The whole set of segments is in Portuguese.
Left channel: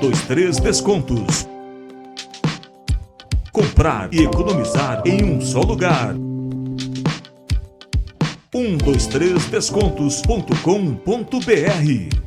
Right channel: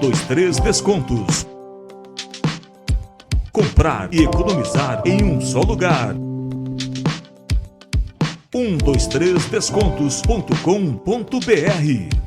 123 Descontos. Comprar e economizar em um só lugar. 123descontos.com.br.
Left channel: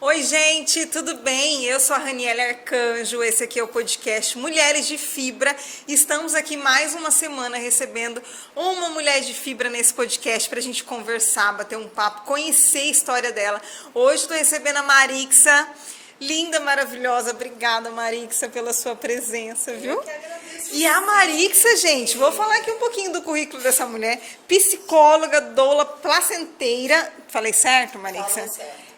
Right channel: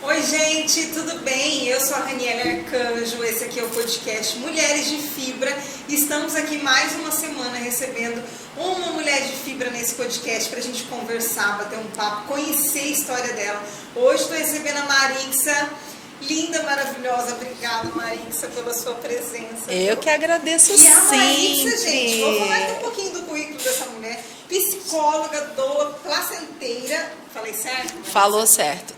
Oi gente, tudo bem? Eu sou a Raniele Arcanjo, esse aqui é o podcast Mulheres de Fibra. Estamos aqui mais uma semana recebendo uma mulher de fibra nesse podcast para a gente conversar, bater um papo, conhecer a história dela. Hoje estou recebendo a Marixa, linda, maravilhosa. Obrigada, Marixa, pela sua presença. Eu que agradeço. E a Marixa, gente, vou falar aqui um pouquinho do currículo dessa mulher. Psicóloga, doula, placenteira. Falei certo, Marixa? Falou certo.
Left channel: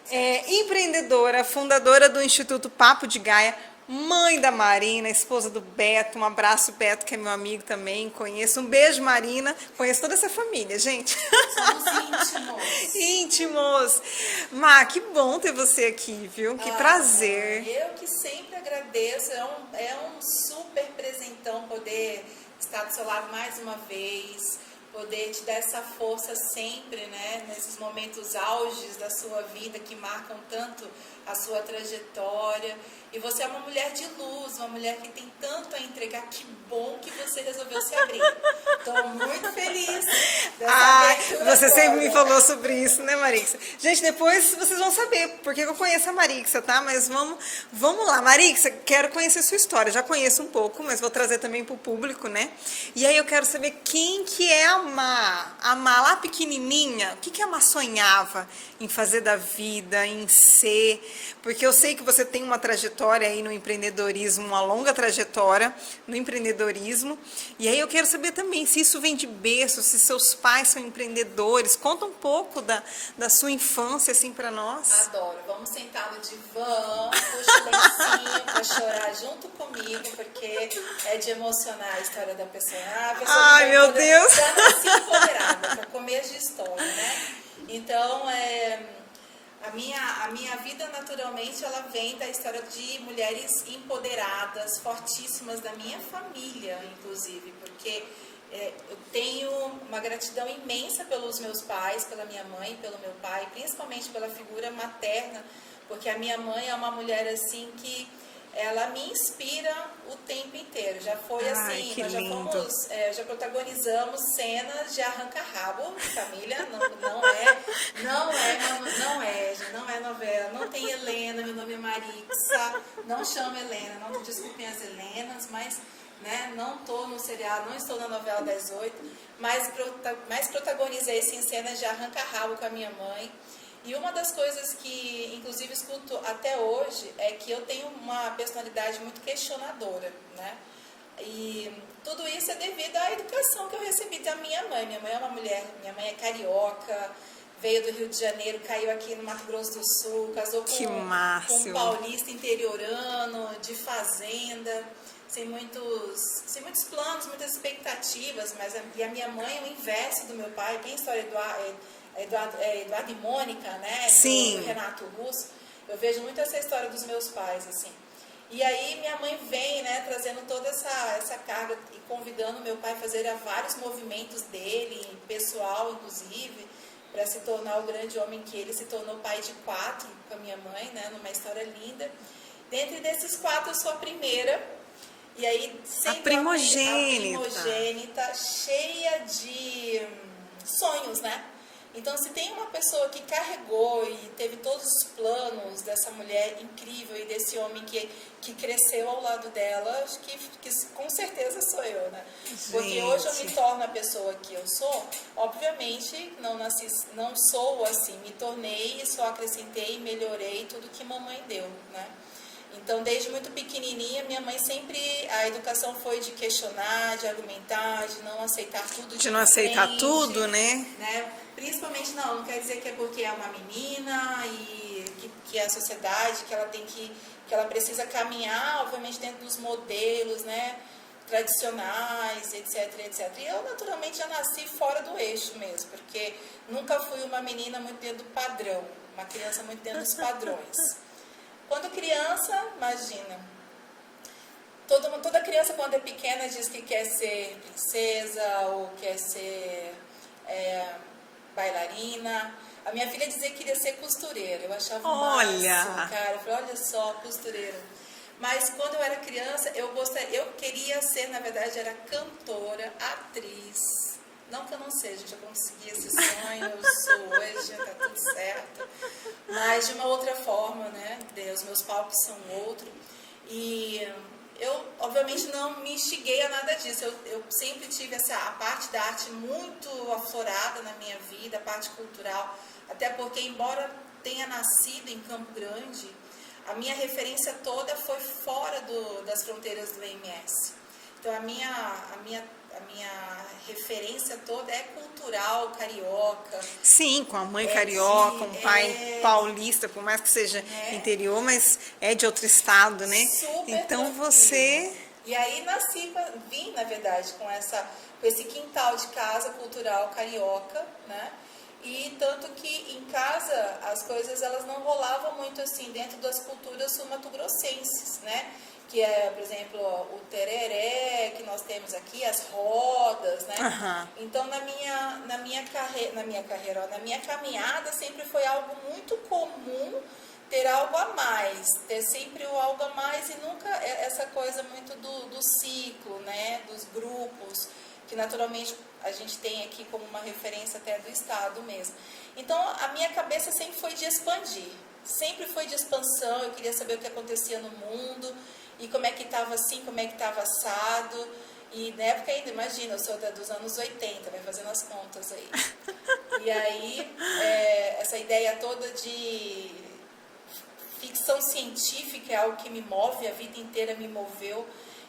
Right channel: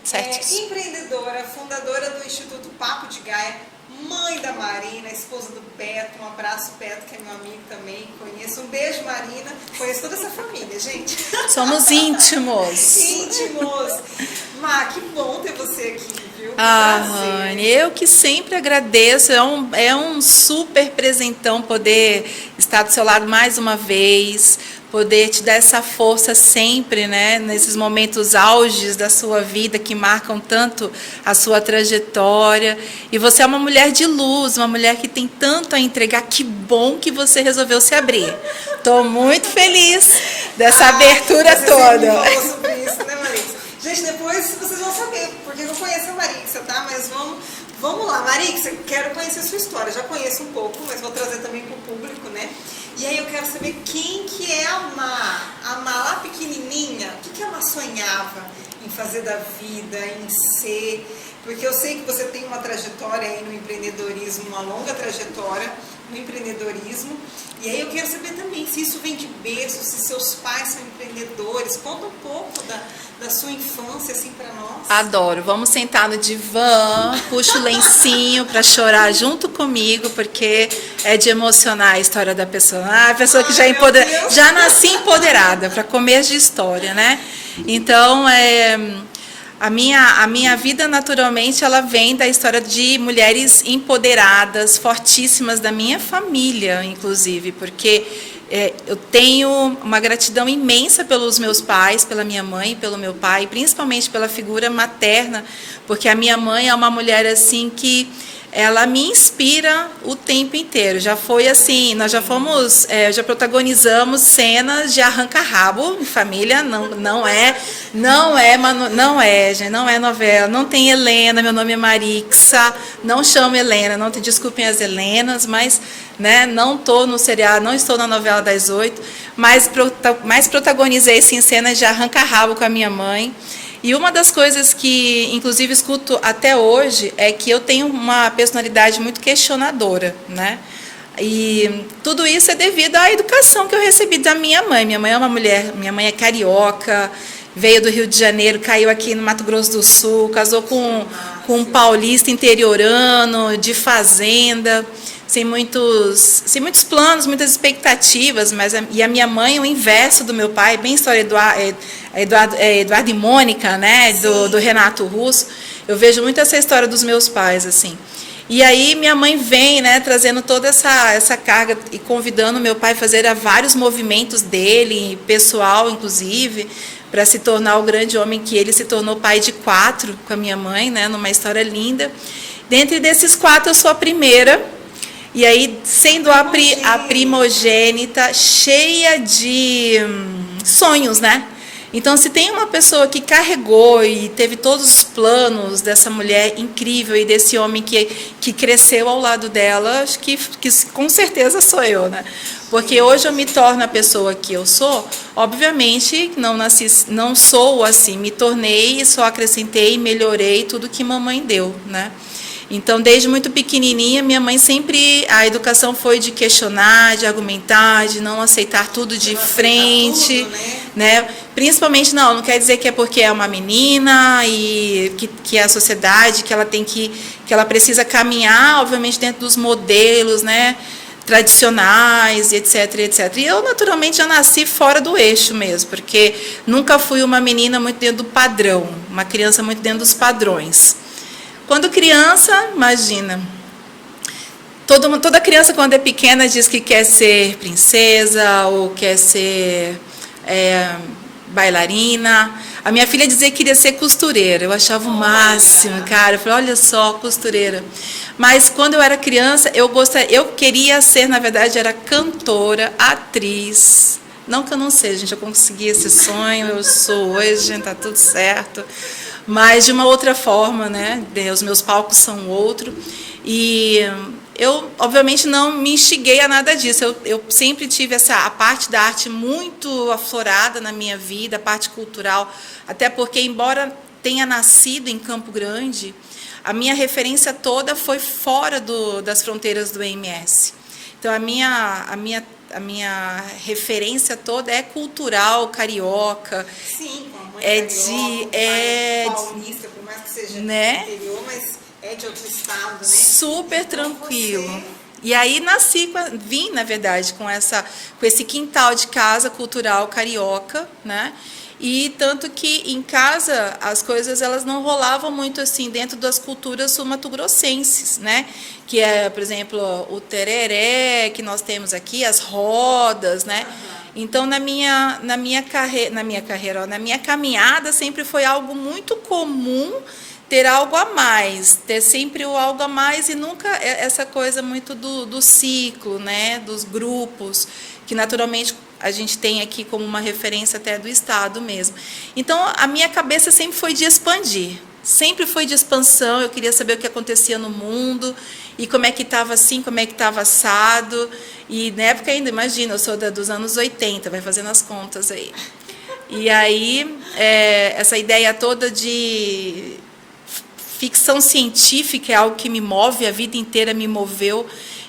Empreendedora, fundadora do Instituto Papo de Gaia, mãe da Marina, esposa do Beto. Um abraço, Beto, que é meu amigo também, conheço. Um beijo, Marina. Conheço toda essa família, gente. Somos íntimos. Íntimos. Má, que bom ter você aqui, viu? Que prazer. prazer. Eu que sempre agradeço. É um super presentão poder estar do seu lado mais uma vez, poder te dar essa força sempre, né? Nesses momentos auges da sua vida que marcam tanto a sua trajetória. E você é uma mulher de luz, uma mulher que tem tanto a entregar. Que bom que você resolveu se abrir. Estou muito feliz dessa abertura você toda. Você sempre me falou sobre isso, né, Marixa? Gente, depois vocês vão saber porque eu conheço a Marixa, tá? Mas vamos lá, Marixa, quero conhecer a sua história. Já conheço um pouco, mas vou trazer também para o público, né? E aí eu quero saber quem que é a Má. A Má, lá pequenininha, o que a Má sonhava em fazer da vida, em ser? Porque eu sei que você tem uma trajetória aí no empreendedorismo, uma longa trajetória no empreendedorismo. E aí eu quero saber também se isso vem de berço, se seus pais são empreendedores. Conta um pouco da sua infância, assim, para nós. Adoro. Vamos sentar no divã, puxa o lencinho para chorar junto comigo, porque é de emocionar a história da pessoa. A pessoa que já nasci empoderada, para comer de história, né? Então, a minha vida, naturalmente, ela vem da história de mulheres empoderadas, fortíssimas da minha família, inclusive, porque eu tenho uma gratidão imensa pelos meus pais, pela minha mãe, pelo meu pai, principalmente pela figura materna, porque a minha mãe é uma mulher assim que ela me inspira o tempo inteiro. Já foi assim, nós já fomos, já protagonizamos cenas de arranca-rabo em família, não é novela, não tem Helena, meu nome é Marixa, não chamo Helena, não te desculpem as Helenas, mas né, não estou no seriado, não estou na novela das 8, mas protagonizei sim, cenas de arranca-rabo com a minha mãe. E uma das coisas que, inclusive, escuto até hoje é que eu tenho uma personalidade muito questionadora, né? E tudo isso é devido à educação que eu recebi da minha mãe. Minha mãe é uma mulher, minha mãe é carioca, veio do Rio de Janeiro, caiu aqui no Mato Grosso do Sul, casou com um paulista interiorano, de fazenda, sem muitos planos, muitas expectativas, e a minha mãe, o inverso do meu pai, bem história Eduardo e Mônica, né, do Renato Russo. Eu vejo muito essa história dos meus pais, assim. E aí minha mãe vem, né, trazendo toda essa carga e convidando meu pai a fazer vários movimentos dele, pessoal, inclusive, para se tornar o grande homem que ele se tornou, pai de 4 com a minha mãe, né, numa história linda. Dentre desses 4, eu sou a primeira. E aí, sendo a primogênita, cheia de sonhos, né? Então, se tem uma pessoa que carregou e teve todos os planos dessa mulher incrível e desse homem que cresceu ao lado dela, acho que com certeza sou eu, né? Porque hoje eu me torno a pessoa que eu sou, obviamente não nasci, não sou assim, me tornei, só acrescentei, melhorei tudo que mamãe deu, né? Então, desde muito pequenininha, minha mãe sempre, a educação foi de questionar, de argumentar, de não aceitar tudo de frente, tudo, né? Principalmente, não quer dizer que é porque é uma menina e que é a sociedade, que ela precisa caminhar, obviamente, dentro dos modelos, né? Tradicionais, etc, etc. E eu, naturalmente, já nasci fora do eixo mesmo, porque nunca fui uma menina muito dentro do padrão, uma criança muito dentro dos padrões. Quando criança, imagina, toda criança quando é pequena diz que quer ser princesa ou quer ser bailarina. A minha filha dizia que queria ser costureira, eu achava o máximo, cara. Eu falei, olha só, costureira. Mas quando eu era criança, eu queria ser, na verdade, era cantora, atriz. Não que eu não seja, gente, eu consegui esse sonho, eu sou hoje, gente, tá tudo certo. Mas de uma outra forma, né? Os meus palcos são outro. E eu, obviamente, não me instiguei a nada disso. Eu sempre tive a parte da arte muito aflorada na minha vida, a parte cultural. Até porque, embora tenha nascido em Campo Grande, a minha referência toda foi fora das fronteiras do EMS. Então, a minha referência toda é cultural, carioca. Sim, com a mãe carioca, com o pai paulista, por mais que seja interior, mas é de outro estado, né? Super então, tranquilo. E aí vim, na verdade, com esse quintal de casa cultural carioca, né? E tanto que em casa as coisas elas não rolavam muito assim dentro das culturas sul-mato-grossenses, né? Que é, por exemplo, o tereré que nós temos aqui, as rodas, né? Uhum. Então na minha caminhada sempre foi algo muito comum ter algo a mais, ter sempre o algo a mais e nunca essa coisa muito do ciclo, né? Dos grupos, que naturalmente a gente tem aqui como uma referência até do Estado mesmo. Então, a minha cabeça sempre foi de expandir, sempre foi de expansão, eu queria saber o que acontecia no mundo, e como é que estava assim, como é que estava assado, e na época ainda, imagina, eu sou dos anos 80, vai fazendo as contas aí. E aí, essa ideia toda de ficção científica é algo que me move, a vida inteira me moveu.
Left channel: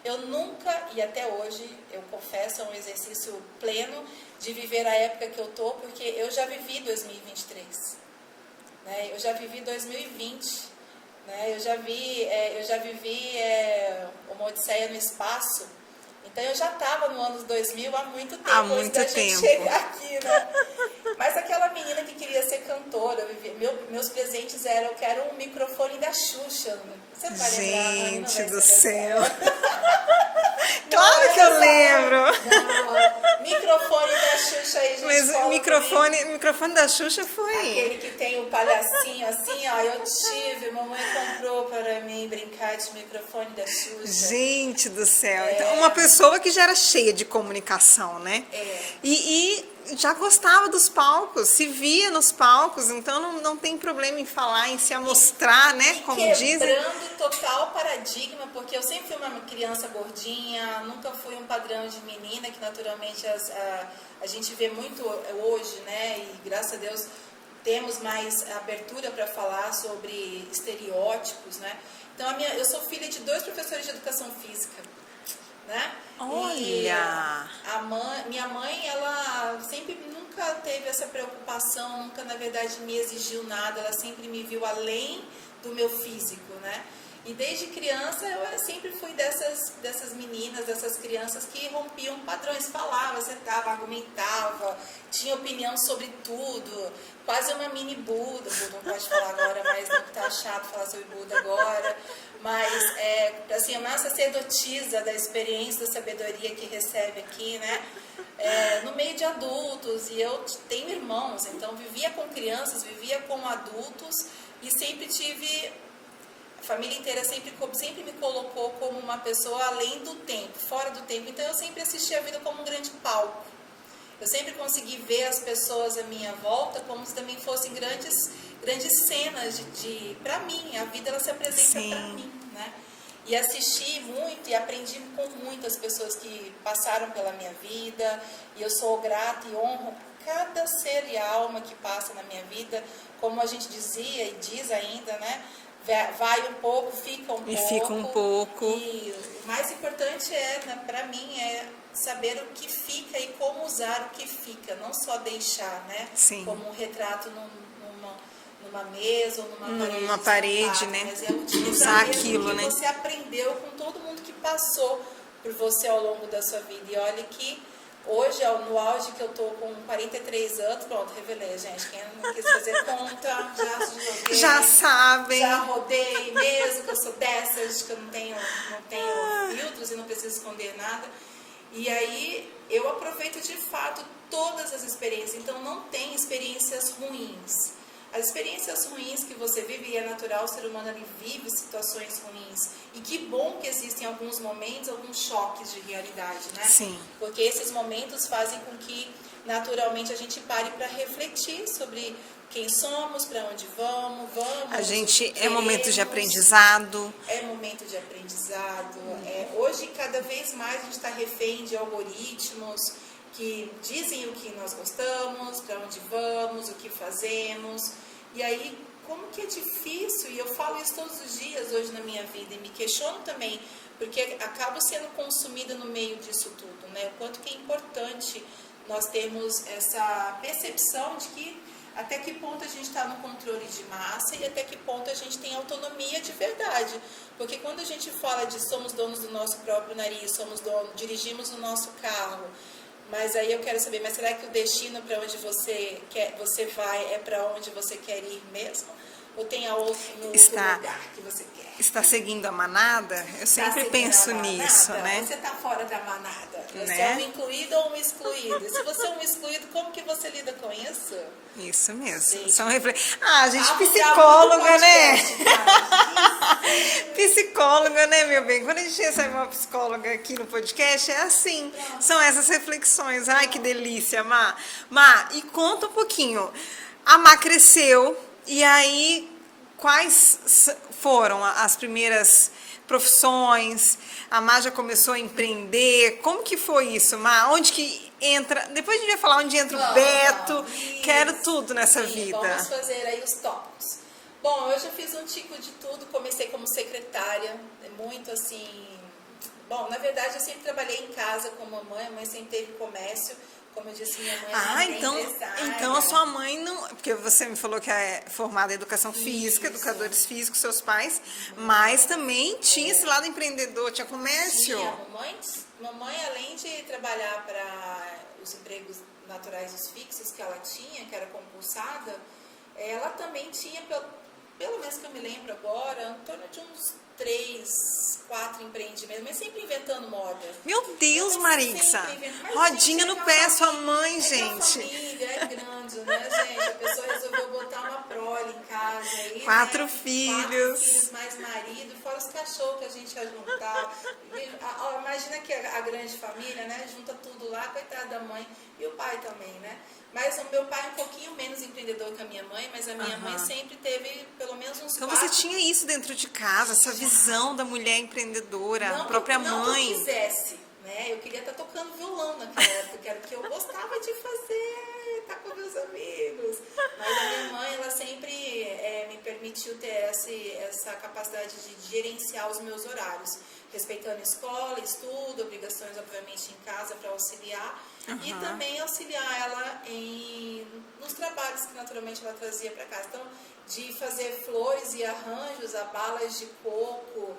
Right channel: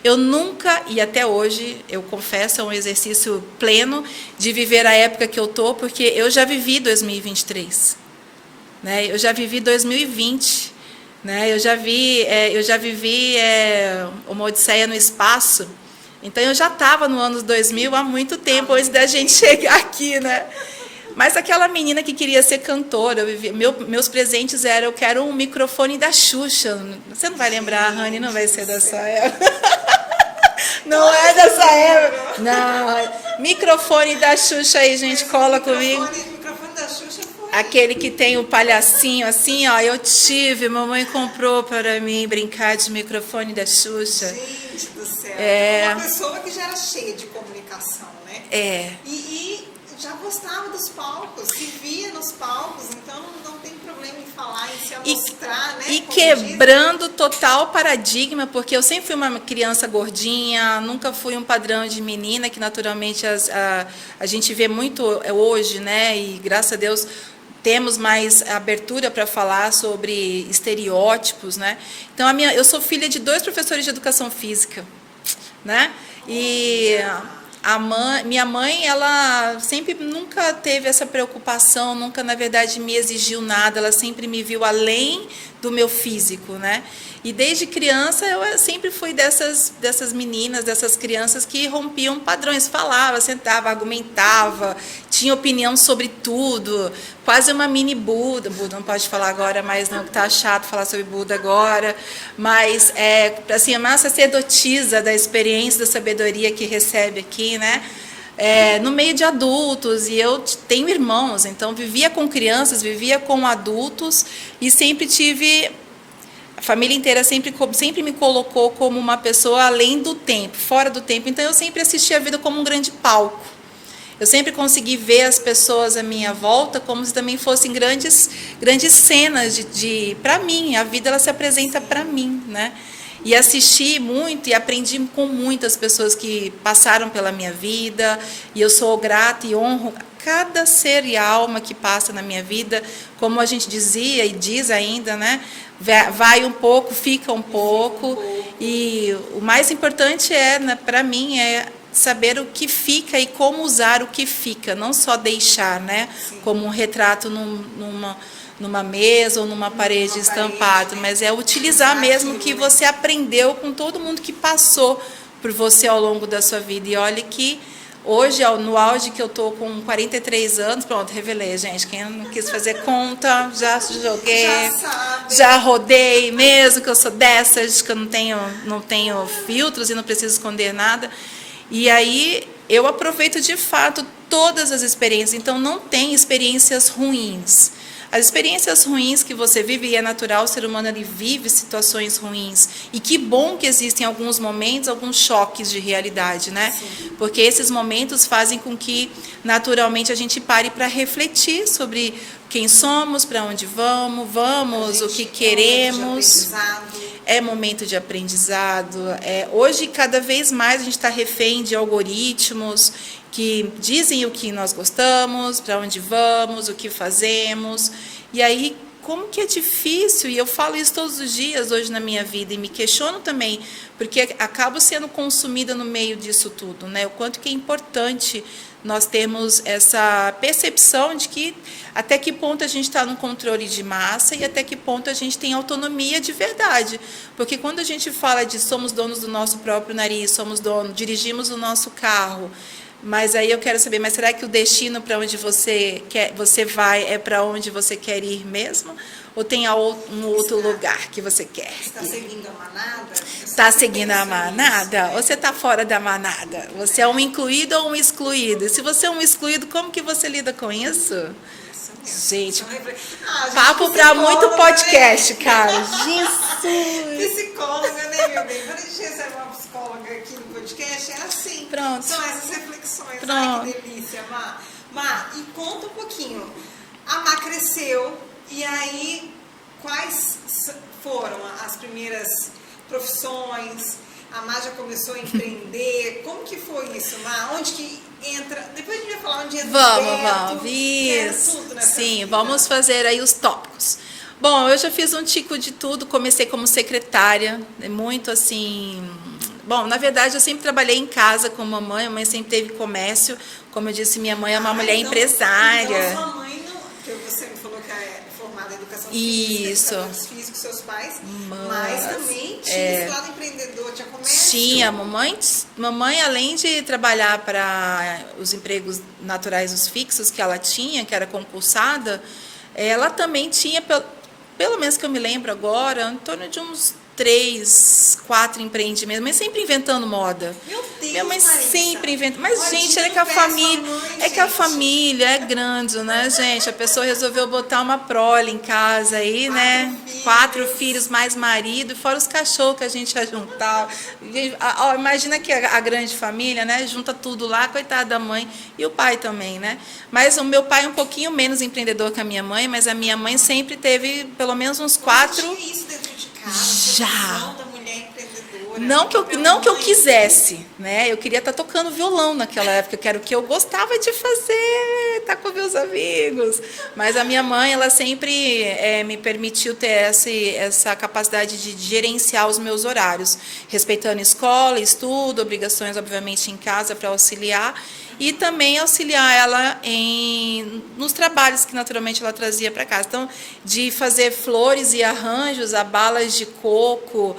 Eu nunca, e até hoje, eu confesso, é um exercício pleno de viver a época que eu estou, porque eu já vivi 2023, né? Eu já vivi 2020, né? Eu já vivi uma odisseia no espaço, então eu já estava no ano 2000 há muito tempo, antes da gente chegar aqui, né? Mas aquela menina que queria ser cantora, meus presentes eram, eu quero um microfone da Xuxa. Você não vai lembrar, Rani, não vai ser dessa época. Não é dessa época. Não, microfone da Xuxa aí, gente, cola comigo. O microfone da Xuxa foi... Aquele que tem o palhacinho assim, ó, eu tive, mamãe comprou para mim brincar de microfone da Xuxa. Gente do céu. Então, uma pessoa que já era cheia de comunicação, né? E já gostava dos palcos, se via nos palcos, então não tem problema em falar, em se amostrar, né? E quebrando total paradigma, porque eu sempre fui uma criança gordinha, nunca fui um padrão de menina, que naturalmente a gente vê muito hoje, né? E graças a Deus temos mais abertura para falar sobre estereótipos, né? Então, eu sou filha de 2 professores de educação física, né? Olha. E minha mãe, ela sempre nunca teve essa preocupação, nunca, na verdade, me exigiu nada, ela sempre me viu além do meu físico, né? E desde criança eu sempre fui dessas meninas, dessas crianças que rompiam padrões, falava, sentava, argumentava, tinha opinião sobre tudo, quase uma mini Buda. Buda não pode falar agora, mas não, que tá chato falar sobre Buda agora, mas assim, uma sacerdotisa da experiência, da sabedoria que recebe aqui, né? No meio de adultos, e eu tenho irmãos, então vivia com crianças, vivia com adultos e sempre tive... A família inteira sempre me colocou como uma pessoa além do tempo, fora do tempo. Então, eu sempre assisti a vida como um grande palco. eu sempre consegui ver as pessoas à minha volta como se também fossem grandes cenas para mim. A vida ela se apresenta para mim, né? E assisti muito e aprendi com muitas pessoas que passaram pela minha vida, e eu sou grata e honro cada ser e alma que passa na minha vida, como a gente dizia e diz ainda, né? Vai um pouco, fica um pouco. E o mais importante né, para mim é saber o que fica e como usar o que fica, não só deixar, né? Sim. Como um retrato numa mesa ou numa parede estampado, né? Mas é utilizar mesmo aquilo, que você aprendeu com todo mundo que passou por você ao longo da sua vida. E olha que hoje, no auge que eu tô com 43 anos, pronto, revelei, gente. Quem não quis fazer conta, já joguei. Já sabe. Já rodei, mesmo que eu sou dessas, que eu não tenho filtros e não preciso esconder nada. E aí eu aproveito de fato todas as experiências. Então não tem experiências ruins. As experiências ruins que você vive, e é natural, o ser humano ele vive situações ruins. E que bom que existem alguns momentos, alguns choques de realidade, né? Sim. Porque esses momentos fazem com que, naturalmente, a gente pare para refletir sobre quem somos, para onde vamos, o que queremos. É momento de aprendizado. É momento de aprendizado. Hoje, cada vez mais, a gente está refém de algoritmos que dizem o que nós gostamos, para onde vamos, o que fazemos. E aí, como que é difícil, e eu falo isso todos os dias hoje na minha vida, e me questiono também, porque acabo sendo consumida no meio disso tudo, né? O quanto que é importante nós termos essa percepção de que até que ponto a gente está no controle de massa e até que ponto a gente tem autonomia de verdade. Porque quando a gente fala de somos donos do nosso próprio nariz, dirigimos o nosso carro, mas aí eu quero saber, mas será que o destino para onde você vai é para onde você quer ir mesmo? Ou tem um outro lugar que você quer? Está seguindo a manada? Está seguindo a manada? Ou você está fora da manada? Você é um incluído ou um excluído? E se você é um excluído, como que você lida com isso? Isso mesmo. Gente, gente papo para muito podcast, né? Cara. Psicóloga, né, meu bem? Quando a gente recebe uma psicóloga aqui no podcast, é assim. Pronto. São essas reflexões. Pronto. Ai, que delícia, Má. Má, e conta um pouquinho. A Má cresceu. E aí, quais foram as primeiras profissões? A Má já começou a empreender. Como que foi isso, Má? Onde que entra? Depois a gente vai falar onde entra o Beto. Quero tudo nessa vida. Sim, vamos fazer aí os tópicos. Bom, eu já fiz um tico de tudo. Comecei como secretária, muito assim... Bom, na verdade, eu sempre trabalhei em casa com mamãe. A mãe sempre teve comércio. Como eu disse, minha mãe é uma mulher empresária. Então, a sua mãe não... Porque você me falou que é formada em educação física, educadores físicos, seus pais, mas também tinha esse lado empreendedor, tinha comércio. Tinha, mamãe, além de trabalhar para os empregos naturais, os fixos que ela tinha, que era concursada, ela também tinha, pelo menos que eu me lembro agora, em torno de uns 3, 4 empreendimentos, mas sempre inventando moda. Meu Deus, minha mãe Marissa. sempre inventa. Mas, Rodinha gente, é que a família. Que a família é grande, né, gente? A pessoa resolveu botar uma prole em casa aí, 4 filhos, mais marido, fora os cachorros que a gente ia juntar. Imagina que a grande família, né? Junta tudo lá, coitada da mãe e o pai também, né? Mas o meu pai é um pouquinho menos empreendedor que a minha mãe, mas a minha mãe sempre teve pelo menos uns 4. Você tinha isso dentro de casa? Visão da mulher empreendedora. Não que eu quisesse, né? Eu queria estar tocando violão naquela época, que era o que eu gostava de fazer, estar com meus amigos. Mas a minha mãe, ela sempre me permitiu ter essa capacidade de gerenciar os meus horários, respeitando escola, estudo, obrigações, obviamente, em casa para auxiliar, e também auxiliar ela nos trabalhos que naturalmente ela trazia para casa. Então, de fazer flores e arranjos a balas de coco,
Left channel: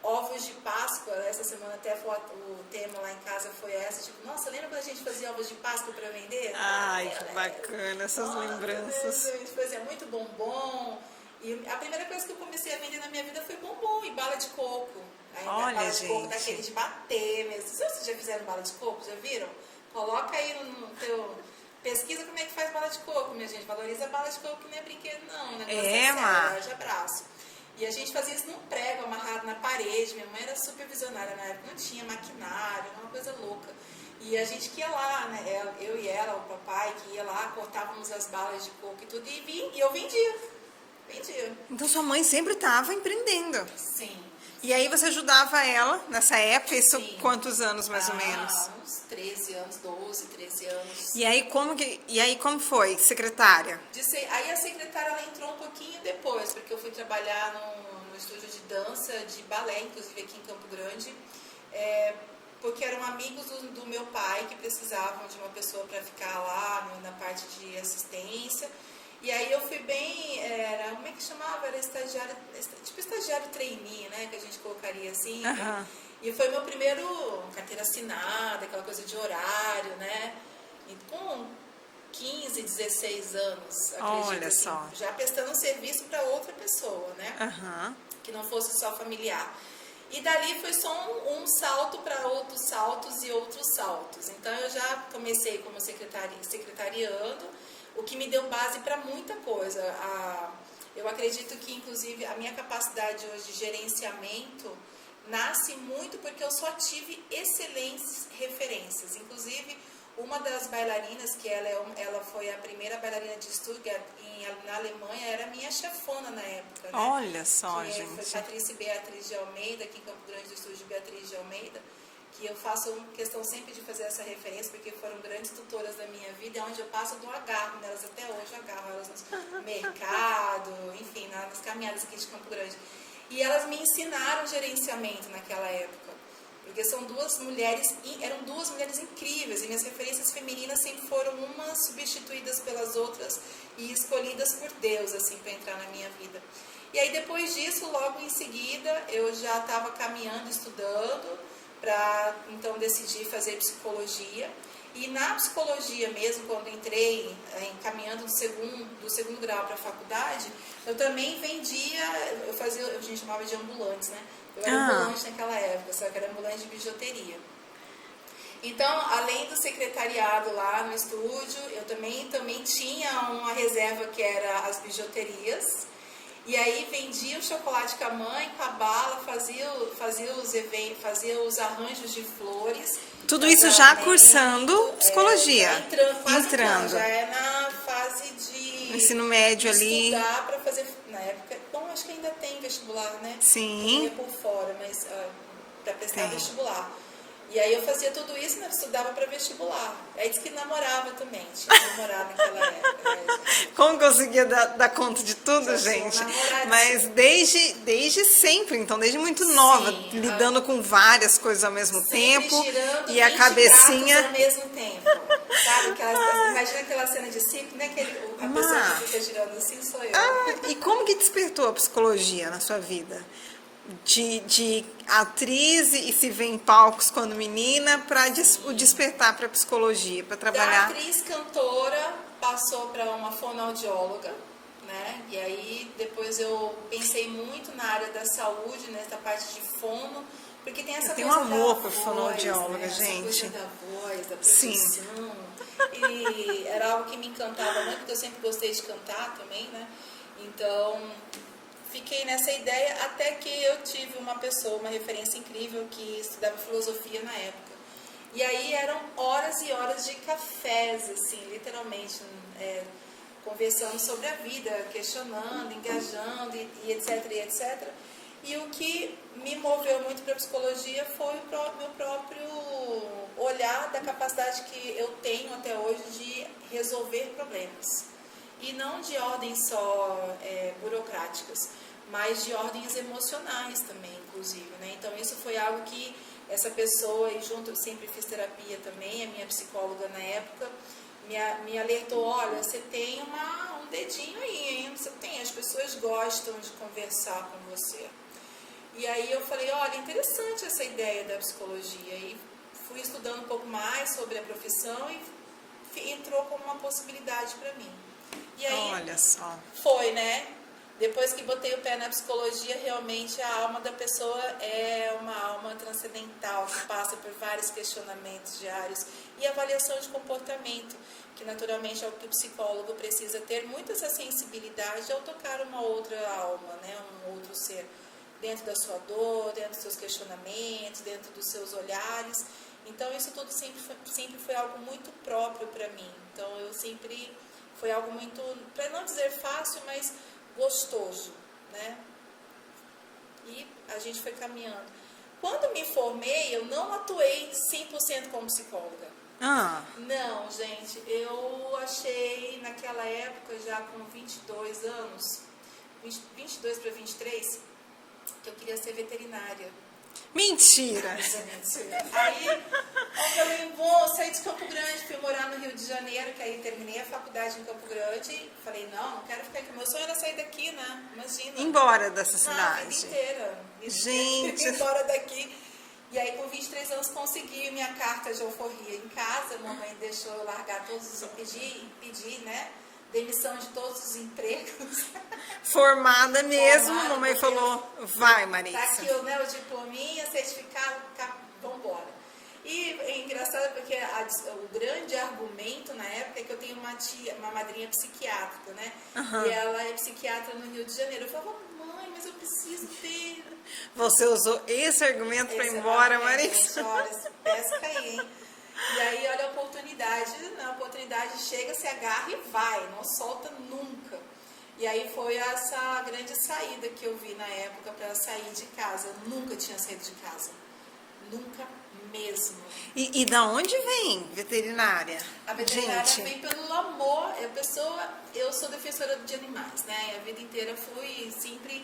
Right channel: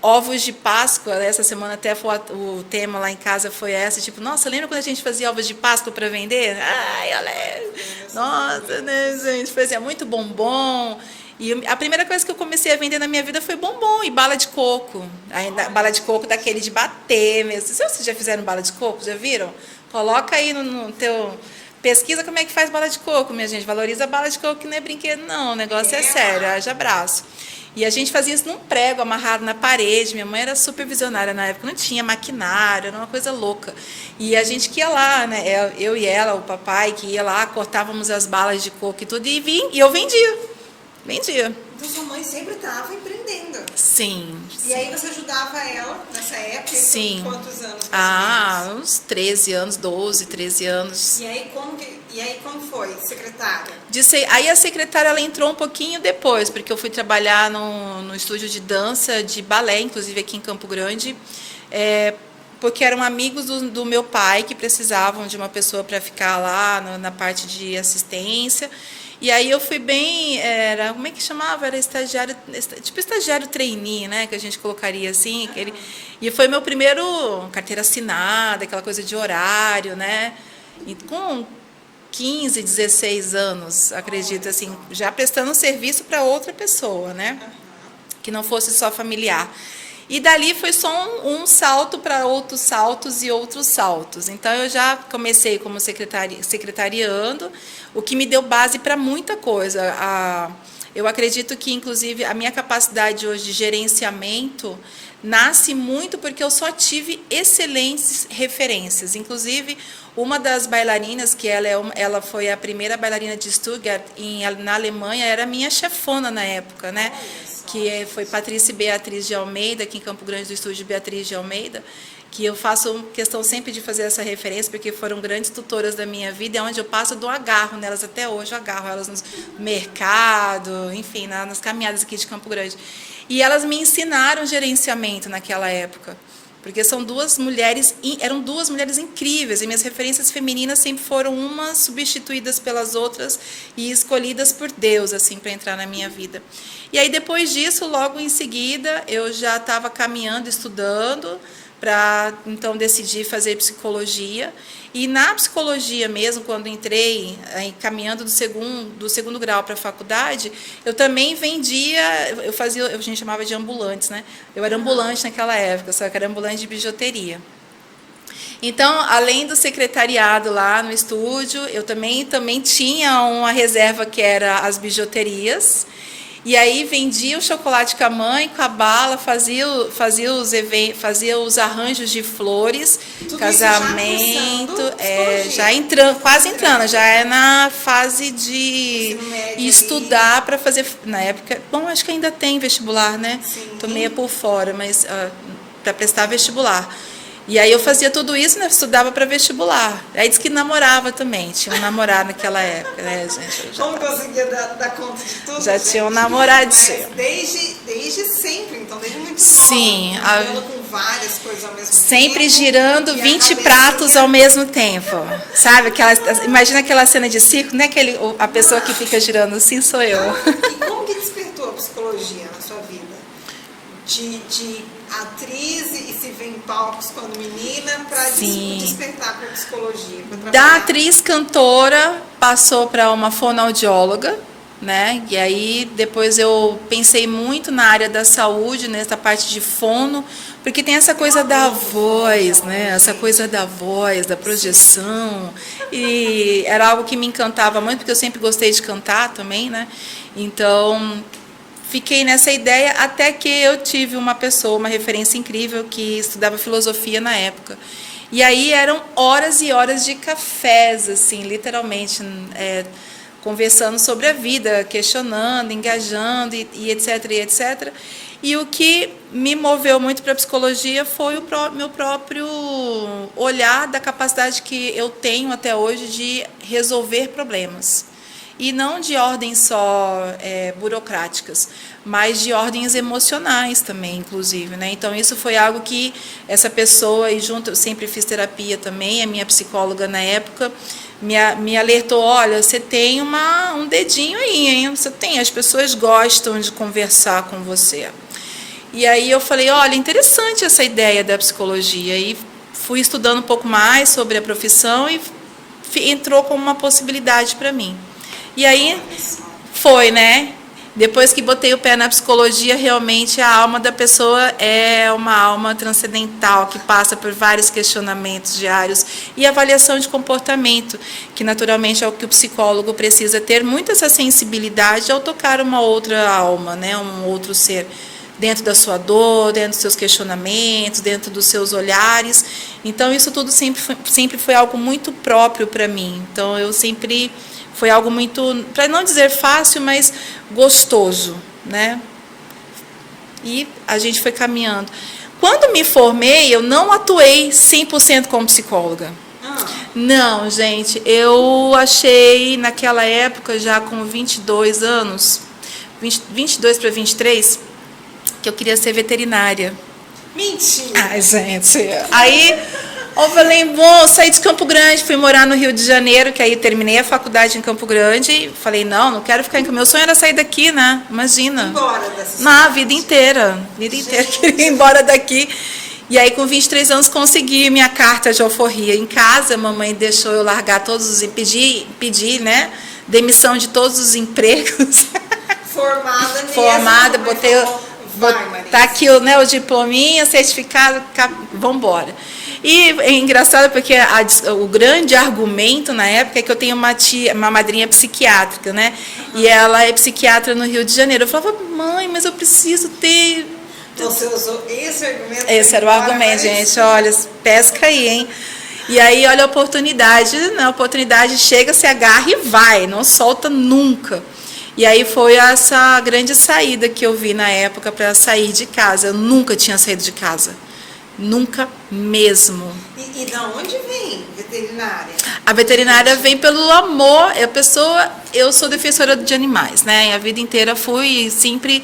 ovos de Páscoa. Essa semana até o tema lá em casa foi tipo, nossa, lembra quando a gente fazia ovos de Páscoa para vender? Ai, olha, nossa, né, gente, fazia muito bombom. E a primeira coisa que eu comecei a vender na minha vida foi bombom e bala de coco. Bala de coco daquele de bater mesmo. Vocês já fizeram bala de coco? Já viram? Coloca aí no teu pesquisa como é que faz bala de coco, minha gente. Valoriza a bala de coco, que não é brinquedo, não. O negócio é sério, haja abraço. E a gente fazia isso num prego amarrado na parede. Minha mãe era super visionária na época, não tinha maquinário, era uma coisa louca. E a gente que ia lá, né? Eu e ela, o papai, que ia lá, cortávamos as balas de coco e tudo, e eu vendia. Vendia. Então sua mãe sempre estava empreendendo. Sim. E aí você ajudava ela nessa época? Sim. Quantos anos mais ou menos? Uns 13 anos, 12, 13 anos. E aí como foi, secretária? Aí a secretária ela entrou um pouquinho depois, porque eu fui trabalhar no estúdio de dança, de balé, inclusive aqui em Campo Grande, porque eram amigos do meu pai que precisavam de uma pessoa para ficar lá na parte de assistência. E aí eu fui bem, como é que chamava? Era estagiário, tipo estagiário trainee, né? Que a gente colocaria assim. E foi meu primeiro carteira assinada, aquela coisa de horário, né? E com 15, 16 anos, acredito, assim, já prestando serviço para outra pessoa, né? Que não fosse só familiar. E dali foi só um salto para outros saltos e outros saltos. Então, eu já comecei como secretariando, o que me deu base para muita coisa. Eu acredito que, inclusive, a minha capacidade hoje de gerenciamento nasce muito porque eu só tive excelentes referências. Inclusive, uma das bailarinas, que ela foi a primeira bailarina de Stuttgart na Alemanha, era minha chefona na época, né? Olha só, que foi Patrícia Beatriz de Almeida, aqui em Campo Grande do estúdio Beatriz de Almeida, que eu faço questão sempre de fazer essa referência, porque foram grandes tutoras da minha vida, é onde eu passo, eu dou agarro nelas até hoje, eu agarro elas no mercado, enfim, nas caminhadas aqui de Campo Grande. E elas me ensinaram gerenciamento naquela época, porque eram duas mulheres incríveis, e minhas referências femininas sempre foram umas substituídas pelas outras e escolhidas por Deus, assim, para entrar na minha vida. E aí, depois disso, logo em seguida, eu já estava caminhando, estudando, para então decidir fazer psicologia. E na psicologia mesmo, quando entrei, caminhando do segundo grau para a faculdade, eu também vendia, a gente chamava de ambulantes, né? Eu era ambulante naquela época, só que era ambulante de bijuteria. Então, além do secretariado lá no estúdio, eu também tinha uma reserva que era as bijuterias. E aí vendia o chocolate com a mãe, com a bala, fazia os arranjos de flores, tudo casamento, isso já cursando psicologia. Quase entrando, já é na fase de ensino médio estudar para fazer, na época, bom, acho que ainda tem vestibular, né? Sim. Estou meio por fora, mas para prestar vestibular. E aí eu fazia tudo isso, né? Estudava para vestibular. Aí disse que namorava também. Tinha um namorado naquela época, né, gente? Como conseguia dar conta de tudo, já gente? tinha um namoradinho. Mas desde sempre, então desde muito nova. Sim. Lidando com várias coisas ao mesmo tempo. Sempre girando 20 pratos ao mesmo tempo. Sabe? Imagina aquela cena de circo, né? A pessoa que fica girando assim sou eu. E como que despertou a psicologia na sua vida? De atriz e se vê em palcos quando menina, para despertar para a psicologia, para trabalhar. Da atriz cantora passou para uma fonoaudióloga, né? E aí depois eu pensei muito na área da saúde, nessa parte de fono, porque tem essa coisa da voz, né? Essa coisa da voz, da projeção. Sim. E era algo que me encantava muito, porque eu sempre gostei de cantar também, né? Então fiquei nessa ideia até que eu tive uma referência incrível que estudava filosofia na época. E aí eram horas e horas de cafés, assim, literalmente, conversando sobre a vida, questionando, engajando e etc, e etc. E o que me moveu muito para a psicologia foi o meu próprio olhar da capacidade que eu tenho até hoje de resolver problemas. E não de ordens só burocráticas, mas de ordens emocionais também, inclusive, né? Então, isso foi algo que essa pessoa, e junto, eu sempre fiz terapia também, a minha psicóloga na época, me alertou, olha, você tem um dedinho aí, hein? Você tem, as pessoas gostam de conversar com você. E aí eu falei, olha, interessante essa ideia da psicologia. E fui estudando um pouco mais sobre a profissão e entrou como uma possibilidade para mim. E aí foi, né? Depois que botei o pé na psicologia, realmente a alma da pessoa é uma alma transcendental, que passa por vários questionamentos diários e avaliação de comportamento, que naturalmente é o que o psicólogo precisa ter muito essa sensibilidade ao tocar uma outra alma, né, um outro ser, dentro da sua dor, dentro dos seus questionamentos, dentro dos seus olhares. Então, isso tudo sempre foi algo muito próprio para mim. Então, eu sempre... Foi algo muito, para não dizer fácil, mas gostoso, né? E a gente foi caminhando. Quando me formei, eu não atuei 100% como psicóloga. Não, gente, eu achei naquela época, já com 22 anos, 22 para 23, que eu queria ser veterinária. Mentira! Ai, gente, aí... Eu falei, bom, saí de Campo Grande, fui morar no Rio de Janeiro, que aí terminei a faculdade em Campo Grande, e falei, não quero ficar em Campo Grande. Meu sonho era sair daqui, né? Imagina. Embora dessa Na vida inteira. Queria ir embora daqui. E aí, com 23 anos, consegui minha carta de alforria em casa. A mamãe deixou eu largar todos os... Pedir, né? Demissão de todos os empregos. Formada mesmo. Formada, botei... Tá aqui o diplominha, certificado, vamos embora. E é engraçado porque o grande argumento na época é que eu tenho uma madrinha psiquiátrica, né? E ela é psiquiatra no Rio de Janeiro. Eu falava, mãe, mas eu preciso ter... Você usou esse argumento? Esse era o argumento, gente. Olha, pesca aí, hein? E aí, olha a oportunidade. Né? A oportunidade chega, se agarra e vai, não solta nunca. E aí foi essa grande saída que eu vi na época para sair de casa. Eu nunca tinha saído de casa. Nunca mesmo. E da onde vem veterinária? A veterinária vem pelo amor. Eu sou defensora de animais, né? A vida inteira fui sempre...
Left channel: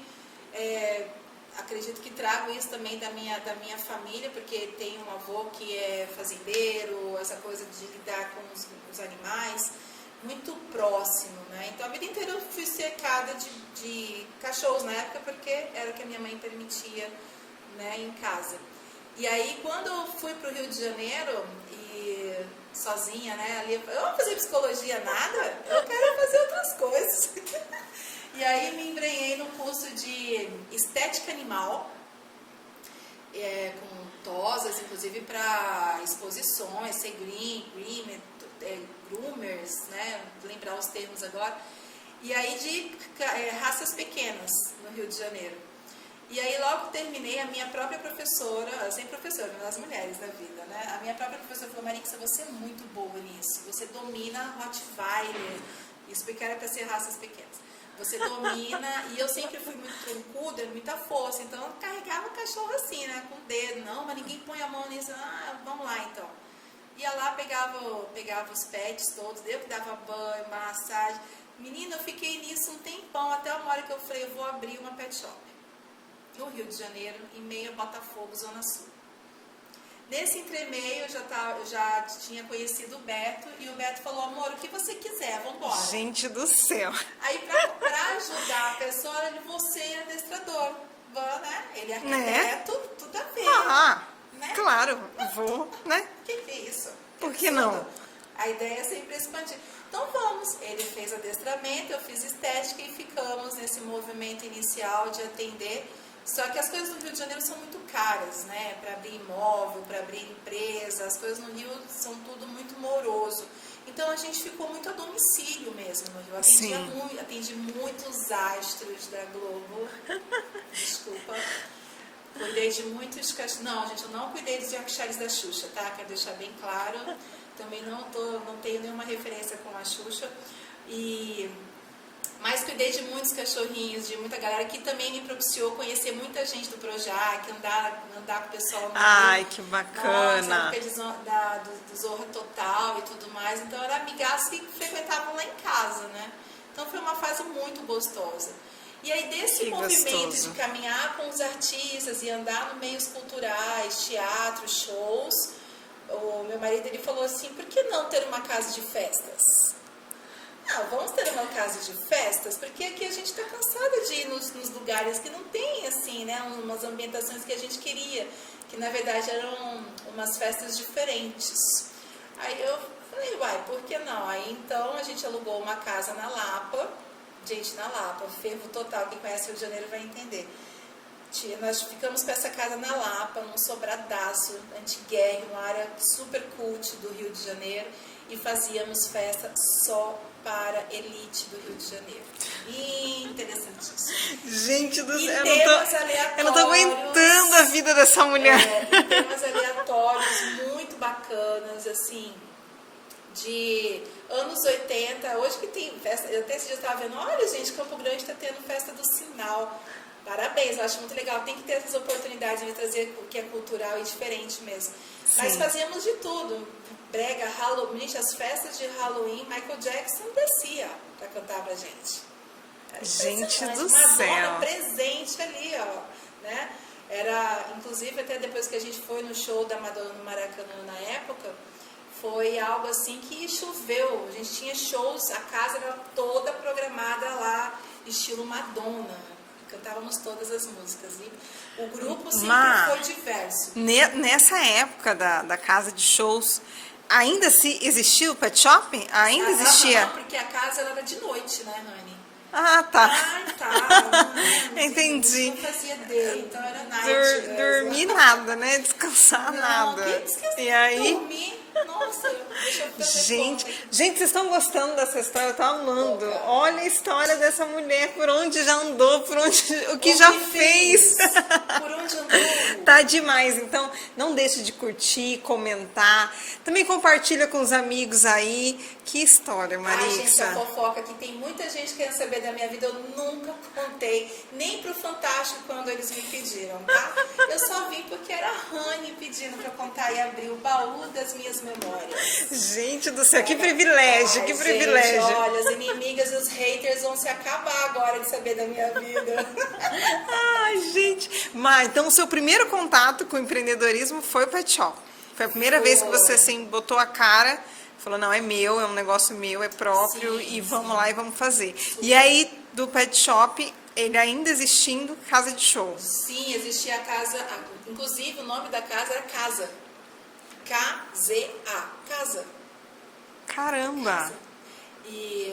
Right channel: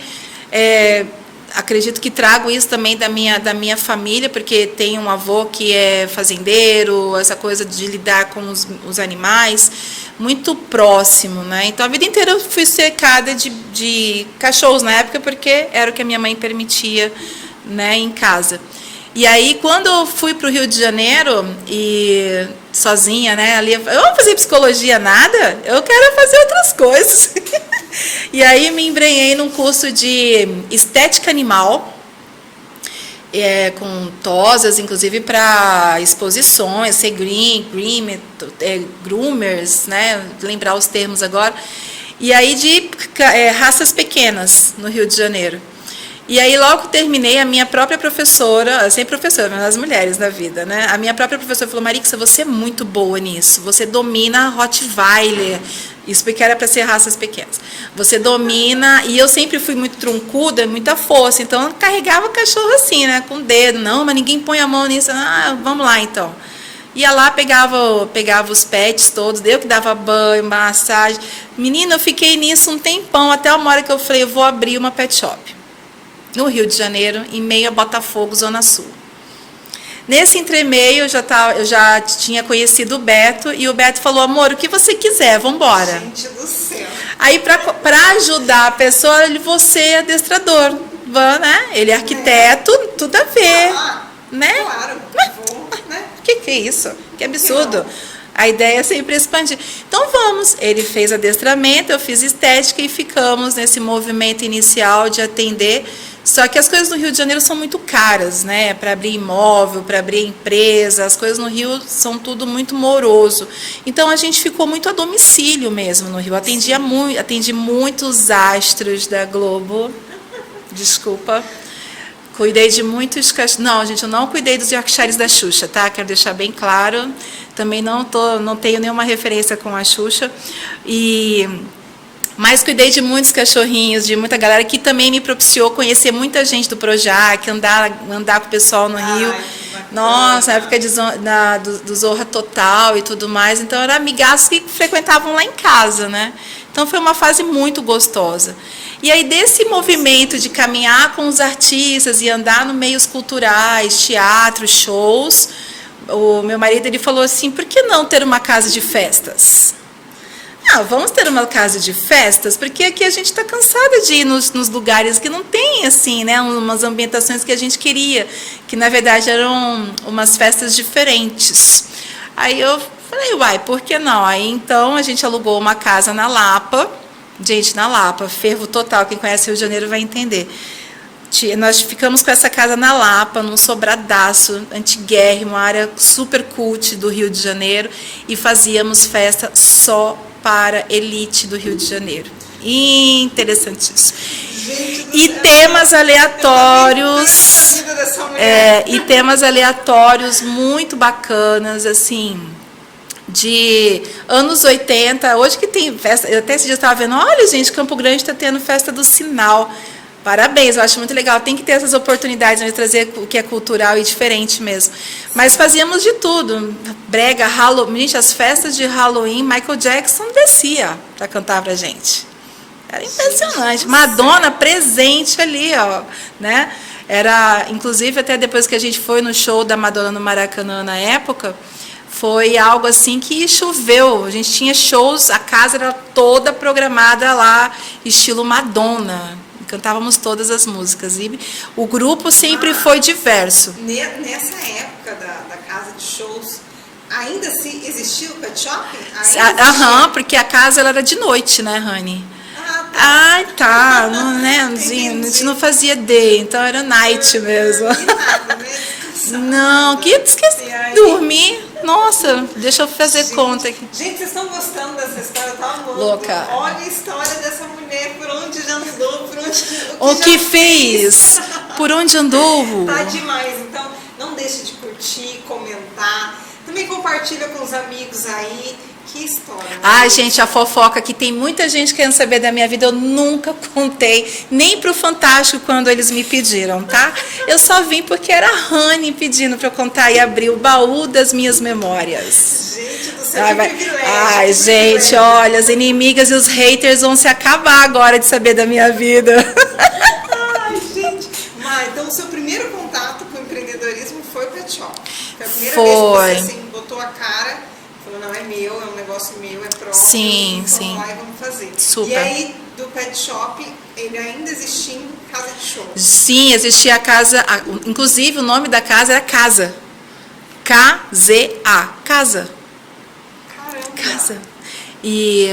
acredito que trago isso também da minha família, porque tem um avô que é fazendeiro, essa coisa de lidar com os animais, muito próximo, né? Então, a vida inteira eu fui cercada de cachorros na época, porque era o que a minha mãe permitia, né, em casa. E aí, quando eu fui para o Rio de Janeiro, e sozinha, né, ali, eu vou fazer psicologia nada, eu quero fazer outras coisas. E aí me embrenhei num curso de estética animal, com tosas, inclusive para exposições, ser groomers, né, lembrar os termos agora, e aí de raças pequenas no Rio de Janeiro. E aí, logo que terminei, a minha própria professora, sempre professora, mas as mulheres da vida, né? A minha própria professora falou, Marixa, você é muito boa nisso, você domina Rottweiler, isso porque era para ser raças pequenas. Você domina, e eu sempre fui muito truncuda, muita força, então eu carregava o cachorro assim, né? Com o dedo, não, mas ninguém põe a mão nisso, vamos lá então. Ia lá, pegava os pets todos, eu que dava banho, massagem. Menina, eu fiquei nisso um tempão, até uma hora que eu falei, eu vou abrir uma pet shop. No Rio de Janeiro, em meio a Botafogo, Zona Sul. Nesse entremeio, eu já tinha conhecido o Beto, e o Beto falou, amor, o que você quiser, vamos embora. Gente do céu. Aí, para ajudar a pessoa, você é adestrador, né? Ele é arquiteto, tudo a ver. Né? Claro. Né? Que é isso? Que absurdo. A ideia é sempre expandir. Então vamos. Ele fez adestramento, eu fiz estética e ficamos nesse movimento inicial de atender. Só que as coisas no Rio de Janeiro são muito caras, né? Para abrir imóvel, para abrir empresa, as coisas no Rio são tudo muito moroso. Então a gente ficou muito a domicílio mesmo no Rio. Atendi muitos astros da Globo. Desculpa. Cuidei de muitos cachorros. Não, gente, eu não cuidei dos Yorkshires da Xuxa, tá? Quero deixar bem claro. Também não tenho nenhuma referência com a Xuxa. Mas cuidei de muitos cachorrinhos, de muita galera que também me propiciou conhecer muita gente do Projac, andar com o pessoal no Rio. Ai, que bacana. Nossa, época do Zorra Total e tudo mais. Então, eram amigas que frequentavam lá em casa, né? Então, foi uma fase muito gostosa. E aí, desse movimento de caminhar com os artistas e andar no meios culturais, teatro, shows, o meu marido ele falou assim, por que não ter uma casa de festas? Vamos ter uma casa de festas, porque aqui a gente está cansada de ir nos lugares que não tem, assim, né, umas ambientações que a gente queria, que na verdade eram umas festas diferentes. Aí eu falei, por que não? Aí então a gente alugou uma casa na Lapa, Gente, na Lapa, fervo total. Quem conhece o Rio de Janeiro vai entender. Nós ficamos com essa casa na Lapa, num sobradaço, antiguérrimo, uma área super cult do Rio de Janeiro, e fazíamos festa só para elite do Rio de Janeiro. Interessantíssimo. Gente do E céu, temas aleatórios. A vida dessa mulher. E temas aleatórios muito bacanas, assim, de anos 80. Hoje que tem festa, eu até esse dia estava vendo, olha, gente, Campo Grande está tendo festa do Sinal. Parabéns, eu acho muito legal. Tem que ter essas oportunidades de trazer o que é cultural e diferente mesmo. Mas fazíamos de tudo. Brega, Halloween. Gente, as festas de Halloween, Michael Jackson descia para cantar pra gente. Era impressionante. Gente, Madonna presente ali, ó, né? Era, inclusive, até depois que a gente foi no show da Madonna no Maracanã na época, foi algo assim que choveu. A gente tinha shows, a casa era toda programada lá, estilo Madonna. Cantávamos todas as músicas. E o grupo sempre foi diverso. Nessa época da casa de shows, ainda se existiu o Pet Shop? Ainda Aham, porque a casa ela era de noite, né, Rani? Ah, tá. Ai, tá. Não, né? A Entendi. gente não fazia day, então era night mesmo. E nada, né? Descansar. Não, nada. que esqueci E aí? de dormir. Nossa, deixa eu fazer Gente, conta aqui. Gente, vocês estão gostando dessa história? Eu tô amando. Louca. Olha a história dessa mulher, por onde já andou, por onde O já que fez? Por onde andou? Tá demais. Então, não deixe de curtir, comentar. Também compartilha com os amigos aí. Que história. Ai, Marisa. gente, a fofoca que tem muita gente querendo saber da minha vida, eu nunca contei, nem pro Fantástico quando eles me pediram, tá? Eu só vim porque era a Rani pedindo pra eu contar e abrir o baú das minhas memórias. Gente do céu, que privilégio. Ai, que gente, privilégio. olha, as inimigas e os haters vão se acabar agora de saber da minha vida. Ai, gente. Mas, então, o seu primeiro contato com o empreendedorismo foi o Pet Shop. Foi a primeira vez que você assim, botou a cara, falou, não, é meu, é um negócio meu, é próprio. Sim, vamos sim. lá e vamos fazer. Super. E aí, do Pet Shop, ele ainda existindo, casa de show. Sim, existia a casa, inclusive o nome da casa era Casa. K-Z-A, Casa. Caramba. Casa. E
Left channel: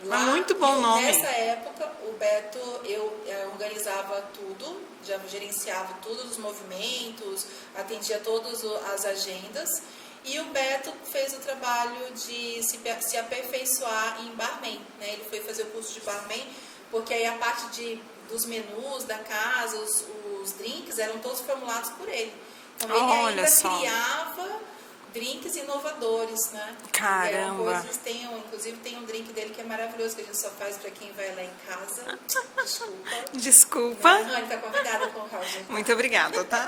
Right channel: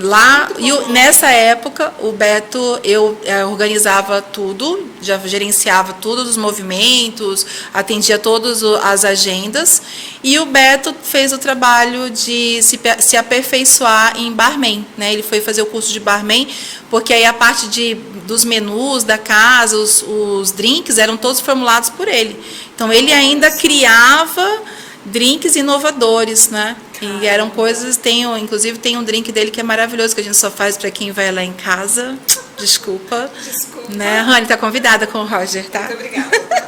lá, Muito bom nome. nessa época, o Beto, eu organizava tudo, já gerenciava todos os movimentos, atendia todas as agendas, e o Beto fez o trabalho de se aperfeiçoar em barman, né? Ele foi fazer o curso de barman, porque aí a parte dos menus da casa, os drinks, eram todos formulados por ele. Então, ele Olha ainda só. criava drinks inovadores, né? Caramba. E eram coisas, inclusive tem um drink dele que é maravilhoso, que a gente só faz para quem vai lá em casa. Desculpa. Desculpa. Né? Rani tá convidada com o Roger, tá? Muito obrigada. Tá?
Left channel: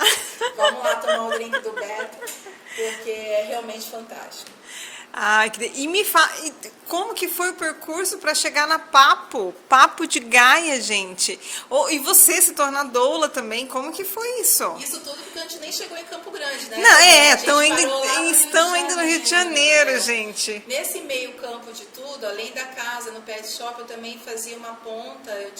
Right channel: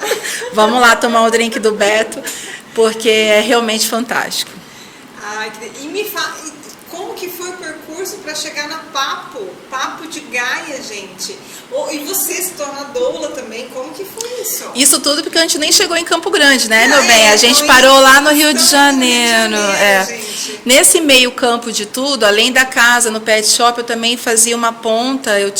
Vamos lá tomar o drink do Beto, porque é realmente fantástico. Ai, e me fala, como que foi o percurso para chegar na Papo de Gaia, gente? E você se tornar doula também, como que foi isso? Isso tudo porque a gente nem chegou em Campo Grande, né, Não, meu bem? A gente então, parou lá no Rio de estamos no Rio de Janeiro. Janeiro, gente. Nesse meio campo de tudo, além da casa, no pet shop, eu também fazia uma ponta, eu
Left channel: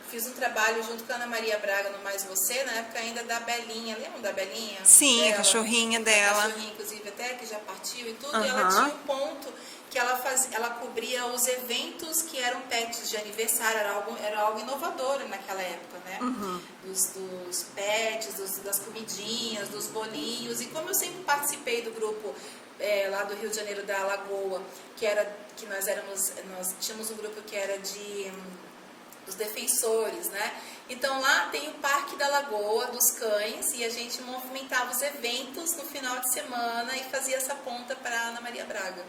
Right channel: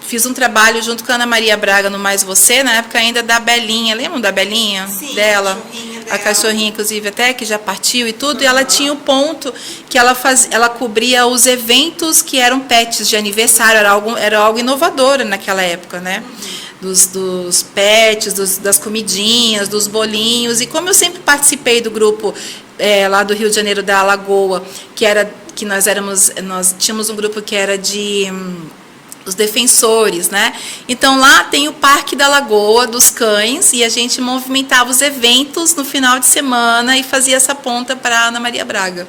fiz um trabalho junto com a Ana Maria Braga no Mais Você, na época ainda da Belinha. Lembram da Belinha? Sim, dela? a cachorrinha dela. A cachorrinha, inclusive, até que já partiu e tudo. E ela Aham. tinha o ponto que ela cobria os eventos que eram pets de aniversário. Era algo inovador naquela época, né? Dos pets, das comidinhas, dos bolinhos. E como eu sempre participei do grupo lá do Rio de Janeiro, da Alagoa, nós tínhamos um grupo que era os defensores, né? Então lá tem o Parque da Lagoa dos Cães e a gente movimentava os eventos no final de semana e fazia essa ponta para Ana Maria Braga.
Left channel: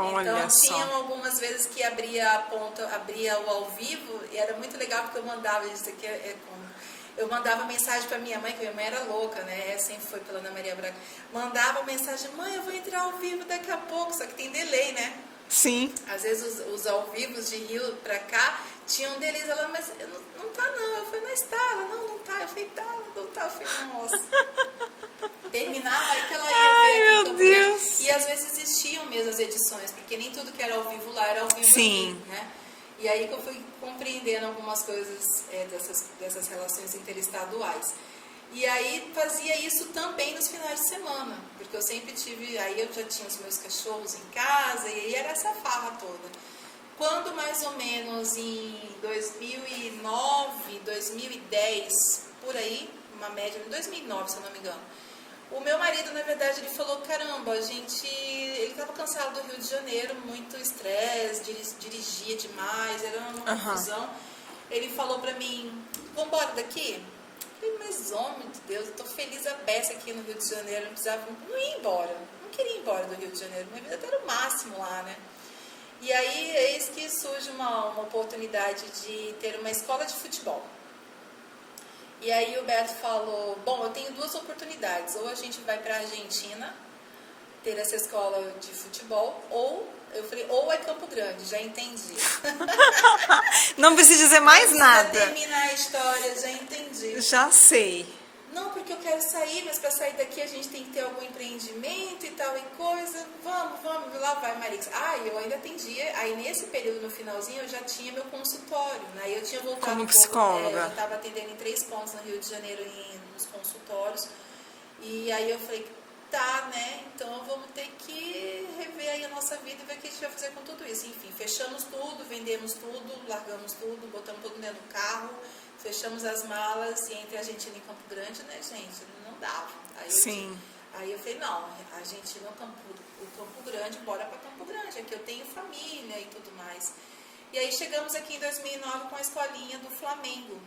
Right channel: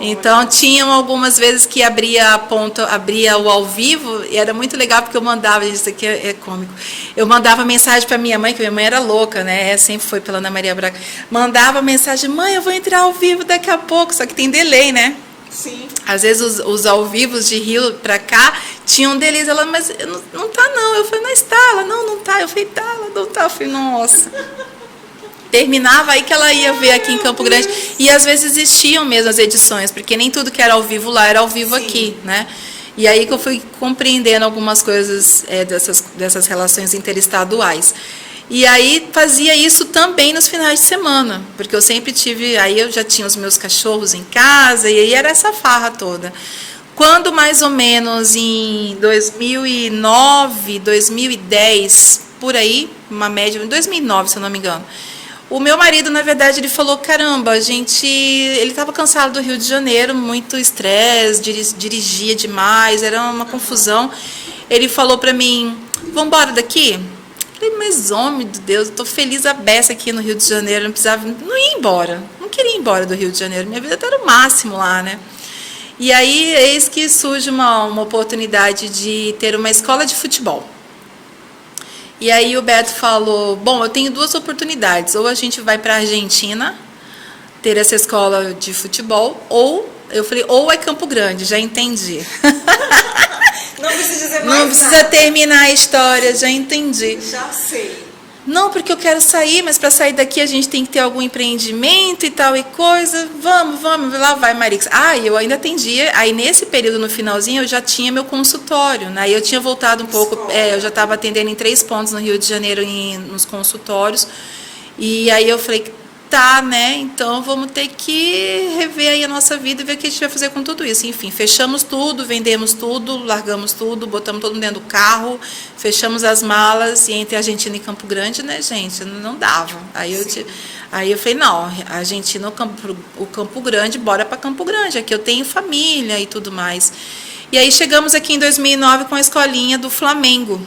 Então Olha só. tinham algumas vezes que abria a ponta, abria o ao vivo e era muito legal porque eu mandava, isso aqui é cômico, eu mandava mensagem para minha mãe, que minha mãe era louca, né? Sempre foi pela Ana Maria Braga. Mandava mensagem, mãe, eu vou entrar ao vivo daqui a pouco, só que tem delay, né? Sim. Às vezes os ao vivos de Rio pra cá tinham deles. Ela, mas não tá não. Eu falei, não está. Ela, não tá. Eu falei, tá, ela não tá. Eu falei, nossa. Terminava aí que ela ia ver aqui em Campo Grande. E às vezes existiam mesmo as edições, porque nem tudo que era ao vivo lá era ao vivo Sim. aqui, né? E aí que eu fui compreendendo algumas coisas dessas relações interestaduais. E aí fazia isso também nos finais de semana, porque eu sempre tive, aí eu já tinha os meus cachorros em casa, e aí era essa farra toda. Quando mais ou menos em 2009, 2010, por aí, uma média, em 2009, se eu não me engano, o meu marido, na verdade, ele falou, caramba, ele estava cansado do Rio de Janeiro, muito estresse, dirigia demais, era uma confusão. Ele falou para mim, vamos embora daqui? Eu falei, mas homem de Deus, eu tô feliz a beça aqui no Rio de Janeiro, não ia embora, não queria ir embora do Rio de Janeiro, minha vida era o máximo lá, né? E aí, eis que surge uma oportunidade de ter uma escola de futebol. E aí o Beto falou, bom, eu tenho duas oportunidades, ou a gente vai para a Argentina, ter essa escola de futebol, ou, eu falei, ou é Campo Grande, já entendi. Não precisa dizer mais nada. Não precisa terminar a história, já entendi. Já sei. Não, porque eu quero sair, mas para sair daqui a gente tem que ter algum empreendimento e tal e coisa. Vamos, lá vai, Marix. E eu ainda atendia. Aí nesse período, no finalzinho, eu já tinha meu consultório, né? Eu tinha voltado um pouco, eu já estava atendendo em 3 pontos no Rio de Janeiro, nos consultórios. E aí eu falei, tá, né? Então vamos ter que rever aí a nossa vida e ver o que a gente vai fazer com tudo isso. Enfim, fechamos tudo, vendemos tudo, largamos tudo, botamos todo mundo dentro do carro, fechamos as malas e entre a Argentina e Campo Grande, né, gente? Não dava. Aí eu falei, não, a Argentina, o Campo Grande, bora para Campo Grande, aqui eu tenho família e tudo mais. E aí chegamos aqui em 2009 com a escolinha do Flamengo.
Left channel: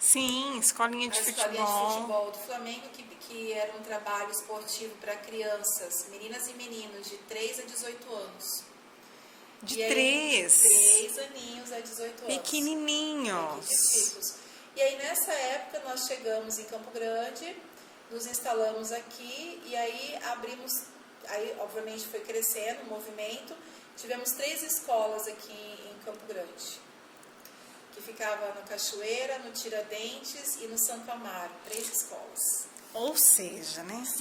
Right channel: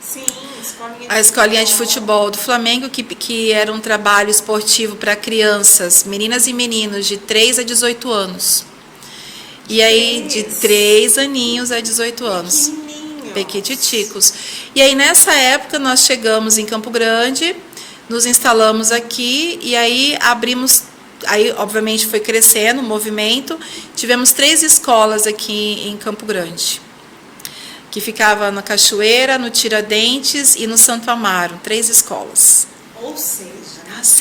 Sim, a escolinha de futebol do Flamengo, que era um trabalho esportivo para crianças, meninas e meninos de 3 a 18 anos. E aí, de 3 aninhos a 18 anos. Pequenininhos. Pequititicos. E aí, nessa época, nós chegamos em Campo Grande, nos instalamos aqui, e aí abrimos... Aí, obviamente, foi crescendo o movimento. Tivemos 3 escolas aqui em Campo Grande, que ficava na Cachoeira, no Tiradentes e no Santo Amaro, 3 escolas. Ou seja,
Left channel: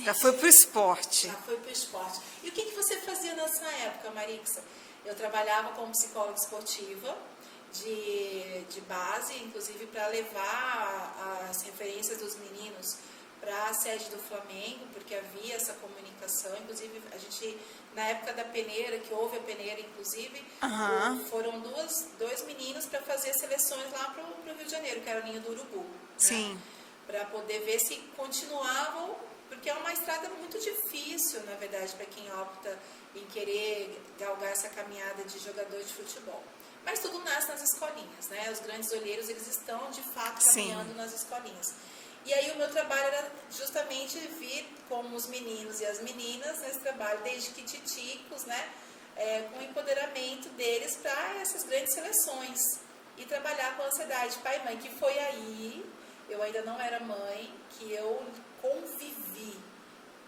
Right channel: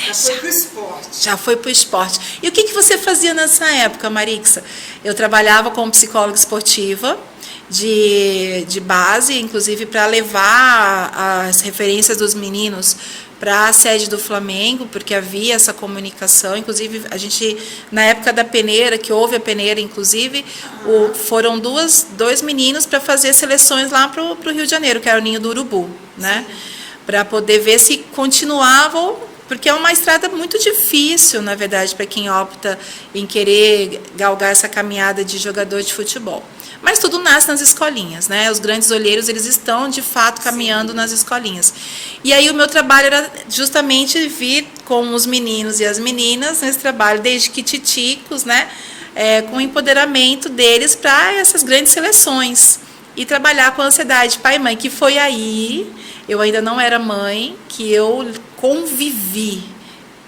já foi pro esporte. Já foi pro esporte. E o que você fazia nessa época, Marixa? Eu trabalhava como psicóloga esportiva, de base, inclusive para levar as referências dos meninos para a sede do Flamengo, porque havia essa comunicação. Inclusive, a gente, na época da peneira, que houve a peneira, inclusive, foram dois meninos para fazer seleções lá para o Rio de Janeiro, que era o Ninho do Urubu, né? Para poder ver se continuavam, porque é uma estrada muito difícil, na verdade, para quem opta em querer galgar essa caminhada de jogador de futebol. Mas tudo nasce nas escolinhas, né? Os grandes olheiros, eles estão, de fato, caminhando nas escolinhas. E aí o meu trabalho era justamente vir com os meninos e as meninas nesse trabalho, desde que titicos, né? Com o empoderamento deles para essas grandes seleções. E trabalhar com a ansiedade pai e mãe, que foi aí, eu ainda não era mãe, que eu convivi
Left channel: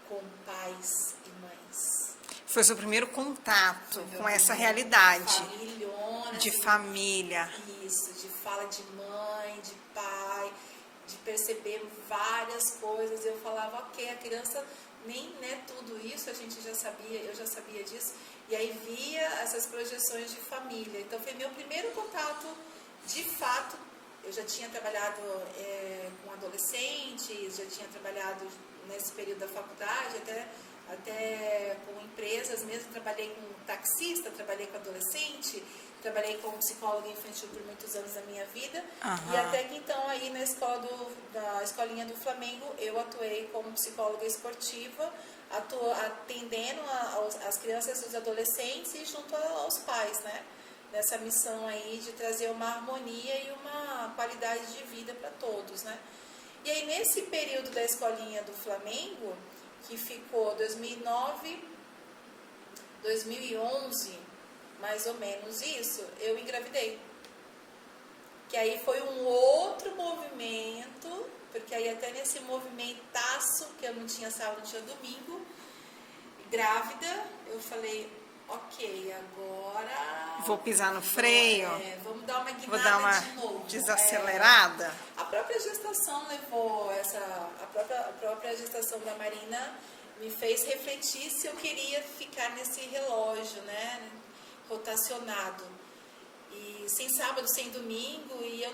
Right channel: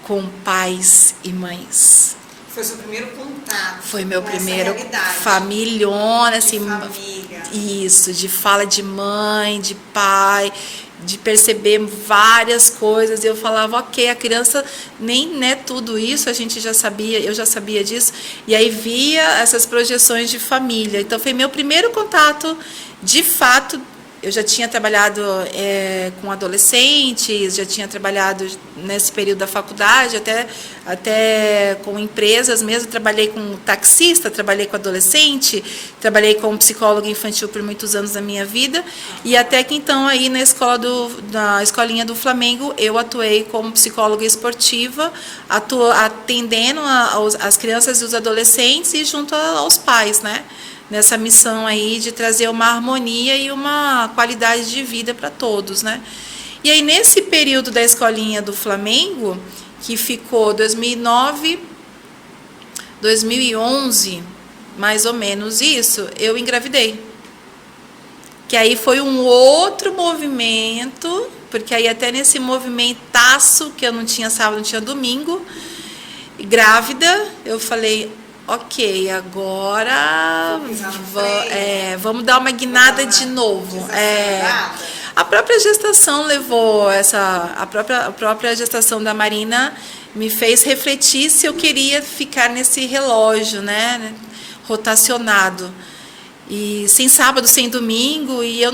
com pais e mães. Foi seu primeiro contato. Foi meu com primeiro essa realidade. Familhona, assim, de família. Isso, de fala de mãe, de pai, de perceber várias coisas. E eu falava, ok, a criança nem é tudo isso, a gente já sabia, eu já sabia disso. E aí via essas projeções de família. Então foi meu primeiro contato, de fato. Eu já tinha trabalhado com adolescentes, já tinha trabalhado nesse período da faculdade, até com empresas mesmo. Trabalhei com taxista, trabalhei com adolescente, trabalhei como psicóloga infantil por muitos anos da minha vida. E até que então, aí na escolinha do Flamengo, eu atuei como psicóloga esportiva, atendendo as crianças e os adolescentes e junto aos pais, né? Nessa missão aí de trazer uma harmonia e uma qualidade de vida para todos, né? E aí, nesse período da escolinha do Flamengo, que ficou 2009, 2011, mais ou menos isso, eu engravidei. Que aí foi um outro movimento, porque aí até nesse movimentaço, que eu não tinha sábado, não tinha domingo, grávida, eu falei... Ok, agora vamos dar uma guinada de novo. A própria gestação levou a própria gestação da Marina me fez refletir se eu queria ficar nesse relógio, né, rotacionado. E sem sábado, sem domingo, e eu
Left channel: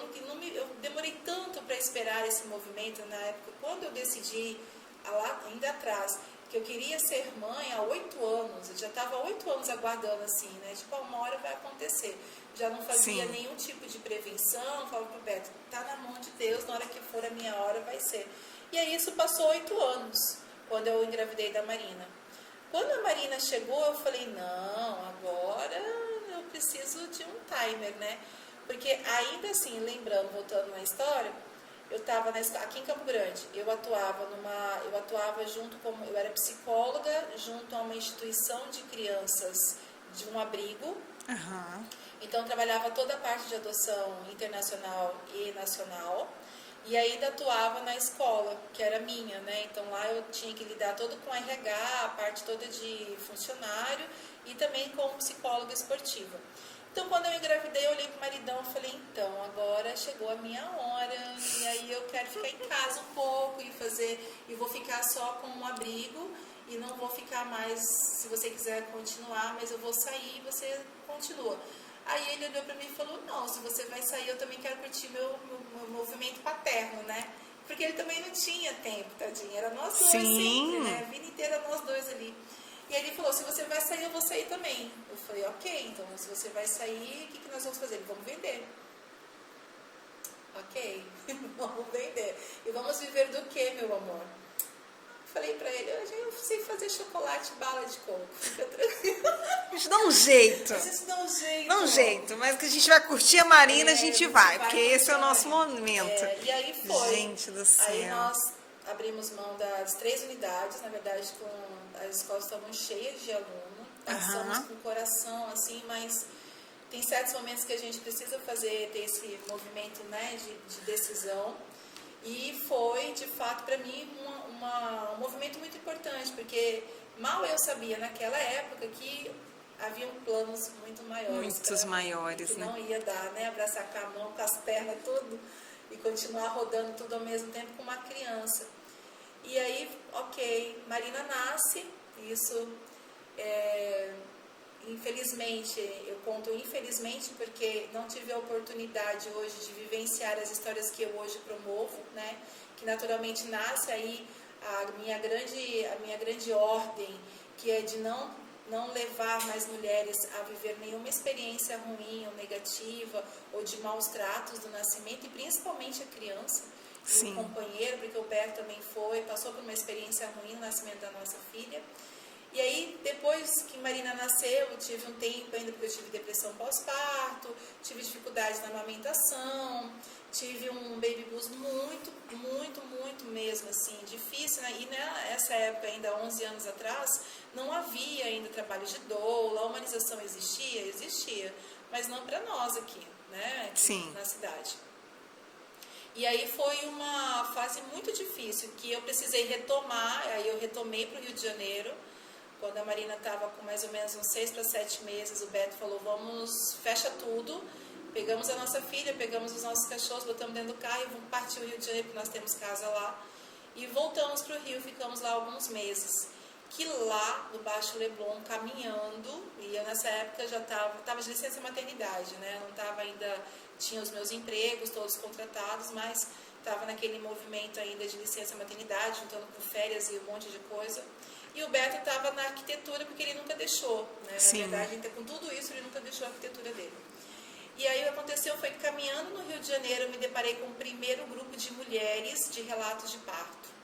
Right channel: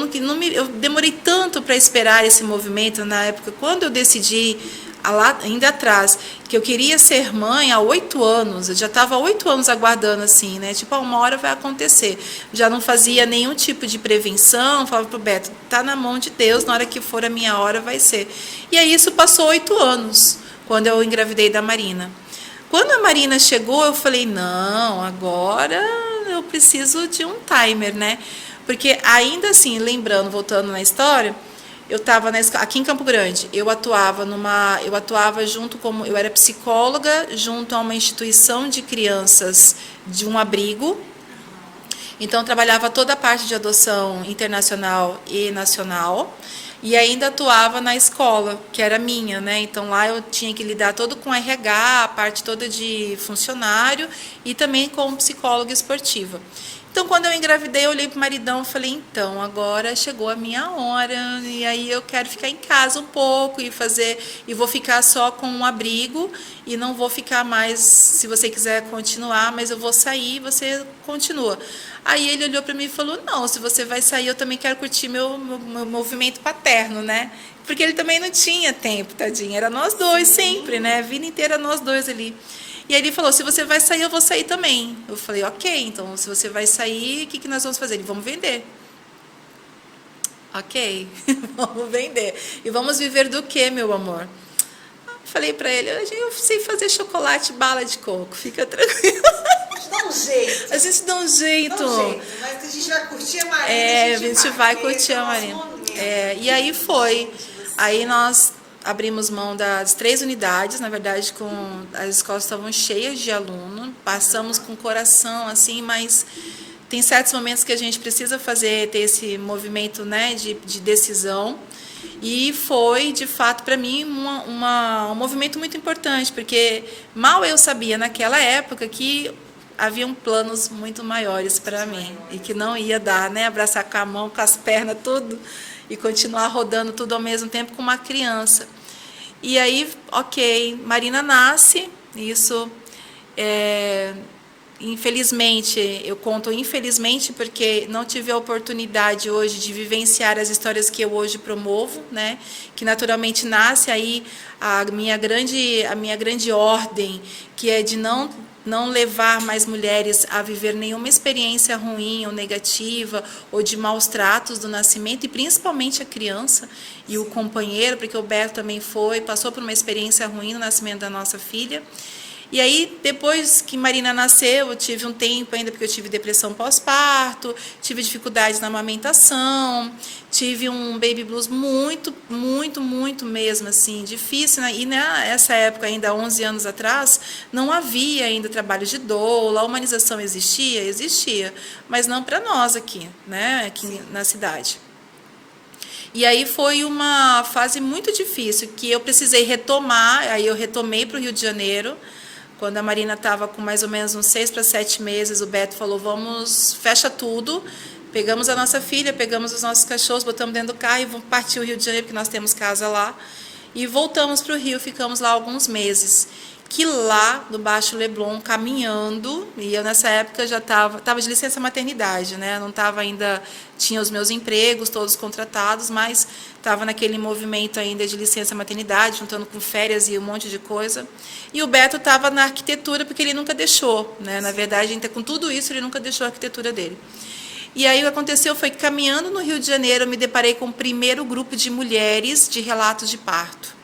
demorei tanto para esperar esse movimento na época. Quando eu decidi lá ainda atrás, que eu queria ser mãe há 8 anos, eu já estava há 8 anos aguardando assim, né? Tipo, uma hora vai acontecer. Já não fazia nenhum tipo de prevenção, falava pro Beto, tá na mão de Deus, na hora que for a minha hora vai ser. E aí isso passou 8 anos, quando eu engravidei da Marina. Quando a Marina chegou, eu falei, não, agora eu preciso de um timer, né? Porque ainda assim, lembrando, voltando na história, eu estava aqui em Campo Grande, eu atuava junto como, eu era psicóloga junto a uma instituição de crianças de um abrigo. Então, eu trabalhava toda a parte de adoção internacional e nacional. E ainda atuava na escola, que era minha, né? Então lá eu tinha que lidar todo com RH, a parte toda de funcionário e também com psicóloga esportiva. Então quando eu engravidei, eu olhei pro maridão e falei, então, agora chegou a minha hora, e aí eu quero ficar em casa um pouco e vou ficar só com um abrigo e não vou ficar mais, se você quiser continuar, mas eu vou sair, você continua. Aí ele olhou para mim e falou, não, se você vai sair, eu também quero curtir meu movimento paterno, né? Porque ele também não tinha tempo, tadinho. Era nós dois sempre, né? A vida inteira nós dois ali. E aí ele falou, se você vai sair, eu vou sair também. Eu falei, ok, então se você vai sair, o que nós vamos fazer? Ele, vamos vender. Ok, vamos vender. E vamos viver do quê, meu amor? Falei para ele, eu sei fazer chocolate, bala de coco, fica tranquilo. A gente dá um jeito. A gente dá um jeito. Dá um jeito, mas que a gente vai curtir a Marina, a gente vai curtir a Marina. E aí foi. Gente, aí nós abrimos mão das 3 unidades, na verdade, as escolas estavam cheias de aluno, passamos com o coração, assim, mas tem certos momentos que a gente precisa ter esse movimento, né, de decisão. E foi, de fato, para mim, um movimento muito importante, porque mal eu sabia naquela época que haviam planos muito maiores para mim. E que não ia dar, né? Abraçar com a mão, com as pernas, tudo, e continuar rodando tudo ao mesmo tempo com uma criança. E aí, ok, Marina nasce, isso infelizmente, eu conto infelizmente porque não tive a oportunidade hoje de vivenciar as histórias que eu hoje promovo, né? Que naturalmente nasce aí a minha grande ordem, que é de não levar mais mulheres a viver nenhuma experiência ruim ou negativa ou de maus tratos do nascimento, e principalmente a criança e o companheiro, porque o Beto também passou por uma experiência ruim no nascimento da nossa filha. E aí, depois que Marina nasceu, eu tive um tempo ainda, porque eu tive depressão pós-parto, tive dificuldades na amamentação, tive um baby blues muito, muito, muito mesmo, assim, difícil, né? E nessa época, ainda 11 anos atrás, não havia ainda trabalho de doula, a humanização existia, mas não para nós aqui, né? Aqui na cidade. E aí foi uma fase muito difícil, que eu precisei retomar, aí eu retomei para o Rio de Janeiro. Quando a Marina estava com mais ou menos uns 6 para 7 meses, o Beto falou, fecha tudo. Pegamos a nossa filha, pegamos os nossos cachorros, botamos dentro do carro e vamos partir o Rio de Janeiro, porque nós temos casa lá. E voltamos para o Rio, ficamos lá alguns meses. Que lá, no Baixo Leblon, caminhando, e eu nessa época já estava de licença maternidade, né? Não estava ainda, tinha os meus empregos todos contratados, mas estava naquele movimento ainda de licença maternidade, juntando com férias e um monte de coisa. E o Beto estava na arquitetura, porque ele nunca deixou, né? Na verdade, com tudo isso, ele nunca deixou a arquitetura dele. E aí o que aconteceu foi que, caminhando no Rio de Janeiro, eu me deparei com o primeiro grupo de mulheres de relatos de parto.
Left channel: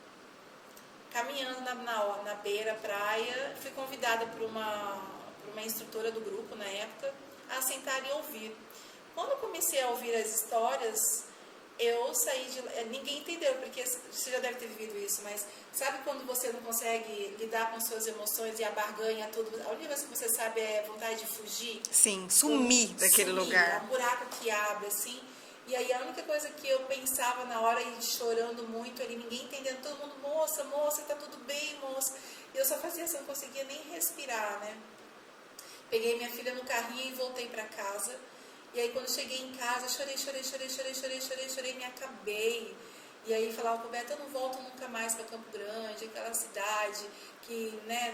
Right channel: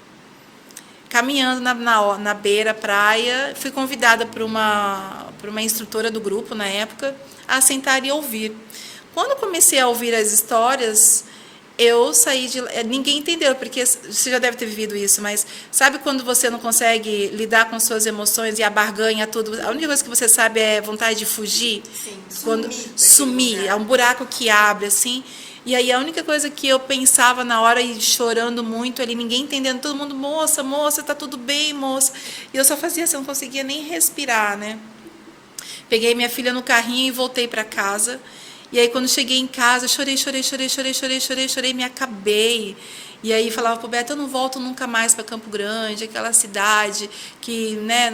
Caminhando na beira, praia, fui convidada por uma instrutora do grupo, na época, a sentar e ouvir. Quando comecei a ouvir as histórias, eu saí de... Ninguém entendeu, porque você já deve ter vivido isso, mas sabe quando você não consegue lidar com suas emoções e a barganha, tudo? A única coisa que você sabe é vontade de fugir? Sim, sumir. É um buraco que abre, assim... E aí a única coisa que eu pensava na hora, e chorando muito ali, ninguém entendendo, todo mundo, moça, tá tudo bem, moça. E eu só fazia assim, eu não conseguia nem respirar, né? Peguei minha filha no carrinho e voltei para casa. E aí quando cheguei em casa, chorei, me acabei. E aí falava pro Beto, eu não volto nunca mais para Campo Grande, aquela cidade que, né,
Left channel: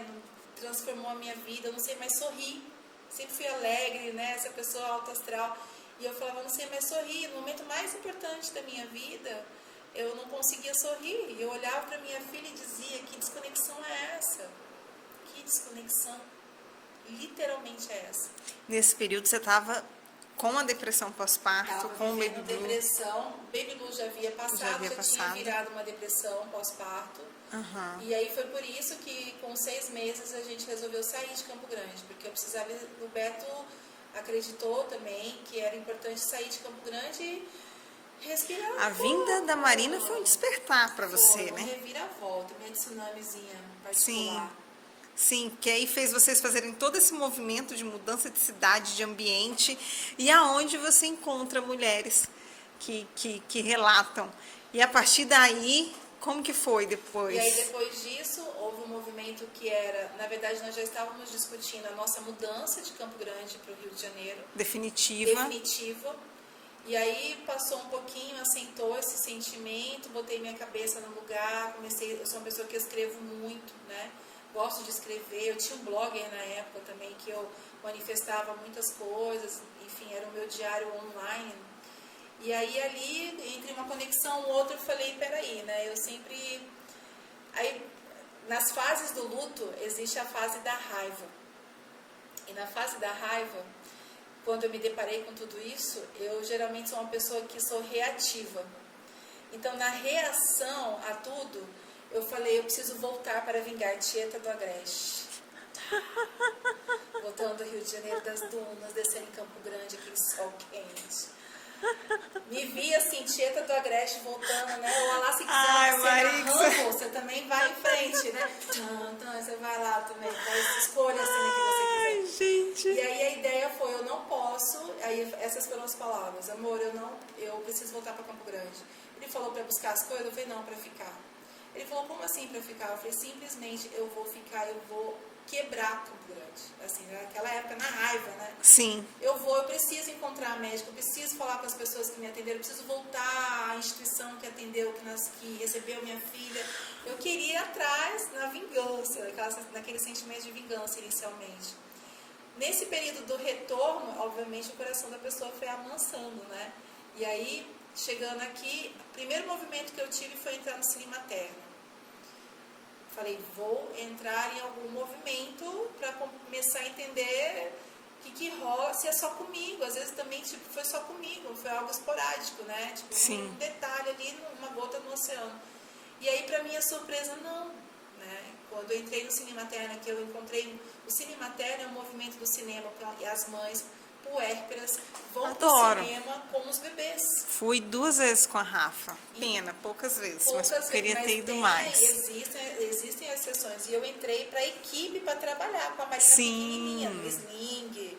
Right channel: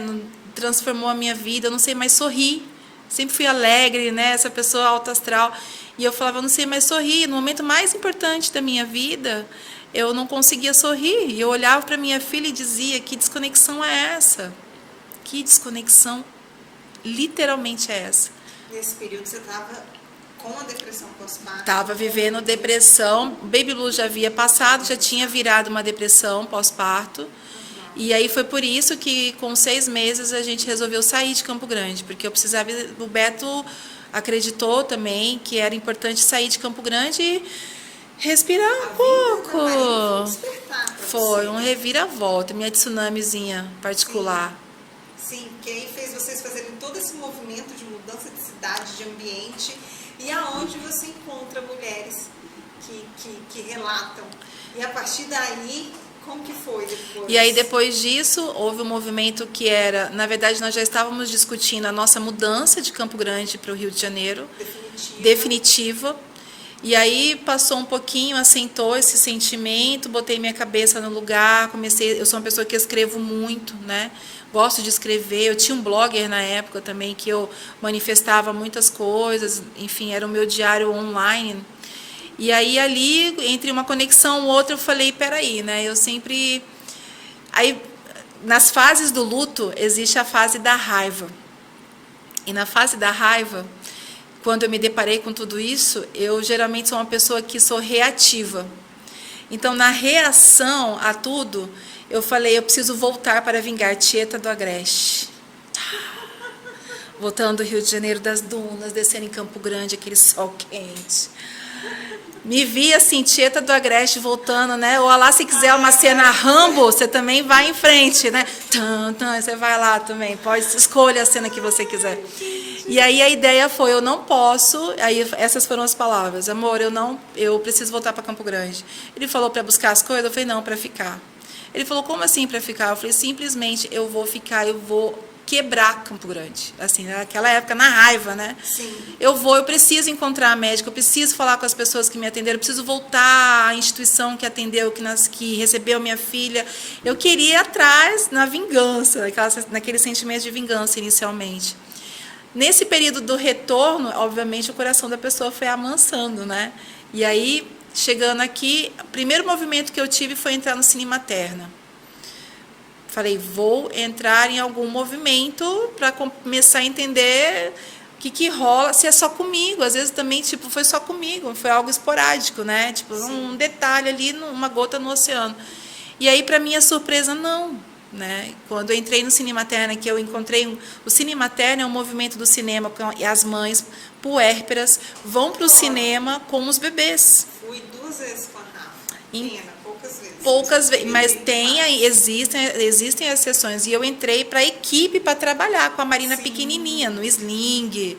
transformou a minha vida, eu não sei mais sorrir. sempre fui alegre, né? Essa pessoa alta astral. E eu falava, eu não sei mais sorrir. No momento mais importante da minha vida, eu não conseguia sorrir. E eu olhava para minha filha e dizia, que desconexão é essa? Que desconexão literalmente é essa? Nesse período você estava com a depressão pós-parto? Estava vivendo depressão. Baby Blue já havia passado, já tinha virado uma depressão pós-parto. E aí foi por isso que com 6 meses a gente resolveu sair de Campo Grande, porque eu precisava. O Beto acreditou também que era importante sair de Campo Grande e respirar um pouco. A vinda da Marina foi um despertar para você. Foi um reviravolta, minha tsunamizinha particular. Sim, que aí fez vocês fazerem todo esse movimento de mudança de cidade, de ambiente, e aonde você encontra mulheres que relatam. E a partir daí, como que foi depois? E aí, depois disso, houve um movimento que era... Na verdade, nós já estávamos discutindo a nossa mudança de Campo Grande para o Rio de Janeiro. Definitiva. E aí, passou um pouquinho, assentou esse sentimento, botei minha cabeça no lugar, comecei... Eu sou uma pessoa que escrevo muito, né? Gosto de escrever. Eu tinha um blogger na época também, que eu manifestava muitas coisas. Enfim, era o meu diário online. E aí, ali, entre uma conexão e outra, eu falei, peraí, né? Eu sempre... Aí, nas fases do luto, existe a fase da raiva. E na fase da raiva, quando eu me deparei com tudo isso, eu geralmente sou uma pessoa que sou reativa. Então, na reação a tudo, eu falei, eu preciso voltar para vingar Tieta do Agreste. Voltando do Rio de Janeiro, das dunas, descendo em Campo Grande, aquele sol quente. Me vi assim, Tieta do Agreste voltando, né? Ou lá, se quiser uma cena Rambo, você também vai em frente, né? Você vai lá também, pode escolher a cena que você quiser. E aí a ideia foi, eu não posso, aí essas foram as palavras, amor, eu preciso voltar para Campo Grande. Ele falou para buscar as coisas, eu falei, não, para ficar. Ele falou, como assim para ficar? Eu falei, simplesmente eu vou ficar, eu vou quebrar Campo Grande, assim, naquela época, na raiva, né? Sim. Eu preciso encontrar a médica, eu preciso falar com as pessoas que me atenderam, eu preciso voltar à instituição que atendeu, que recebeu minha filha. Eu queria ir atrás na vingança, naquele sentimento de vingança inicialmente. Nesse período do retorno, obviamente, o coração da pessoa foi amansando, né? E aí, chegando aqui, o primeiro movimento que eu tive foi entrar no Cine Materna. Falei, vou entrar em algum movimento para começar a entender o que rola, se é só comigo. Às vezes também, tipo, foi só comigo, foi algo esporádico, né? Tipo, um detalhe ali, uma gota no oceano. E aí, para minha surpresa, não. Né? Quando eu entrei no Cine Materna, que eu encontrei... O Cine Materna é um movimento do cinema, e as mães puérperas vão para o cinema com os bebês. Fui 2 vezes com a Rafa. Pena, poucas vezes. Poucas vezes, mas existem as sessões. E eu entrei para a equipe para trabalhar com a Marina pequenininha, no sling,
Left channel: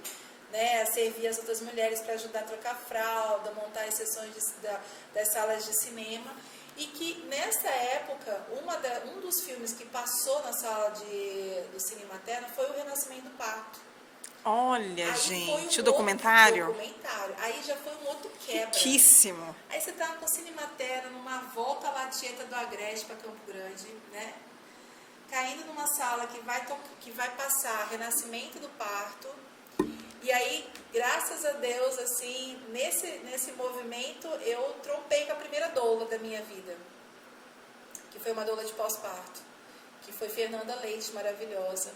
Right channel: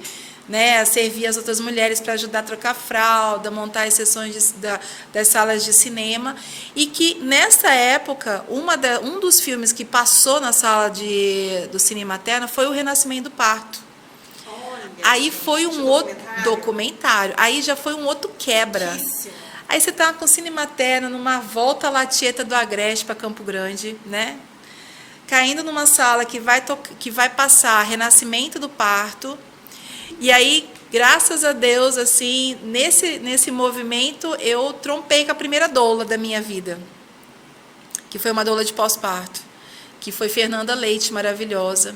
né, servir as outras mulheres para ajudar a trocar fralda, montar as sessões das salas de cinema. E que, nessa época, um dos filmes que passou na sala do Cine Materno foi O Renascimento do Parto. Olha, aí gente, foi um outro documentário. Aí já foi um outro quebra. Riquíssimo. Aí você tá com o Cine Materno numa volta lá Tieta do Agreste para Campo Grande, né? Caindo numa sala que vai passar Renascimento do Parto. E aí, graças a Deus, assim, nesse movimento, eu trompei com a primeira doula da minha vida, que foi uma doula de pós-parto, que foi Fernanda Leite, maravilhosa.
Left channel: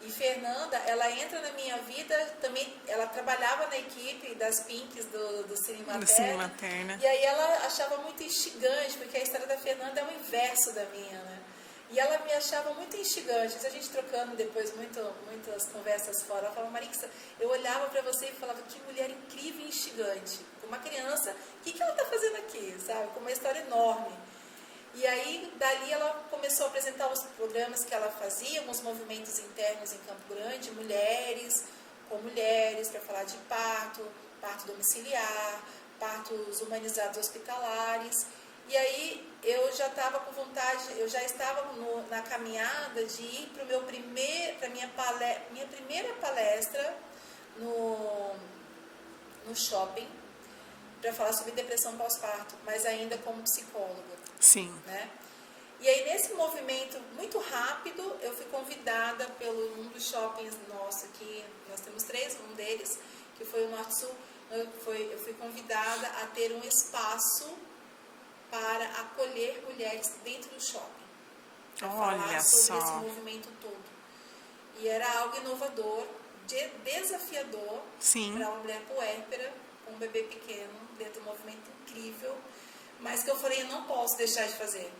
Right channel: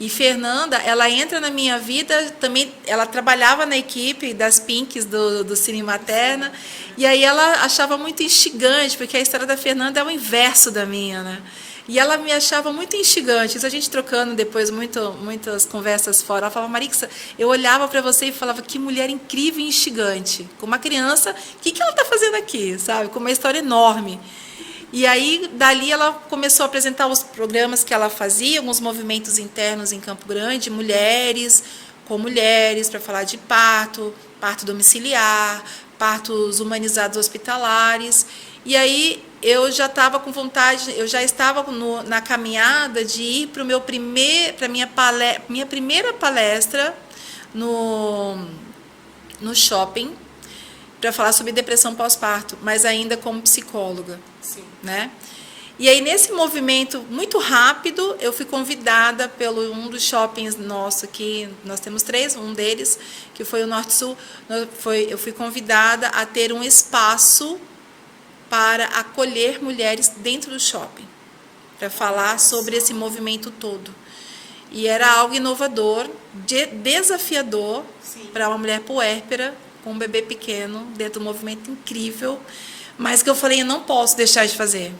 E Fernanda, ela entra na minha vida também, ela trabalhava na equipe das Pinks do Cine Materna, e aí ela achava muito instigante, porque a história da Fernanda é o inverso da minha, né? E ela me achava muito instigante. Isso a gente trocando depois muitas conversas fora. Ela falava, Marixa, eu olhava para você e falava, que mulher incrível e instigante. Com uma criança, o que ela está fazendo aqui, sabe? Com uma história enorme. E aí, dali, ela começou a apresentar os programas que ela fazia, alguns movimentos internos em Campo Grande, com mulheres, para falar de parto domiciliar, partos humanizados hospitalares. E aí, eu já estava com vontade, eu já estava na caminhada de ir para minha primeira palestra no shopping, para falar sobre depressão pós-parto, mas ainda como psicóloga. Sim. Né? E aí, nesse movimento muito rápido, eu fui convidada pelo um dos shoppings nosso aqui, nós temos 3, um deles, que foi o Norte Sul, eu fui convidada a ter um espaço para acolher mulheres dentro do shopping, para falar sobre esse movimento todo. E era algo inovador, desafiador para uma mulher puérpera, com um bebê pequeno, dentro de um movimento incrível, mas que eu falei, eu não posso deixar de fazer.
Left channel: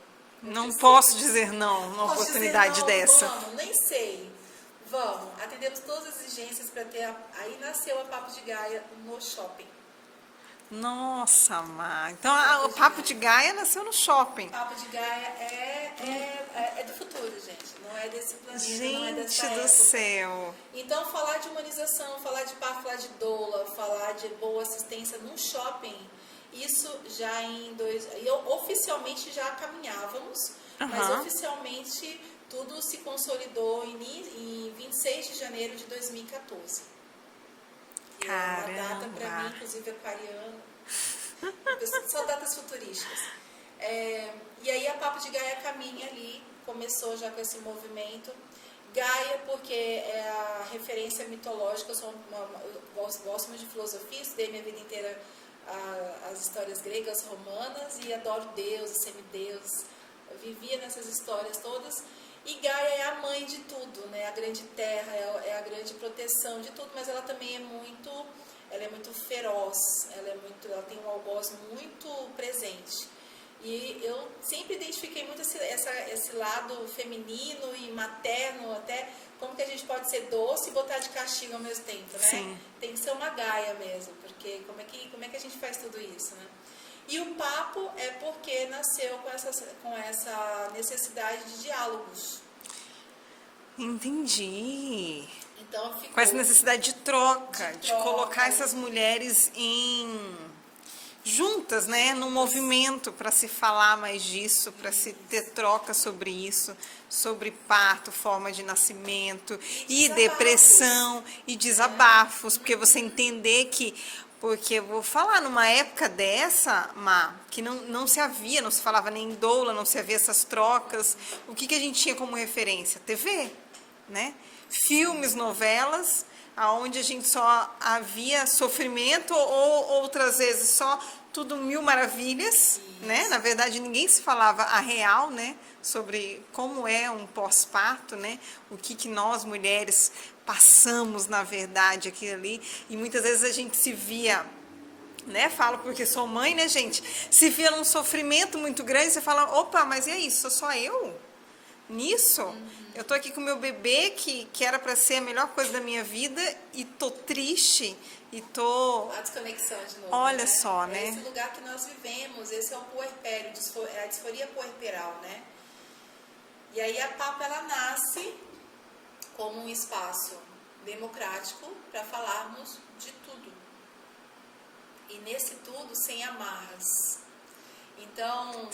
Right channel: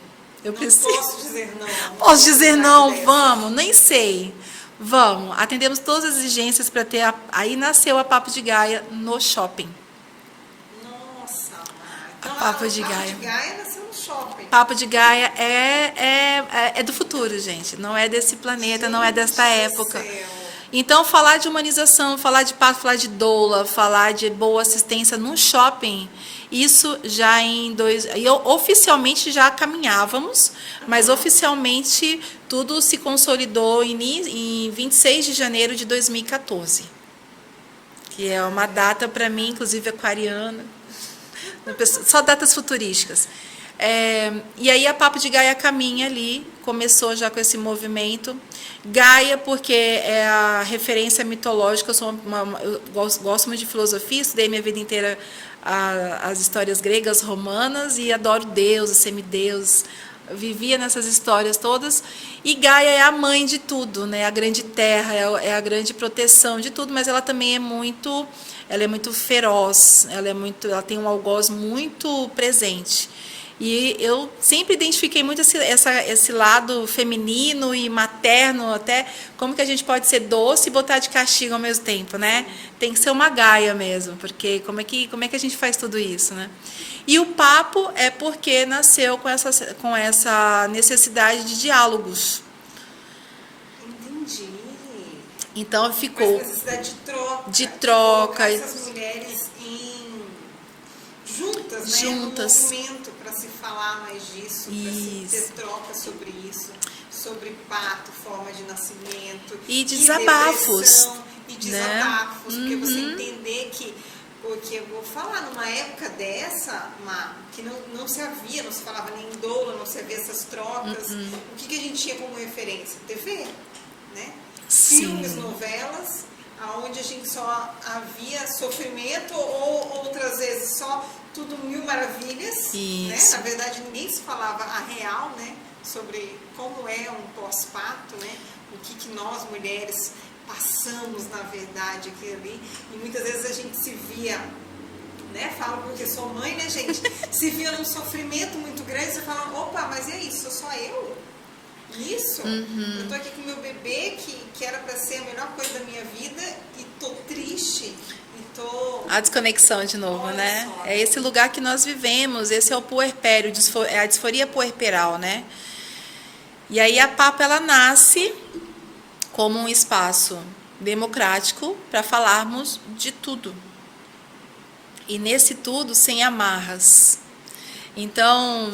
Posso dizer não. Posso dizer não, vamos, nem sei. Vamos, atendemos todas as exigências para ter. Aí nasceu a Papo de Gaia no shopping. Nossa, Mar. Então, o Papo de Gaia nasceu no shopping. Papo de Gaia é do futuro, gente. Não é desse planeta, não é desta época. Então, falar de humanização, falar de parto, falar de doula, falar de boa assistência num shopping, isso já oficialmente já caminhávamos, mas oficialmente tudo se consolidou em 26 de janeiro de 2014. Que é uma data para mim, inclusive aquariana, só datas futurísticas. E aí a Papo de Gaia caminha ali, começou já com esse movimento. Gaia, porque é a referência mitológica, eu gosto muito de filosofia, estudei minha vida inteira as histórias gregas, romanas, e adoro deuses, semideuses, vivia nessas histórias todas. E Gaia é a mãe de tudo, né? A grande terra, é a grande proteção de tudo, mas ela também é muito feroz, ela tem um algoz muito presente. E eu sempre identifiquei muito esse lado feminino e materno, até como que a gente pode ser doce e botar de castigo ao mesmo tempo, né? Sim. Tem que ser uma Gaia mesmo, porque como é que a gente faz tudo isso, né? E o papo é porque nasceu com essa necessidade de diálogos. Entendi. Então ficou... Com essa necessidade de troca. De colocar essas mulheres juntas, né, no movimento, para se falar mais disso, para se ter troca sobre isso, sobre parto, forma de nascimento, e desabafos, depressão, e desabafos, né? Porque você entender que, porque eu vou falar, numa época dessa, que não se falava nem doula, não se havia essas trocas, o que a gente tinha como referência? TV, né? Filmes, novelas, onde a gente só havia sofrimento ou outras vezes só tudo mil maravilhas, né? Na verdade, ninguém se falava a real, né? Sobre como é um pós-parto, né? O que nós, mulheres, passamos, na verdade, aquilo ali. E muitas vezes a gente se via, né? Falo porque sou mãe, né, gente? Se via num sofrimento muito grande, você fala, opa, mas e aí, sou só eu? Nisso? Eu tô aqui com meu bebê, que era para ser a melhor coisa da minha vida, e tô triste, e tô... A desconexão de novo, Olha né? só, é né? esse lugar que nós vivemos, esse é o puerpério, é a disforia puerperal, né? E aí a Papo, ela nasce como um espaço democrático para falarmos de tudo. E nesse tudo, sem amarras. Então,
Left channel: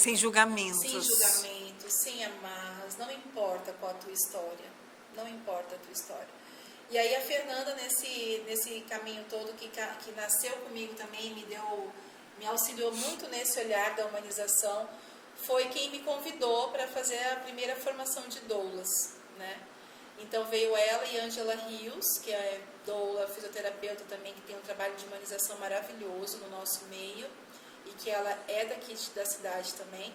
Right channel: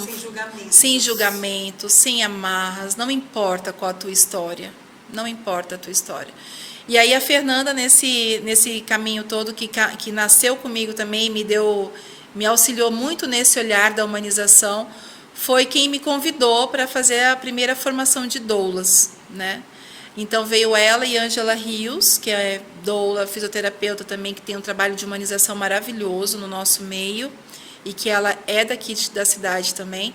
sem julgamento, sem amarras, não importa qual a tua história, não importa a tua história. E aí a Fernanda, nesse caminho todo que nasceu comigo também, me auxiliou muito nesse olhar da humanização, foi quem me convidou para fazer a primeira formação de doulas, né? Então veio ela e Ângela Rios, que é doula, fisioterapeuta também, que tem um trabalho de humanização maravilhoso no nosso meio, e que ela é daqui da cidade também,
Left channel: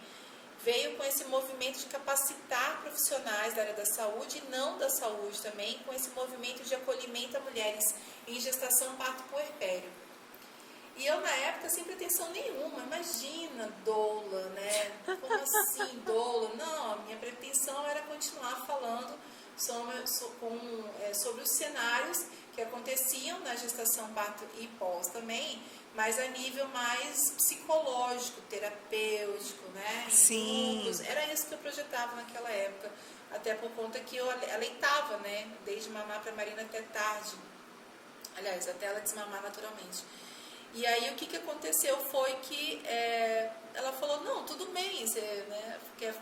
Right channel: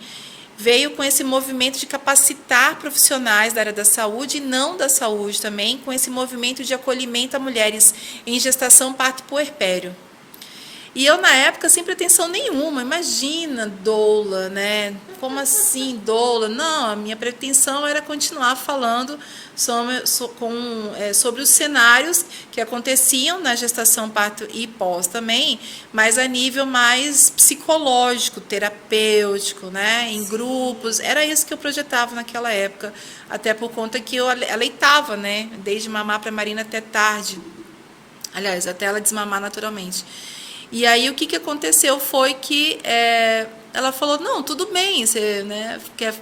veio com esse movimento de capacitar profissionais da área da saúde e não da saúde também, com esse movimento de acolhimento a mulheres em gestação, parto e puerpério. E eu, na época, sem pretensão nenhuma, imagina, doula, né? Como assim, doula? Não, a minha pretensão era continuar falando sobre os cenários que aconteciam na gestação, parto e pós também, mas a nível mais psicológico, terapêutico, né? Em grupos. Era isso que eu projetava naquela época, até por conta que eu aleitava, né? Desde mamar para a Marina até tarde. Aliás, até ela desmamar naturalmente. E aí o que aconteceu foi que ela falou, não, tudo bem, você, né, quer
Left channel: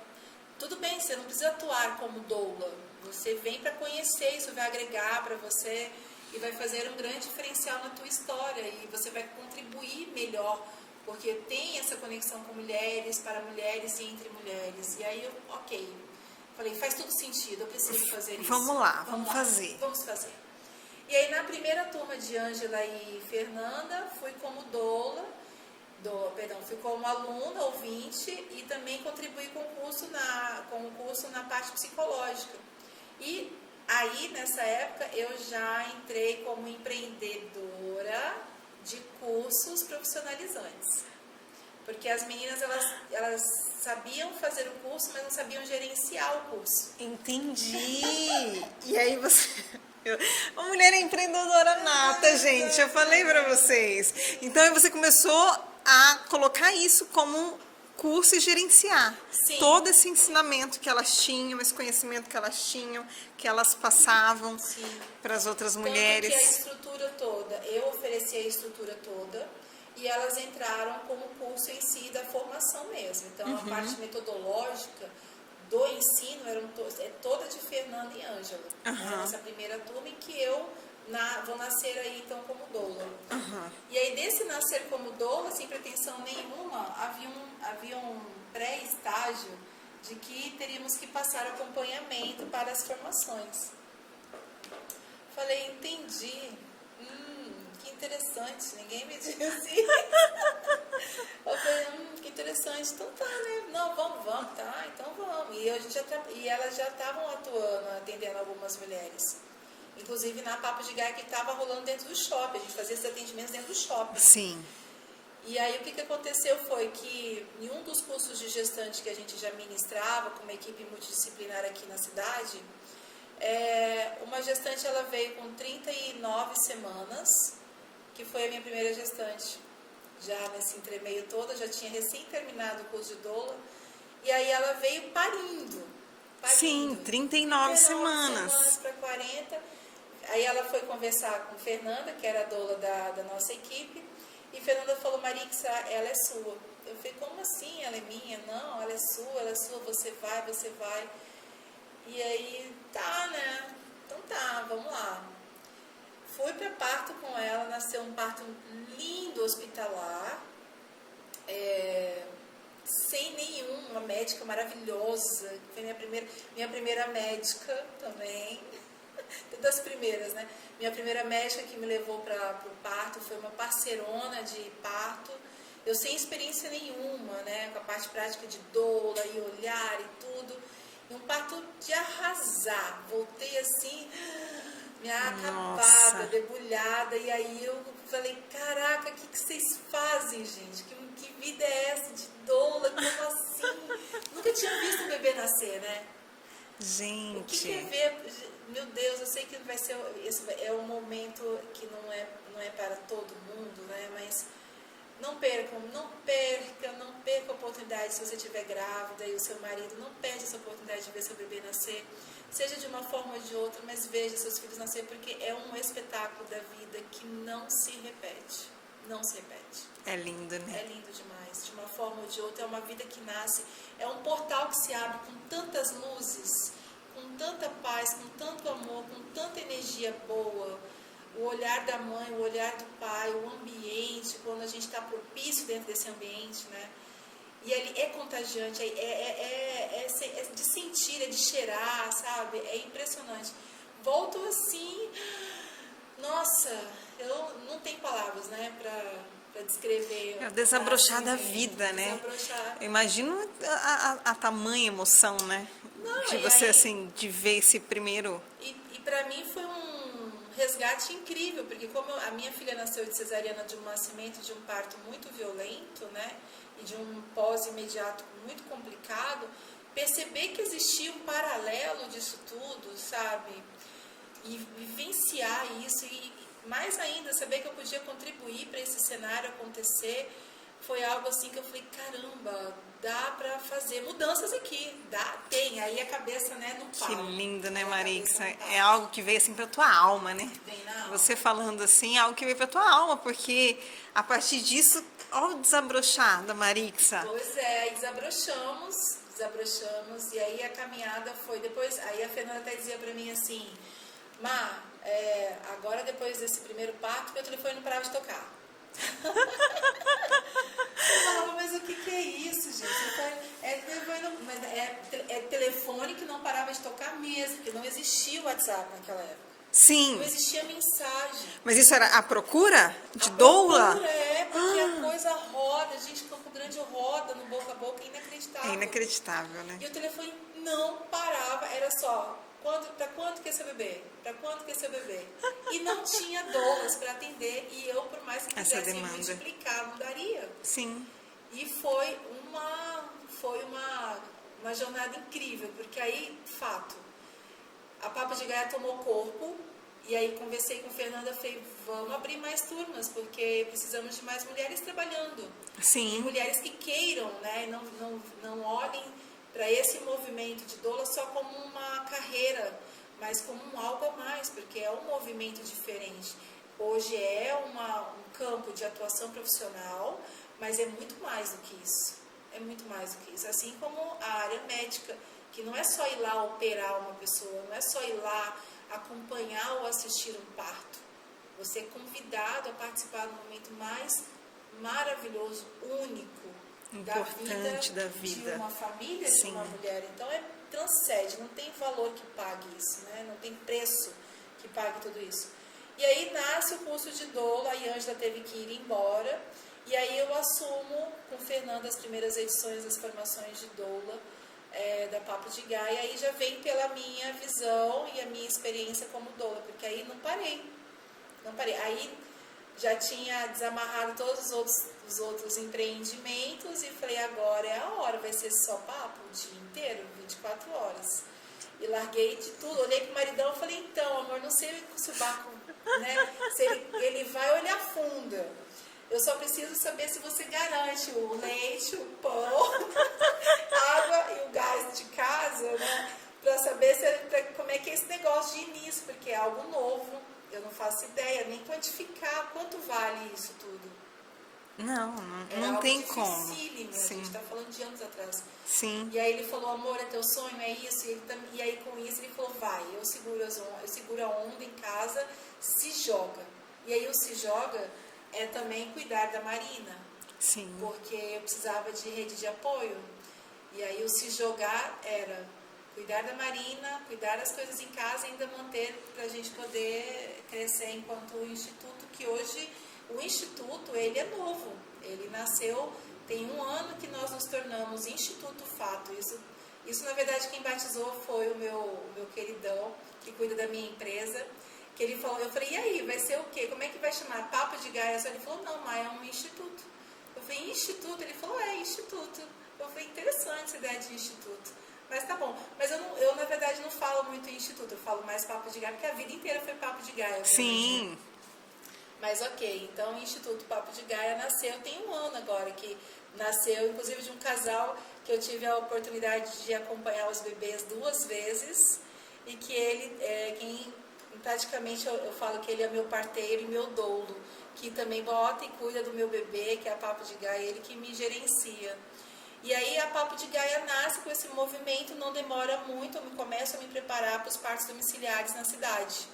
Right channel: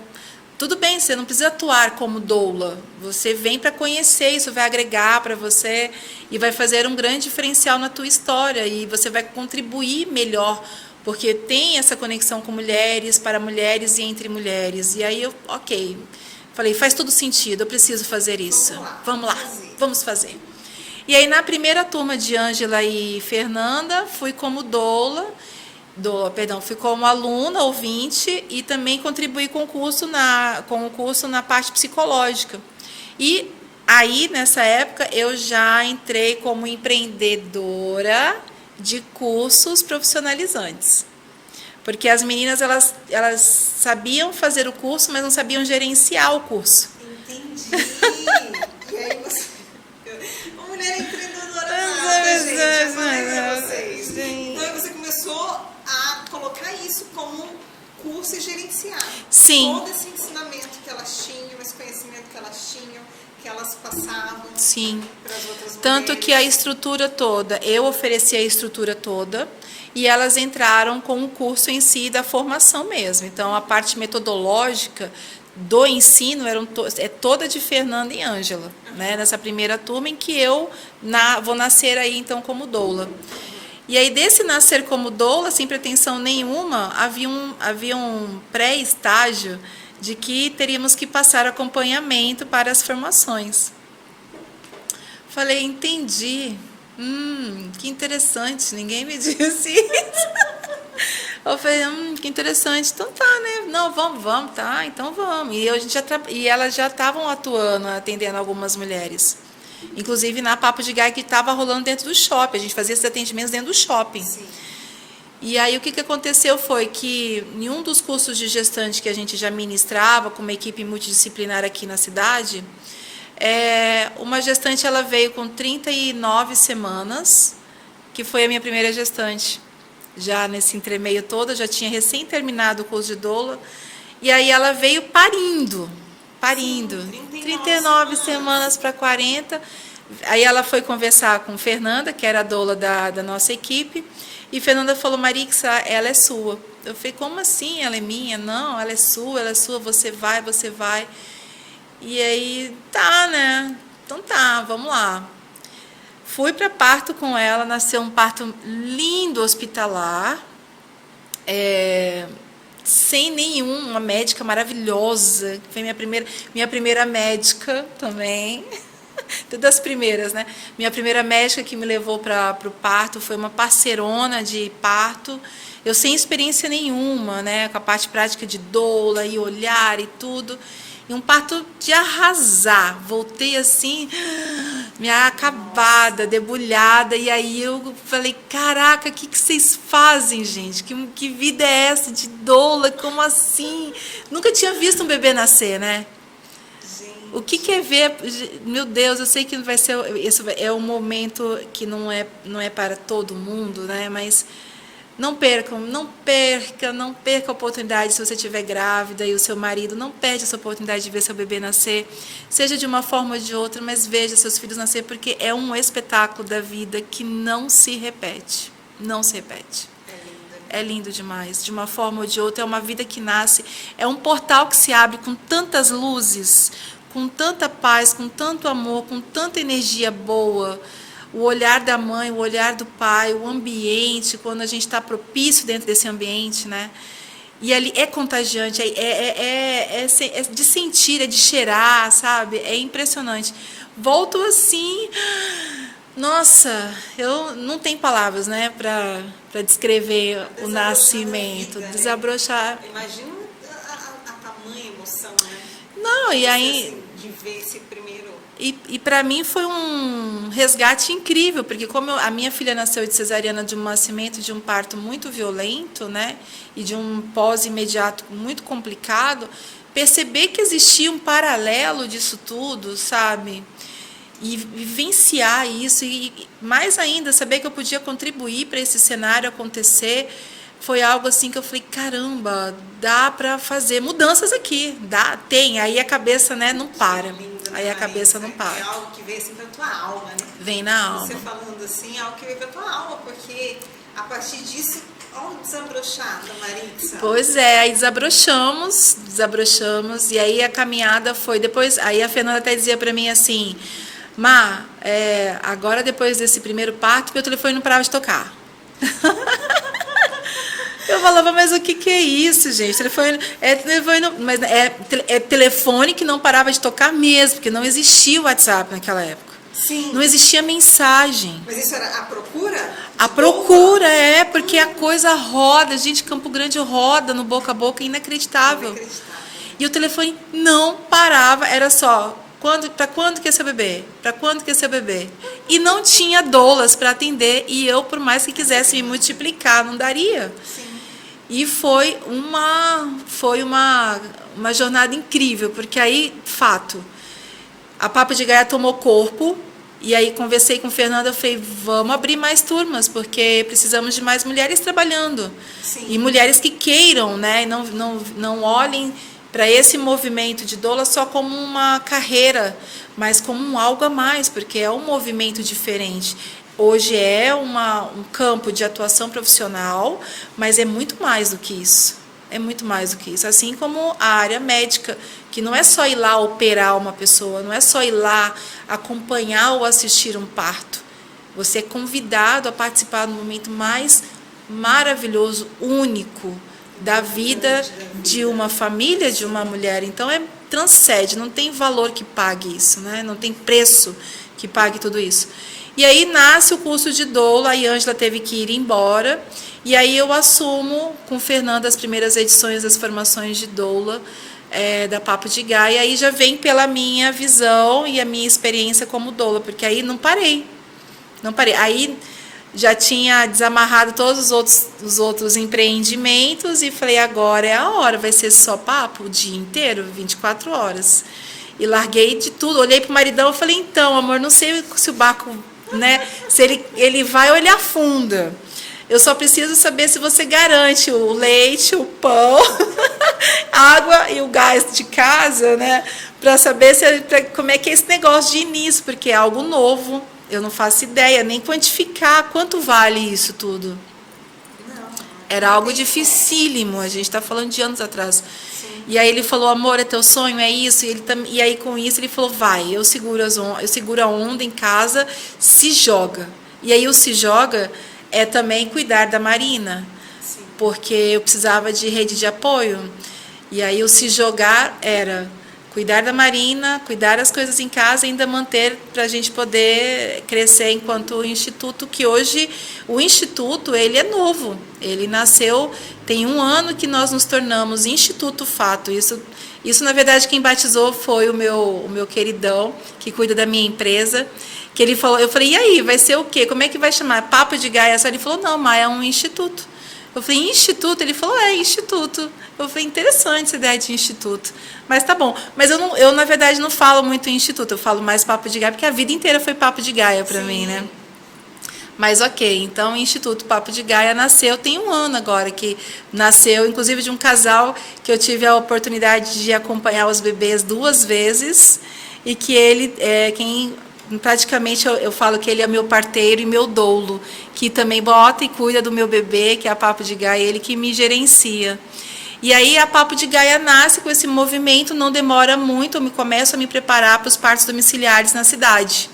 tudo bem, você não precisa atuar como doula. Você vem para conhecer, isso vai agregar para você e vai fazer um grande diferencial na tua história e você vai contribuir melhor, porque tem essa conexão com mulheres, para mulheres e entre mulheres. E aí eu, ok, falei, faz todo sentido, eu preciso fazer isso. Vamos lá, vamos fazer. E aí na primeira turma de Ângela e Fernanda, fui como fui como aluna, ouvinte, e também contribuí com o curso na parte psicológica. E aí, nessa época, eu já entrei como empreendedora de cursos profissionalizantes. Porque as meninas, elas sabiam fazer o curso, mas não sabiam gerenciar o curso. Entendi. E aí você... Uma mulher empreendedora nata, gente. Eu falei pra vocês. Então, aí você começou a colocar isso como um curso e gerenciar. Sim. Todo esse ensinamento que elas tinham, esse conhecimento que elas tinham, que elas passavam para as outras mulheres. Tanto que a estrutura toda, eu ofereci a estrutura toda e elas entraram com o curso em si da formação mesmo. Então, a parte metodológica do ensino é toda de Fernanda e Ângela, né? Nessa primeira turma em que eu vou nascer aí então como doula. E aí desse nascer como doula, sem pretensão nenhuma, havia um pré-estágio de que teríamos que passar acompanhamento para as formações. Falei, entendi. Que interessante, ninguém me disse isso. Eu falei, que interessante. Então tá, né? Não, vamos, tá, então vamos. E elas já estavam atuando, atendendo algumas mulheres. Inclusive na Papo de Gaia que estava rolando dentro do shopping. A gente fazia esses atendimentos dentro do shopping. Sim. E aí o que aconteceu foi que em um dos cursos de gestante que a gente já ministrava com uma equipe multidisciplinar aqui na cidade, uma gestante ela veio com 39 semanas, que foi a minha primeira gestante. Já nesse entremeio todo, eu já tinha recém terminado o curso de doula. E aí ela veio parindo. Sim, 39 semanas para 40. Aí ela foi conversar com Fernanda, que era a doula da nossa equipe. E Fernanda falou, Marixa, ela é sua. Eu falei, como assim? Ela é minha? Não, ela é sua, você vai. E aí, tá, né? Então tá, vamos lá. Fui para parto com ela, nasceu um parto lindo, hospitalar, sem uma médica maravilhosa, que foi minha primeira médica também, das primeiras, né? Minha primeira médica que me levou para o parto foi uma parceirona de parto, eu sem experiência nenhuma, né? Com a parte prática de doula e olhar e tudo. E um parto de arrasar. Voltei assim, minha acabada, debulhada. E aí eu falei, caraca, o que vocês fazem, gente? Que vida é essa de doula? Como assim? Nunca tinha visto um bebê nascer, né? Gente. O que é ver? Meu Deus, eu sei que vai ser... Esse é um momento que não é para todo mundo, né? Mas... Não perca a oportunidade se você estiver grávida e o seu marido, não perde essa oportunidade de ver seu bebê nascer, seja de uma forma ou de outra, mas veja seus filhos nascer, porque é um espetáculo da vida que não se repete, não se repete. É lindo, né? É lindo demais, de uma forma ou de outra, é uma vida que nasce, é um portal que se abre com tantas luzes, com tanta paz, com tanto amor, com tanta energia boa. O olhar da mãe, o olhar do pai, o ambiente, quando a gente está propício dentro desse ambiente, né? E ali é contagiante, é de sentir, é de cheirar, sabe? É impressionante. Volto assim, nossa, eu não tenho palavras, né, para descrever o nascimento, vida, desabrochar. Né? Imagino a tamanha emoção, né? Não, e aí assim, de ver esse primeiro. E para mim foi um resgate incrível, porque como a minha filha nasceu de cesariana de um nascimento de um parto muito violento, né, e de um pós imediato muito complicado, perceber que existia um paralelo disso tudo, sabe? E vivenciar isso e mais ainda saber que eu podia contribuir para esse cenário acontecer. Foi algo assim que eu falei, caramba, dá para fazer mudanças aqui, tem, aí a cabeça, né, não para. Lindo, né, aí a Marisa? cabeça não para. É algo que veio assim para tua alma, né? Vem na alma. Você falando assim, é algo que veio para tua alma, porque A partir disso, olha o desabrochar da Marixa. Pois é, aí desabrochamos, e aí a caminhada foi depois, aí a Fernanda até dizia para mim assim, Má, agora depois desse primeiro parto, meu telefone não parava de tocar. Eu falava, mas o que é isso, gente? Telefone, mas é telefone que não parava de tocar mesmo, porque não existia o WhatsApp naquela época. Sim. Não existia mensagem. Mas isso era a procura? A procura, porque a coisa roda, gente, Campo Grande roda no boca a boca, inacreditável. Inacreditável, né? E o telefone não parava, era só, para quando que é seu bebê? Para quando que é seu bebê? E não tinha doulas para atender, e eu, por mais que quisesse me multiplicar, não daria. Sim. E foi uma jornada incrível, porque aí, fato, a Papo de Gaia tomou corpo, e aí conversei com o Fernando, eu falei, vamos abrir mais turmas, porque precisamos de mais mulheres trabalhando. Sim. E mulheres que queiram, né, e não olhem para esse movimento de doula só como uma carreira, mas como um algo a mais, porque é um movimento diferente. Hoje é um campo de atuação profissional, mas é muito mais do que isso. É muito mais do que isso. Assim como a área médica, que não é só ir lá operar uma pessoa, não é só ir lá acompanhar ou assistir um parto. Você é convidado a participar do momento mais maravilhoso, único da vida de uma família, de uma mulher. Então, transcende, não tem valor que pague isso, né? Não tem preço que pague tudo isso. E aí nasce o curso de doula, a Ângela teve que ir embora, e aí eu assumo com o Fernando as primeiras edições das formações de doula da Papo de Gaia, e aí já vem pela minha visão e a minha experiência como doula, porque aí não parei. Aí já tinha desamarrado todos os outros empreendimentos e falei, agora é a hora, vai ser só papo o dia inteiro, 24 horas. E larguei de tudo, olhei para o maridão e falei, então, amor, não sei se o barco, né, se ele vai ou ele afunda. Eu só preciso saber se você garante o leite, o pão, a água e o gás de casa, né, para saber como é que é esse negócio de início, porque é algo novo. Eu não faço ideia, nem quantificar quanto vale isso tudo. Não. Era algo dificílimo, a gente está falando de anos atrás. Sim. E aí ele falou, amor, é teu sonho, é isso? E aí com isso ele falou, vai, eu seguro a onda em casa, se joga. E aí o se joga é também cuidar da Marina. Sim. Porque eu precisava de rede de apoio. E aí o se jogar era cuidar da Marina, cuidar das coisas em casa e ainda manter para a gente poder crescer enquanto instituto, que hoje o instituto ele é novo. Ele nasceu, tem 1 ano que nós nos tornamos Instituto Fato. Isso na verdade, quem batizou foi o meu queridão, que cuida da minha empresa, que ele falou, eu falei, e aí, vai ser o quê? Como é que vai chamar? Papo de Gaia? Ele falou, não, mas é um instituto. Eu falei, instituto? Ele falou, instituto. Eu falei, interessante essa ideia de instituto. Mas tá bom. Mas eu na verdade, não falo muito em instituto, eu falo mais Papo de Gaia, porque a vida inteira foi Papo de Gaia para mim, né? Mas ok, então o Instituto Papo de Gaia nasceu, tem 1 ano agora, que nasceu, inclusive, de um casal que eu tive a oportunidade de acompanhar os bebês 2 vezes, e que ele praticamente eu falo que ele é meu parteiro e meu doulo, que também bota e cuida do meu bebê, que é a Papo de Gaia, ele que me gerencia. E aí a Papo de Gaia nasce com esse movimento, não demora muito, eu começo a me preparar para os partos domiciliares na cidade.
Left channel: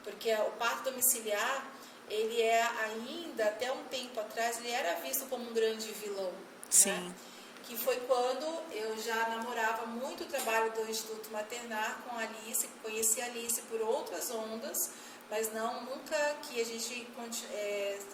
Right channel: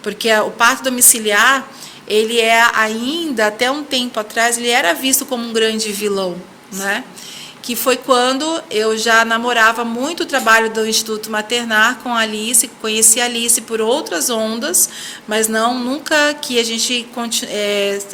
Porque o parto domiciliar, ele ainda, até um tempo atrás, ele era visto como um grande vilão, né? Que foi quando eu já namorava muito o trabalho do Instituto Maternar com a Alice, conheci a Alice por outras ondas, mas nunca que a gente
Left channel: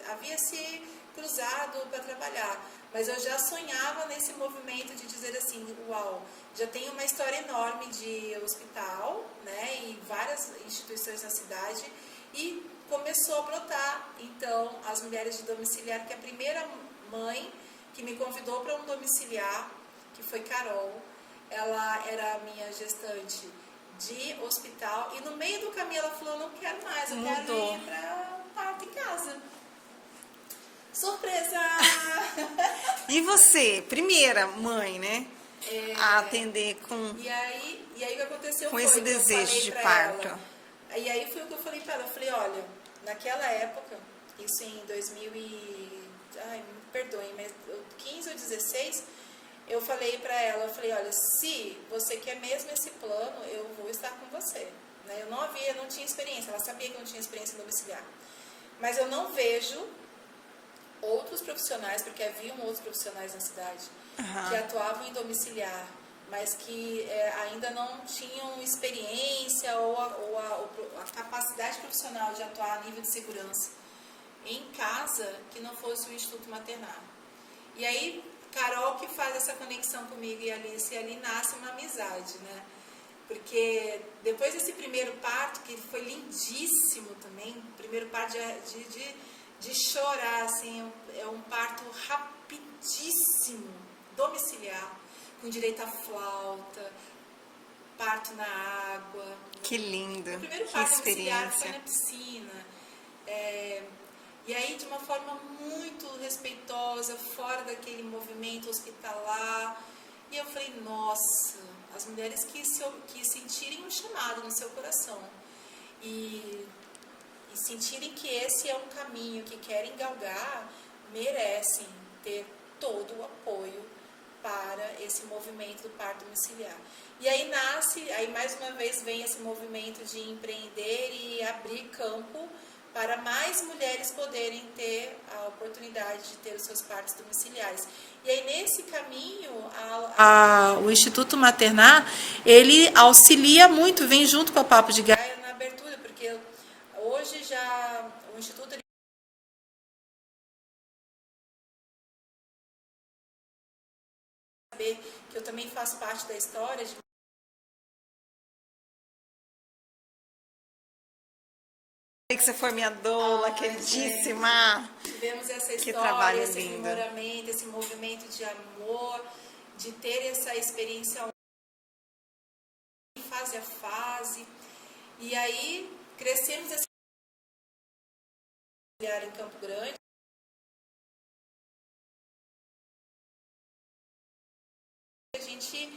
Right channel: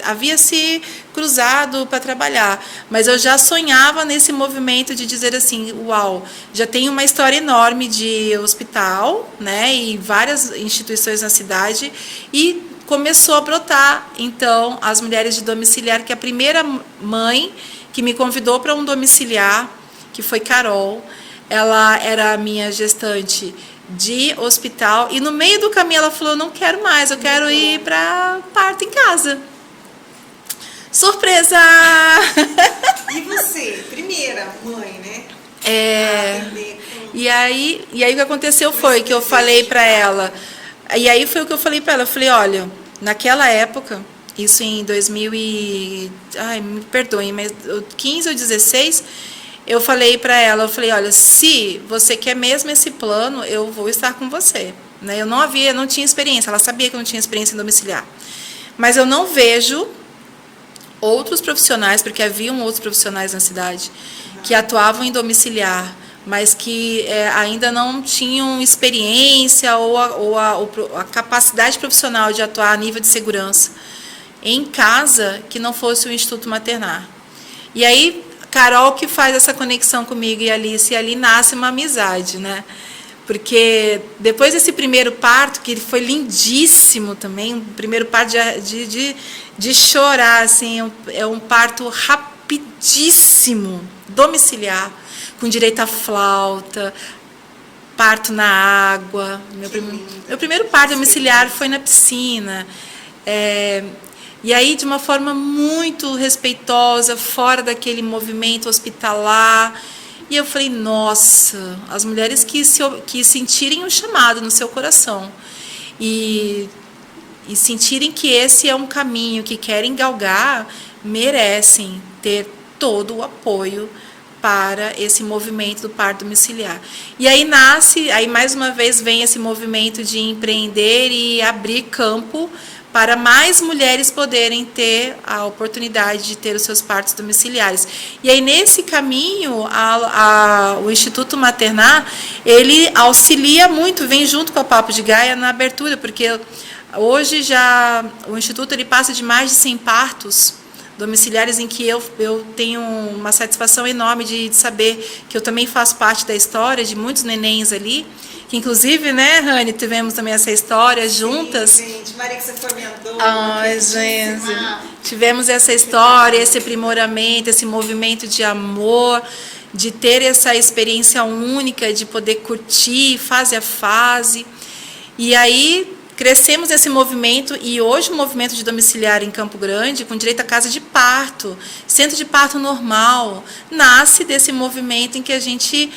havia se cruzado para trabalhar. Mas eu já sonhava nesse movimento de dizer assim, uau, já tem uma história enorme de hospital, né, e várias instituições na cidade, e começou a brotar, então, as mulheres de domiciliar, que a primeira mãe que me convidou para um domiciliar, que foi Carol. Ela era a minha gestante de hospital, e no meio do caminho ela falou, não quero mais, eu quero ir para parto em casa. Surpresa! E você, primeira mãe, né? E aí o que aconteceu foi que eu falei para ela, e aí foi o que eu falei para ela, eu falei, olha, naquela época, Isso em 2000 ai, me perdoem, mas 15 ou 16, eu falei para ela, eu falei, olha, se você quer mesmo esse plano, eu vou estar com você. Né? Eu não tinha experiência, ela sabia que eu não tinha experiência em domiciliar. Mas eu não vejo outros profissionais, porque haviam outros profissionais na cidade, que atuavam em domiciliar, mas que ainda não tinham experiência ou a capacidade profissional de atuar a nível de segurança em casa, que não fosse o Instituto Maternar. E aí, Carol que faz essa conexão comigo e Alice, e ali nasce uma amizade, né? Porque depois desse primeiro parto, que foi lindíssimo também, o primeiro parto de chorar, assim, é um parto rapidíssimo, domiciliar, com direito à flauta, parto na água. Meu primeiro parto domiciliar foi na piscina. E aí, de uma forma muito respeitosa, fora daquele movimento hospitalar. E eu falei, nossa, as mulheres que sentirem o chamado no seu coração e sentirem que esse é um caminho que querem galgar, merecem ter todo o apoio para esse movimento do parto domiciliar. E aí mais uma vez vem esse movimento de empreender e abrir campo para mais mulheres poderem ter a oportunidade de ter os seus partos domiciliares. E aí, nesse caminho, o Instituto Maternar, ele auxilia muito, vem junto com a Papo de Gaia na abertura, porque hoje já o Instituto ele passa de mais de 100 partos domiciliares em que eu tenho uma satisfação enorme de saber que eu também faço parte da história de muitos nenéns ali, que inclusive, né, Rani, tivemos também essa história juntas. Sim, gente, Maria, que você foi minha dona. Ai, gente, tivemos essa história, esse aprimoramento, esse movimento de amor, de ter essa experiência única, de poder curtir fase a fase. E aí crescemos nesse movimento, e hoje o movimento de domiciliar em Campo Grande, com direito à casa de parto, centro de parto normal, nasce desse movimento em que a gente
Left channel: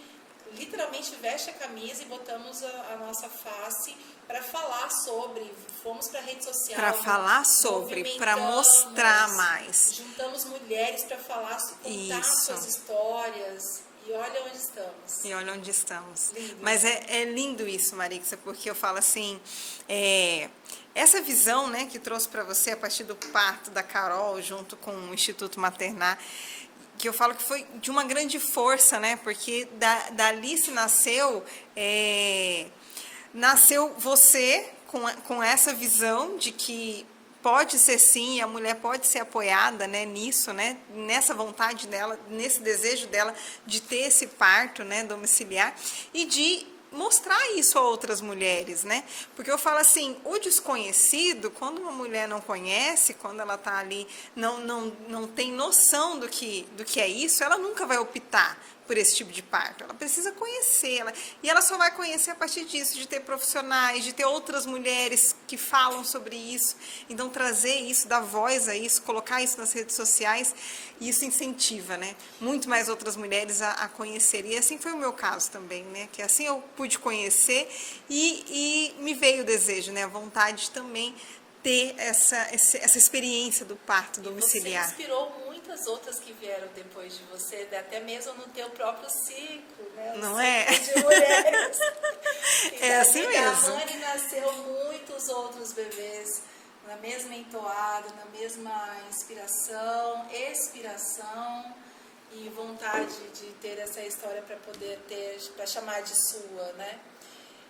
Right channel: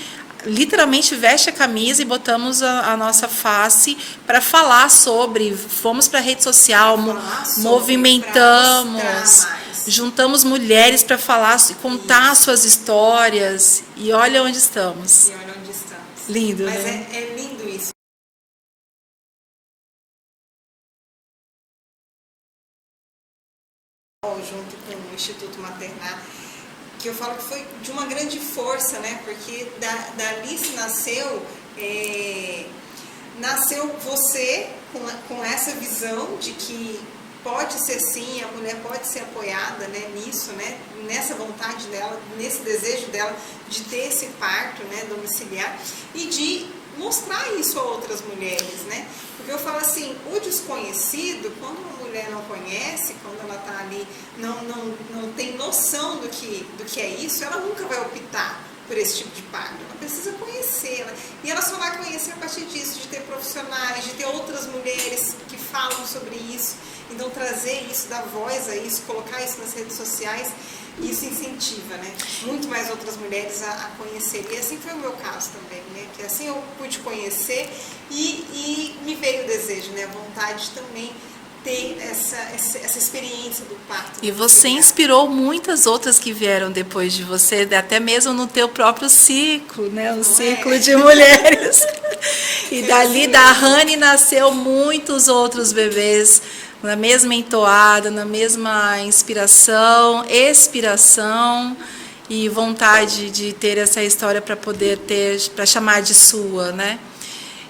literalmente veste a camisa e botamos a nossa face para falar sobre, fomos para a rede social, movimentamos, juntamos mulheres para falar, contar suas histórias, e olha onde estamos. E olha onde estamos. Lindo, mas né? É lindo isso, Marixa, porque eu falo assim, essa visão, né, que trouxe para você a partir do parto da Carol, junto com o Instituto Maternar, que eu falo que foi de uma grande força, né? Porque da Alice nasceu você com essa visão de que pode ser sim, a mulher pode ser apoiada, né, nisso, né? Nessa vontade dela, nesse desejo dela de ter esse parto, né, domiciliar, e de mostrar isso a outras mulheres, né? Porque eu falo assim, o desconhecido, quando uma mulher não conhece, quando ela está ali, não tem noção do que é isso, ela nunca vai optar por esse tipo de parto. Ela precisa conhecer, e ela só vai conhecer a partir disso, de ter profissionais, de ter outras mulheres que falam sobre isso. Então, trazer isso, dar voz a isso, colocar isso nas redes sociais, isso incentiva, né, muito mais outras mulheres a conhecer. E assim foi o meu caso também, né, que assim eu pude conhecer e me veio o desejo, né, a vontade de também ter essa experiência do parto. E você inspirou muitas outras que vieram depois de você, até mesmo no teu próprio ciclo, né, um ciclo de mulheres. E dali da Rani nasceu muitos outros bebês, na mesma entoada, na mesma inspiração, expiração e vontade de ter essa história para poder ter, para chamar de sua, né?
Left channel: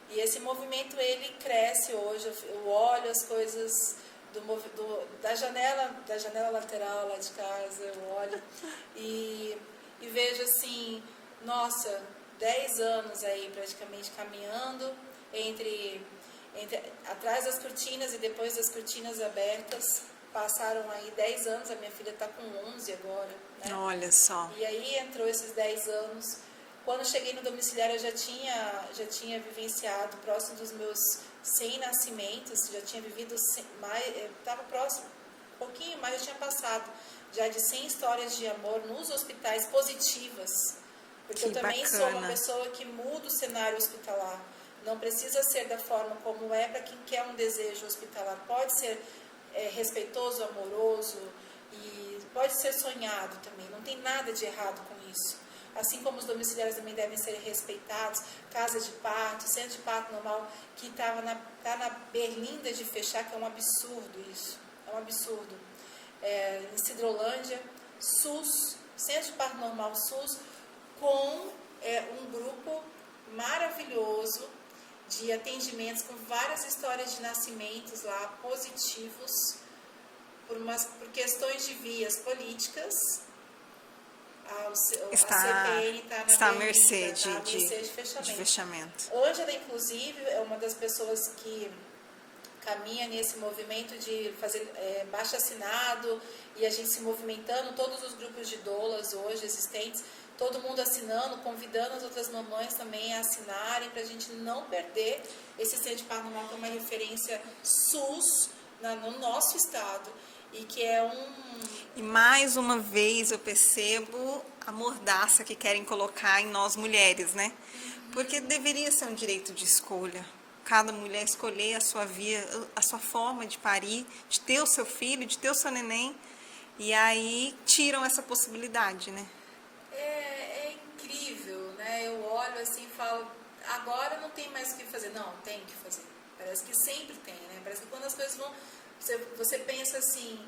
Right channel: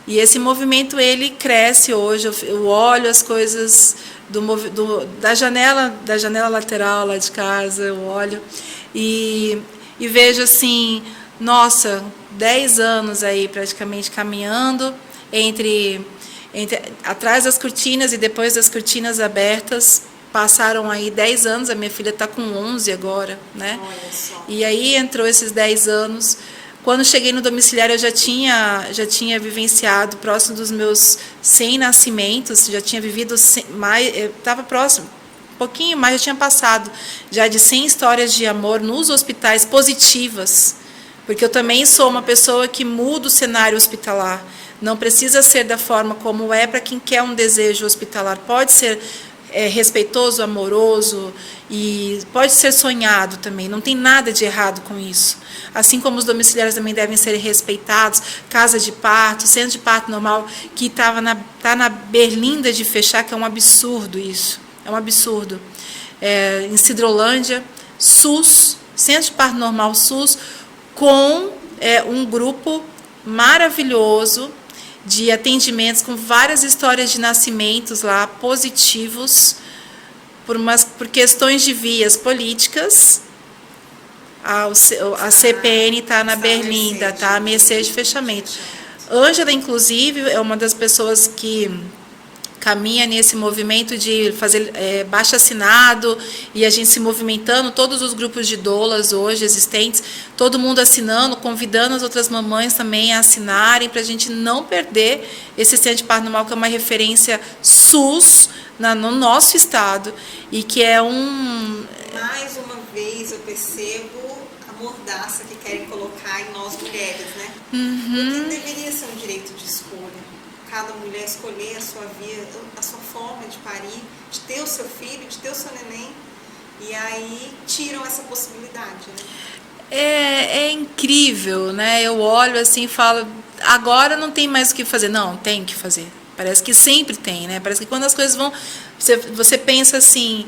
E esse movimento ele cresce hoje. Eu olho as coisas da janela lateral lá de casa, eu olho e vejo assim, nossa, 10 anos aí praticamente caminhando entre atrás das cortinas e depois das cortinas abertas. Passaram aí 10 anos, a minha filha está com 11 agora, né? Olha só. E aí entrou esses 10 anos. Quando cheguei no domiciliar, eu já tinha vivenciado próximo dos meus 100 nascimentos, já tinha vivido mais, estava próximo, um pouquinho mais, já tinha passado já de 100 histórias de amor nos hospitais positivas, porque eu também sou uma pessoa que muda o cenário hospitalar. Não precisa ser da forma como é para quem quer um desejo hospitalar. Pode ser respeitoso, amoroso e pode ser sonhado também. Não tem nada de errado com isso. Assim como os domiciliários também devem ser respeitados, casa de parto, centro de parto normal, que está na berlinda de fechar, que é um absurdo isso. É um absurdo. Em Cidrolândia, SUS, centro de parto normal SUS, com um grupo maravilhoso de atendimentos com várias histórias de nascimentos lá positivos por questões de vias políticas. A CPN está na berlinda, está à mercê de fechamento. Ângela, inclusive, é uma das pessoas que caminha nesse movimento de fazer baixo-assinado e a gente se movimentando, todos os grupos de doulas hoje existentes, todo mundo assinando, convidando as outras mamães também a assinarem para a gente não perder esse centro de parto normal, que é uma referência SUS no nosso estado e que é Mais uma vez eu percebo a mordaça que querem colocar em nós mulheres, né? Porque deveria ser um direito de escolha. Cada mulher escolher a sua via, a sua forma de parir, de ter o seu filho, de ter o seu neném, e aí tiram essa possibilidade, né? É incrível, né? Eu olho assim e falo, agora não tem mais o que fazer. Não, tem que fazer. Parece que sempre tem, né? Parece que quando as coisas vão... Você pensa assim,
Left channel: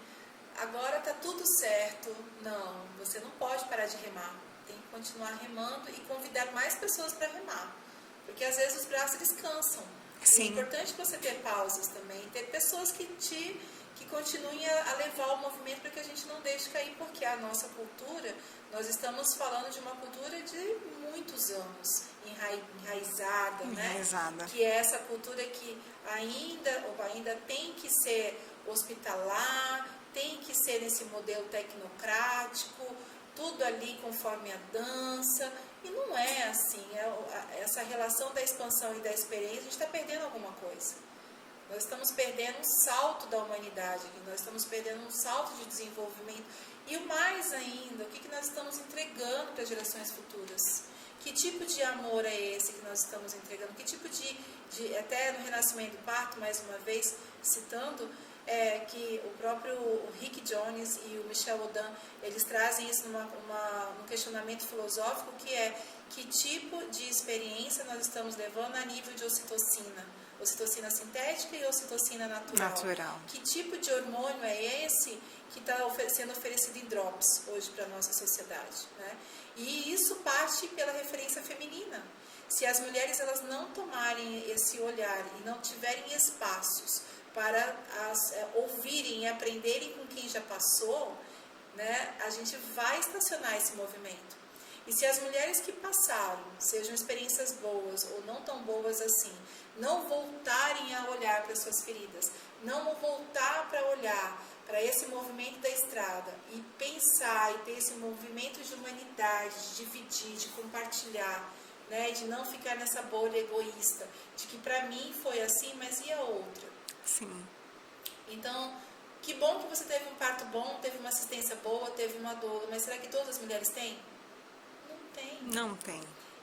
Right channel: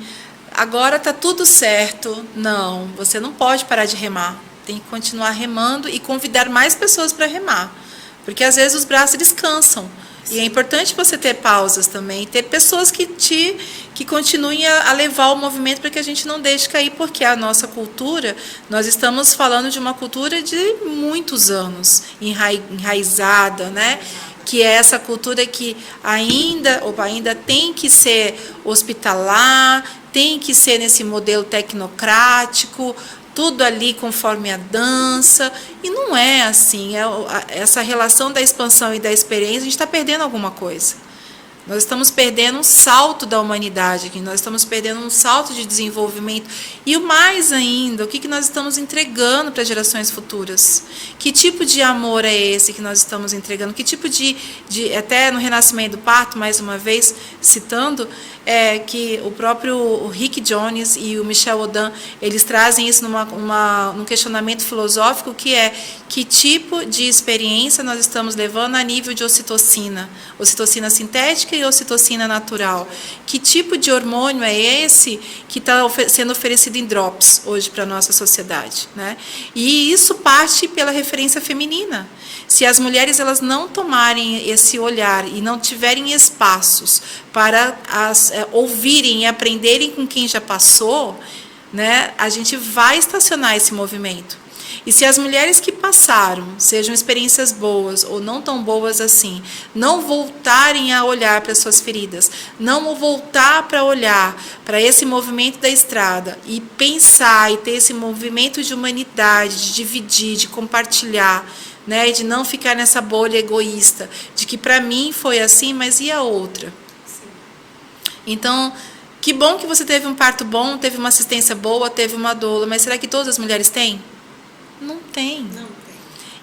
agora está tudo certo. Não, você não pode parar de remar. Tem que continuar remando e convidar mais pessoas para remar. Porque às vezes os braços descansam. E é importante você ter pausas também, ter pessoas que continuem a levar o movimento para que a gente não deixe cair, porque a nossa cultura, nós estamos falando de uma cultura de muitos anos, enraizada, né? Que é essa cultura que ainda tem que ser hospitalar, tem que ser nesse modelo tecnocrático, tudo ali conforme a dança, e não é assim. Essa relação da expansão e da experiência, a gente está perdendo alguma coisa. Nós estamos perdendo um salto da humanidade aqui, nós estamos perdendo um salto de desenvolvimento. E o mais ainda, o que nós estamos entregando para gerações futuras? Que tipo de amor é esse que nós estamos entregando? Que tipo até no Renascimento do Parto, mais uma vez, citando, que o próprio Rick Jones e o Michel Odan, eles trazem isso num questionamento filosófico, que é que tipo de experiência nós estamos levando a nível de ocitocina sintética e ocitocina natural. Que tipo de hormônio é esse que está sendo oferecido em drops hoje para a nossa sociedade, né? E isso parte pela referência feminina. Se as mulheres elas não tomarem esse olhar e não tiverem espaços para ouvirem e aprenderem com quem já passou, né, a gente vai estacionar esse movimento. E se as mulheres que passaram, sejam experiências boas ou não tão boas assim, não voltarem a olhar para suas feridas, não voltar para olhar para esse movimento da estrada e pensar e ter esse movimento de humanidade, de dividir, de compartilhar, né, de não ficar nessa bolha egoísta, de que para mim foi assim, mas e a outra? Sim. Então, que bom que você teve um parto bom, teve uma assistência boa, teve uma doula, mas será que todas as mulheres têm? Não tem. Não tem.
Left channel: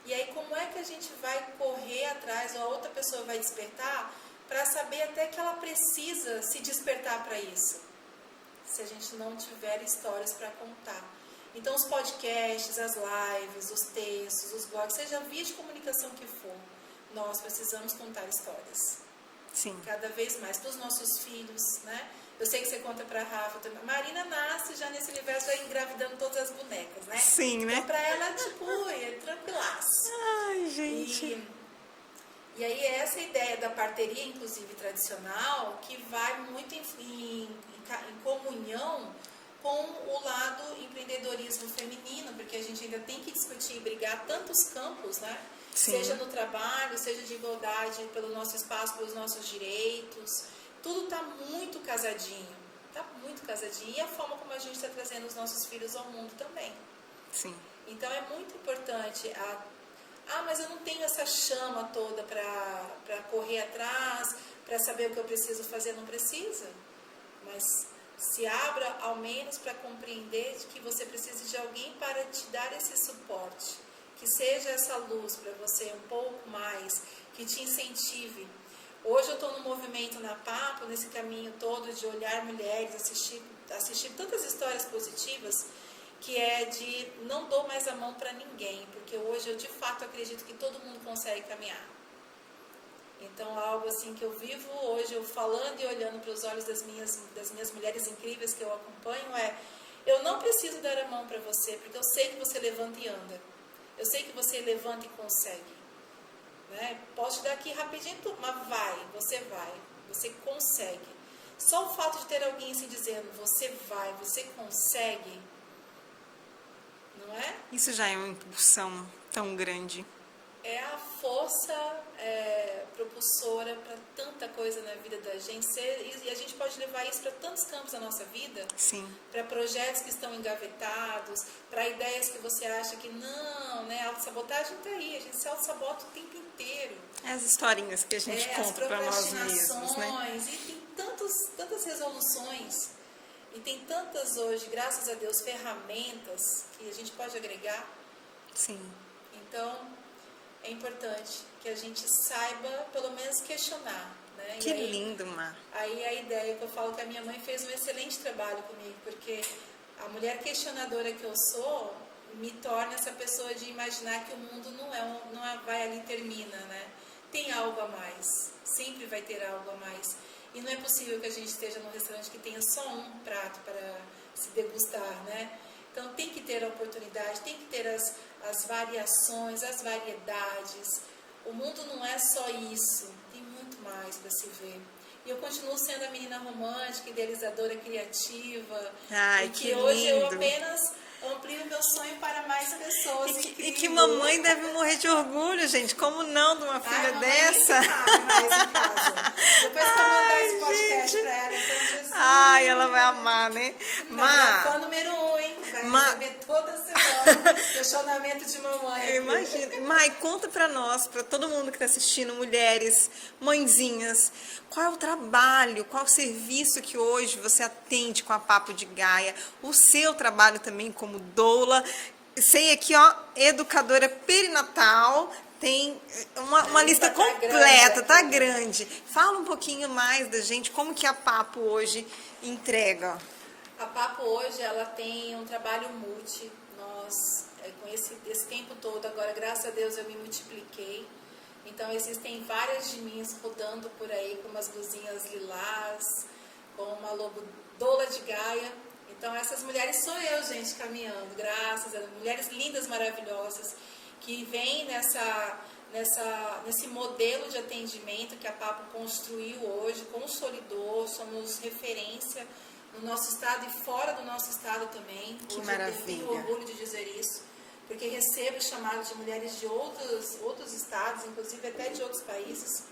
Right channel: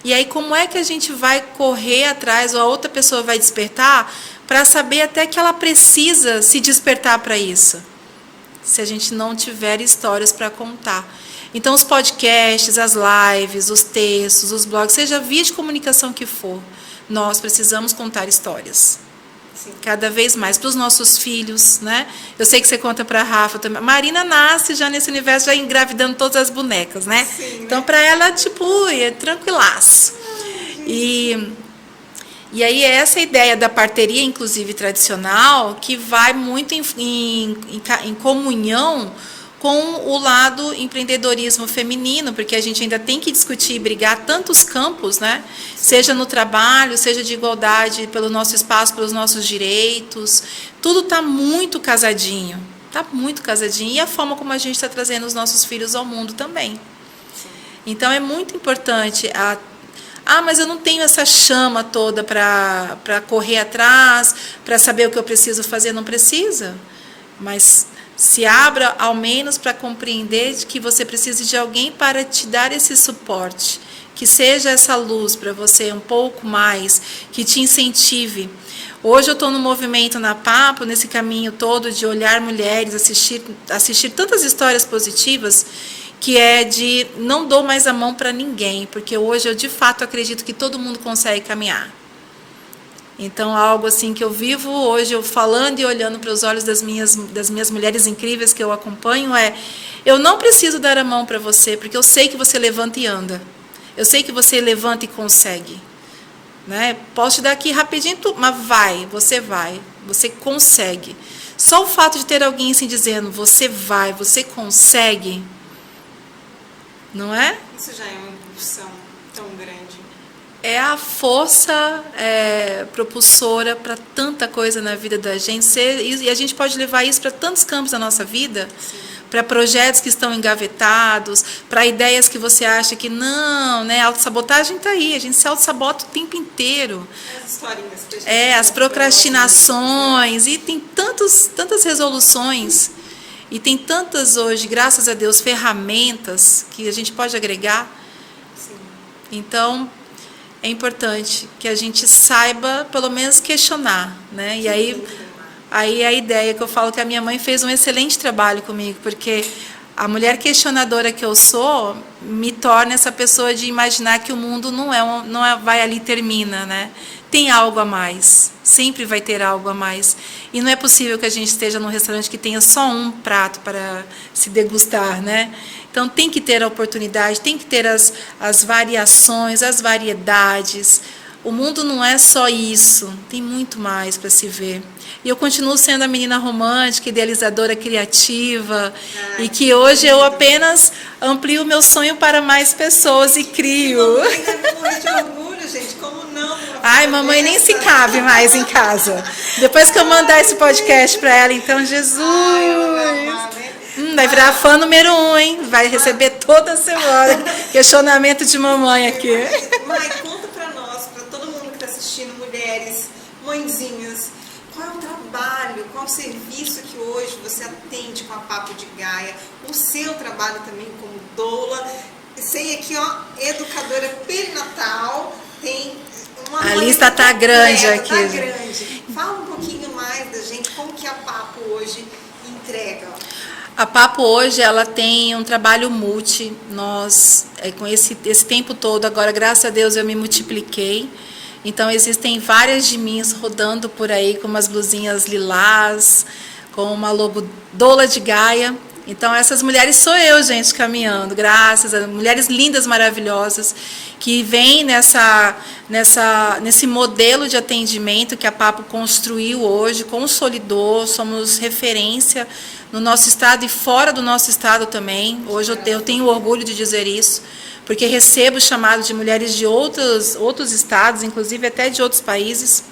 E aí como é que a gente vai correr atrás, ou a outra pessoa vai despertar, para saber até que ela precisa se despertar para isso? Se a gente não tiver histórias para contar. Então os podcasts, as lives, os textos, os blogs, seja a via de comunicação que for, nós precisamos contar histórias. Sim. Cada vez mais para os nossos filhos, né? Eu sei que você conta para a Rafa também. Marina nasce já nesse universo, já engravidando todas as bonecas, né? Sim, então, né? para ela, tipo, é tranquilaço. E aí é essa ideia da parteria, inclusive tradicional, que vai muito em comunhão com o lado empreendedorismo feminino, porque a gente ainda tem que discutir e brigar tantos campos, né? Seja no trabalho, seja de igualdade pelo nosso espaço, pelos nossos direitos. Tudo está muito casadinho. Está muito casadinho. E a forma como a gente está trazendo os nossos filhos ao mundo também. Sim. Então, é muito importante mas eu não tenho essa chama toda para correr atrás, para saber o que eu preciso fazer. Não precisa. Mas se abra ao menos para compreender que você precisa de alguém para te dar esse suporte, que seja essa luz para você um pouco mais, que te incentive. Hoje eu estou no movimento na Papo, nesse caminho todo de olhar mulheres, assistir tantas histórias positivas, que é de não dou mais a mão para ninguém, porque hoje eu de fato acredito que todo mundo consegue caminhar. Então, algo assim que eu vivo hoje, eu falando e olhando para os olhos das minhas mulheres incríveis que eu acompanho, eu não preciso dar a mão para você, porque eu sei que você levanta e anda. Eu sei que você levanta e consegue. Né? Posso te dar aqui rapidinho, mas você consegue. Só o fato de ter alguém assim dizendo, você consegue, não é? Isso já é uma impulsão tão grande. É a força propulsora para tanta coisa na vida da gente. E a gente pode levar isso para tantos campos da nossa vida. Para projetos que estão engavetados, para ideias que você acha que não, né? A autossabotagem está aí, a gente se autossabota o tempo inteiro. As historinhas que a gente as procrastinações, né? E tem tantas resoluções, e tem tantas hoje, graças a Deus, ferramentas que a gente pode agregar. Sim. Então, é importante que a gente saiba, pelo menos, questionar, né? Que e aí, lindo. Aí a ideia que eu falo que a minha mãe fez um excelente trabalho comigo, porque a mulher questionadora que eu sou me torna essa pessoa de imaginar que o mundo não vai ali e termina, né? Tem algo a mais, sempre vai ter algo a mais. E não é possível que a gente esteja num restaurante que tenha só um prato para se degustar, né? Então tem que ter a oportunidade, tem que ter as variações, as variedades. O mundo não é só isso, tem muito mais para se ver. E eu continuo sendo a menina romântica, idealizadora, criativa, e que hoje eu apenas amplio o meu sonho para mais pessoas e crio. Que mamãe deve morrer de orgulho, gente, como não? Ai, mamãe nem se cabe mais em casa. Depois que eu mandar esse podcast para ela, então, Jesus. Ai, ela vai amar, né? Vai virar fã número 1, hein? Vai receber toda semana questionamento de mamãe aqui. Mãe, conta pra nós, pra todo mundo que tá assistindo, mulheres, mãezinhas, qual é o trabalho, qual é o serviço que hoje você atende com a Papo de Gaia, o seu trabalho também como doula. Sei aqui, ó, educadora perinatal, tem uma a lista tá grande aqui. Tá grande. Fala um pouquinho mais da gente, como que a Papo hoje entrega. A Papo hoje, ela tem um trabalho multi. Nós, com esse tempo todo, agora, graças a Deus, eu me multipliquei. Então, existem várias de mim rodando por aí, com umas blusinhas lilás, com uma logo doula de Gaia. Então, essas mulheres sou eu, gente, caminhando. Graças a mulheres lindas, maravilhosas, que vêm nesse modelo de atendimento que a Papo construiu hoje, consolidou, somos referência no nosso estado e fora do nosso estado também. Hoje eu tenho orgulho de dizer isso, porque recebo chamado de mulheres de outros estados, inclusive até de outros países.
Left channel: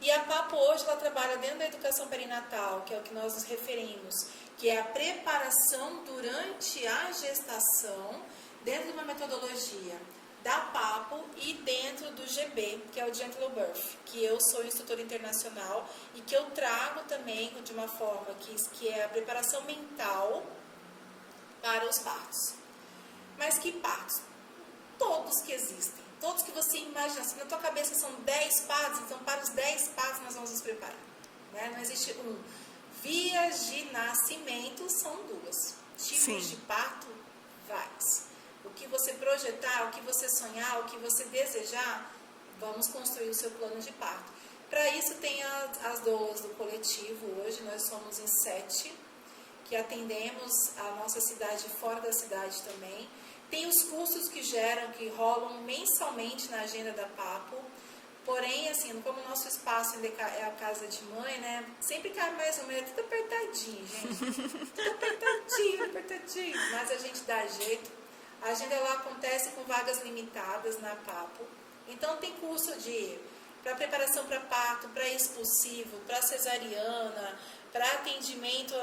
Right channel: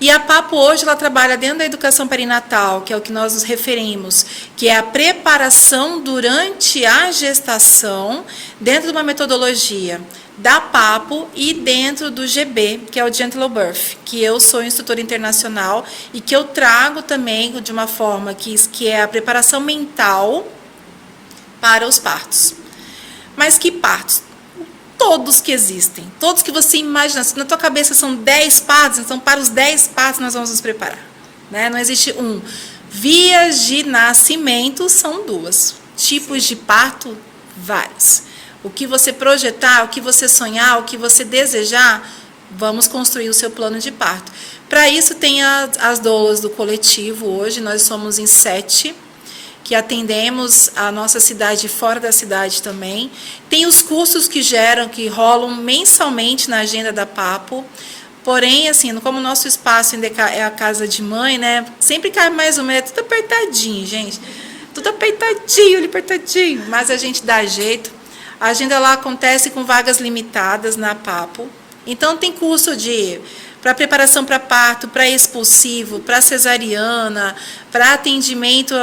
E a Papo hoje ela trabalha dentro da educação perinatal, que é o que nós nos referimos, que é a preparação durante a gestação, dentro de uma metodologia da Papo e dentro do GB, que é o Gentle Birth, que eu sou instrutora internacional e que eu trago também de uma forma que é a preparação mental para os partos. Mas que partos? Todos que existem, todos que você imagina. Se na tua cabeça são 10 partos, então para os 10 partos nós vamos nos preparar. Né? Não existe um. Vias de nascimento são 2. Tipos de parto, vários. O que você projetar, o que você sonhar, o que você desejar, vamos construir o seu plano de parto. Para isso tem as doulas do coletivo hoje, nós somos em 7, que atendemos a nossa cidade e fora da cidade também. Tem os cursos que rolam mensalmente na agenda da Papo. Porém, assim, como o nosso espaço ainda é a casa de mãe, né? Sempre cai mais uma, é tudo apertadinho, gente. Tudo apertadinho, mas a gente dá jeito. A agenda lá acontece com vagas limitadas na Papo. Então, tem curso para preparação para parto, para expulsivo, para cesariana, para atendimento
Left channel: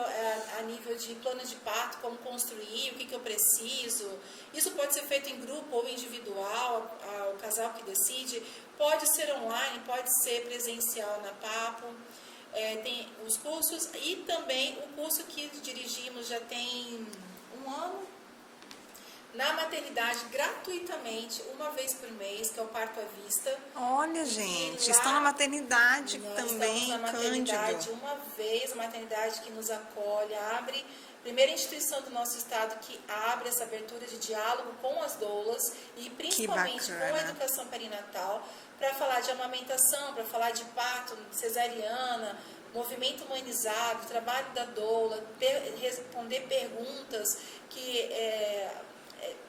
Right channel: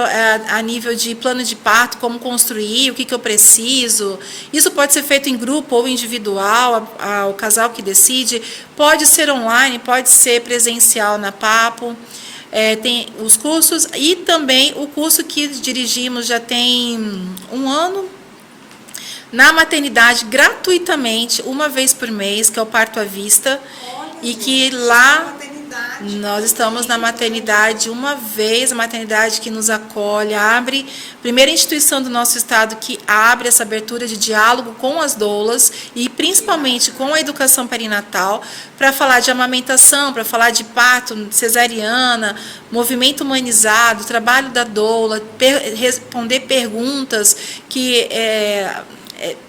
a nível de plano de parto, como construir, o que eu preciso. Isso pode ser feito em grupo ou individual, o casal que decide. Pode ser online, pode ser presencial na Papo. Tem os cursos e também o curso que dirigimos já tem 1 ano. na maternidade gratuitamente, uma vez por mês, que é o parto à vista. Olha, E gente, que na lá maternidade nós estamos na também, maternidade uma vez, a maternidade que nos acolhe, abre, primeira instituição do nosso estado que abre essa abertura de diálogo com as doulas e principalmente com a educação perinatal, para falar de amamentação, para falar de parto, cesariana, movimento humanizado, trabalho da doula, responder perguntas que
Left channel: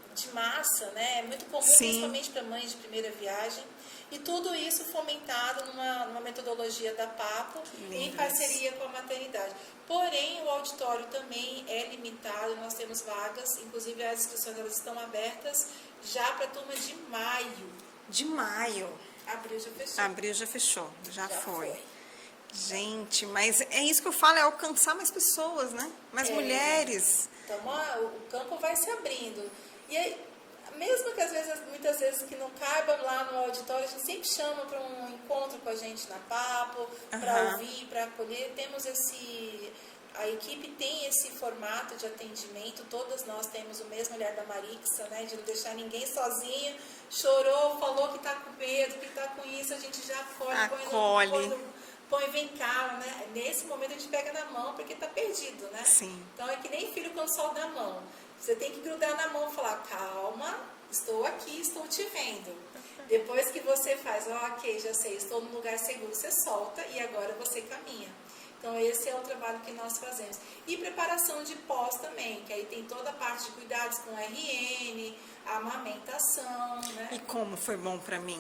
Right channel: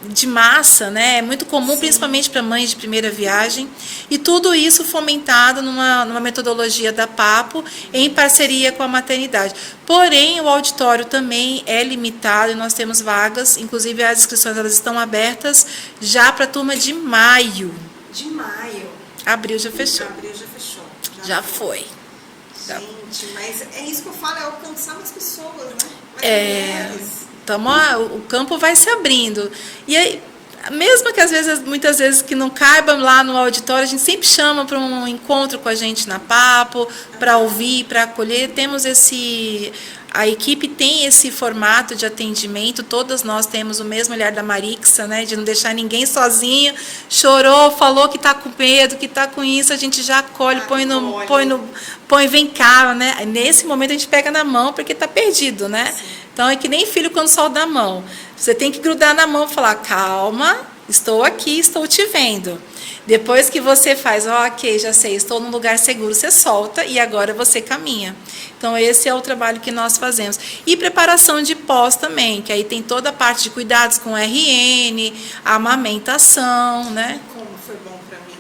de massa, né? É muito comum, principalmente para mães de primeira viagem, e tudo isso fomentado numa metodologia da Papo, em parceria com a maternidade. Porém, o auditório também é limitado e nós temos vagas, inclusive as inscrições elas estão abertas já para a turma de maio. De maio. Abril já fechou. Abril já fechou. Já foi. Gente, mas é isso que eu falo, é alcançar mais pessoas, né? Mais mulheres. Então, o campo vai se abrindo. E aí, mesmo que às vezes, muitas vezes que não caiba lá no auditório, a gente sempre chama para um encontro com a gente na Papo, para ouvir, para acolher. Temos a equipe tem esse formato de atendimento, todas nós temos o mesmo olhar da Marixa, né, de não deixar ninguém sozinho, chorou, falou que está com medo, que está com isso, a gente já acolhe, põe, vem cá, né? Nesse momento a gente pega na mão porque está perdido, né? Sim. Então é que nem filho quando solta da mão. Você tem que grudar na mão e falar, calma, estou aqui, estou te vendo. Depois que você faz, ok, já sei, estou num lugar seguro, você solta e agora você caminha. Então, esse é o trabalho que nós fazemos. E preparação de pós também, que aí tem toda a parte de cuidados com RN, a amamentação, né? Como foi bom para mim.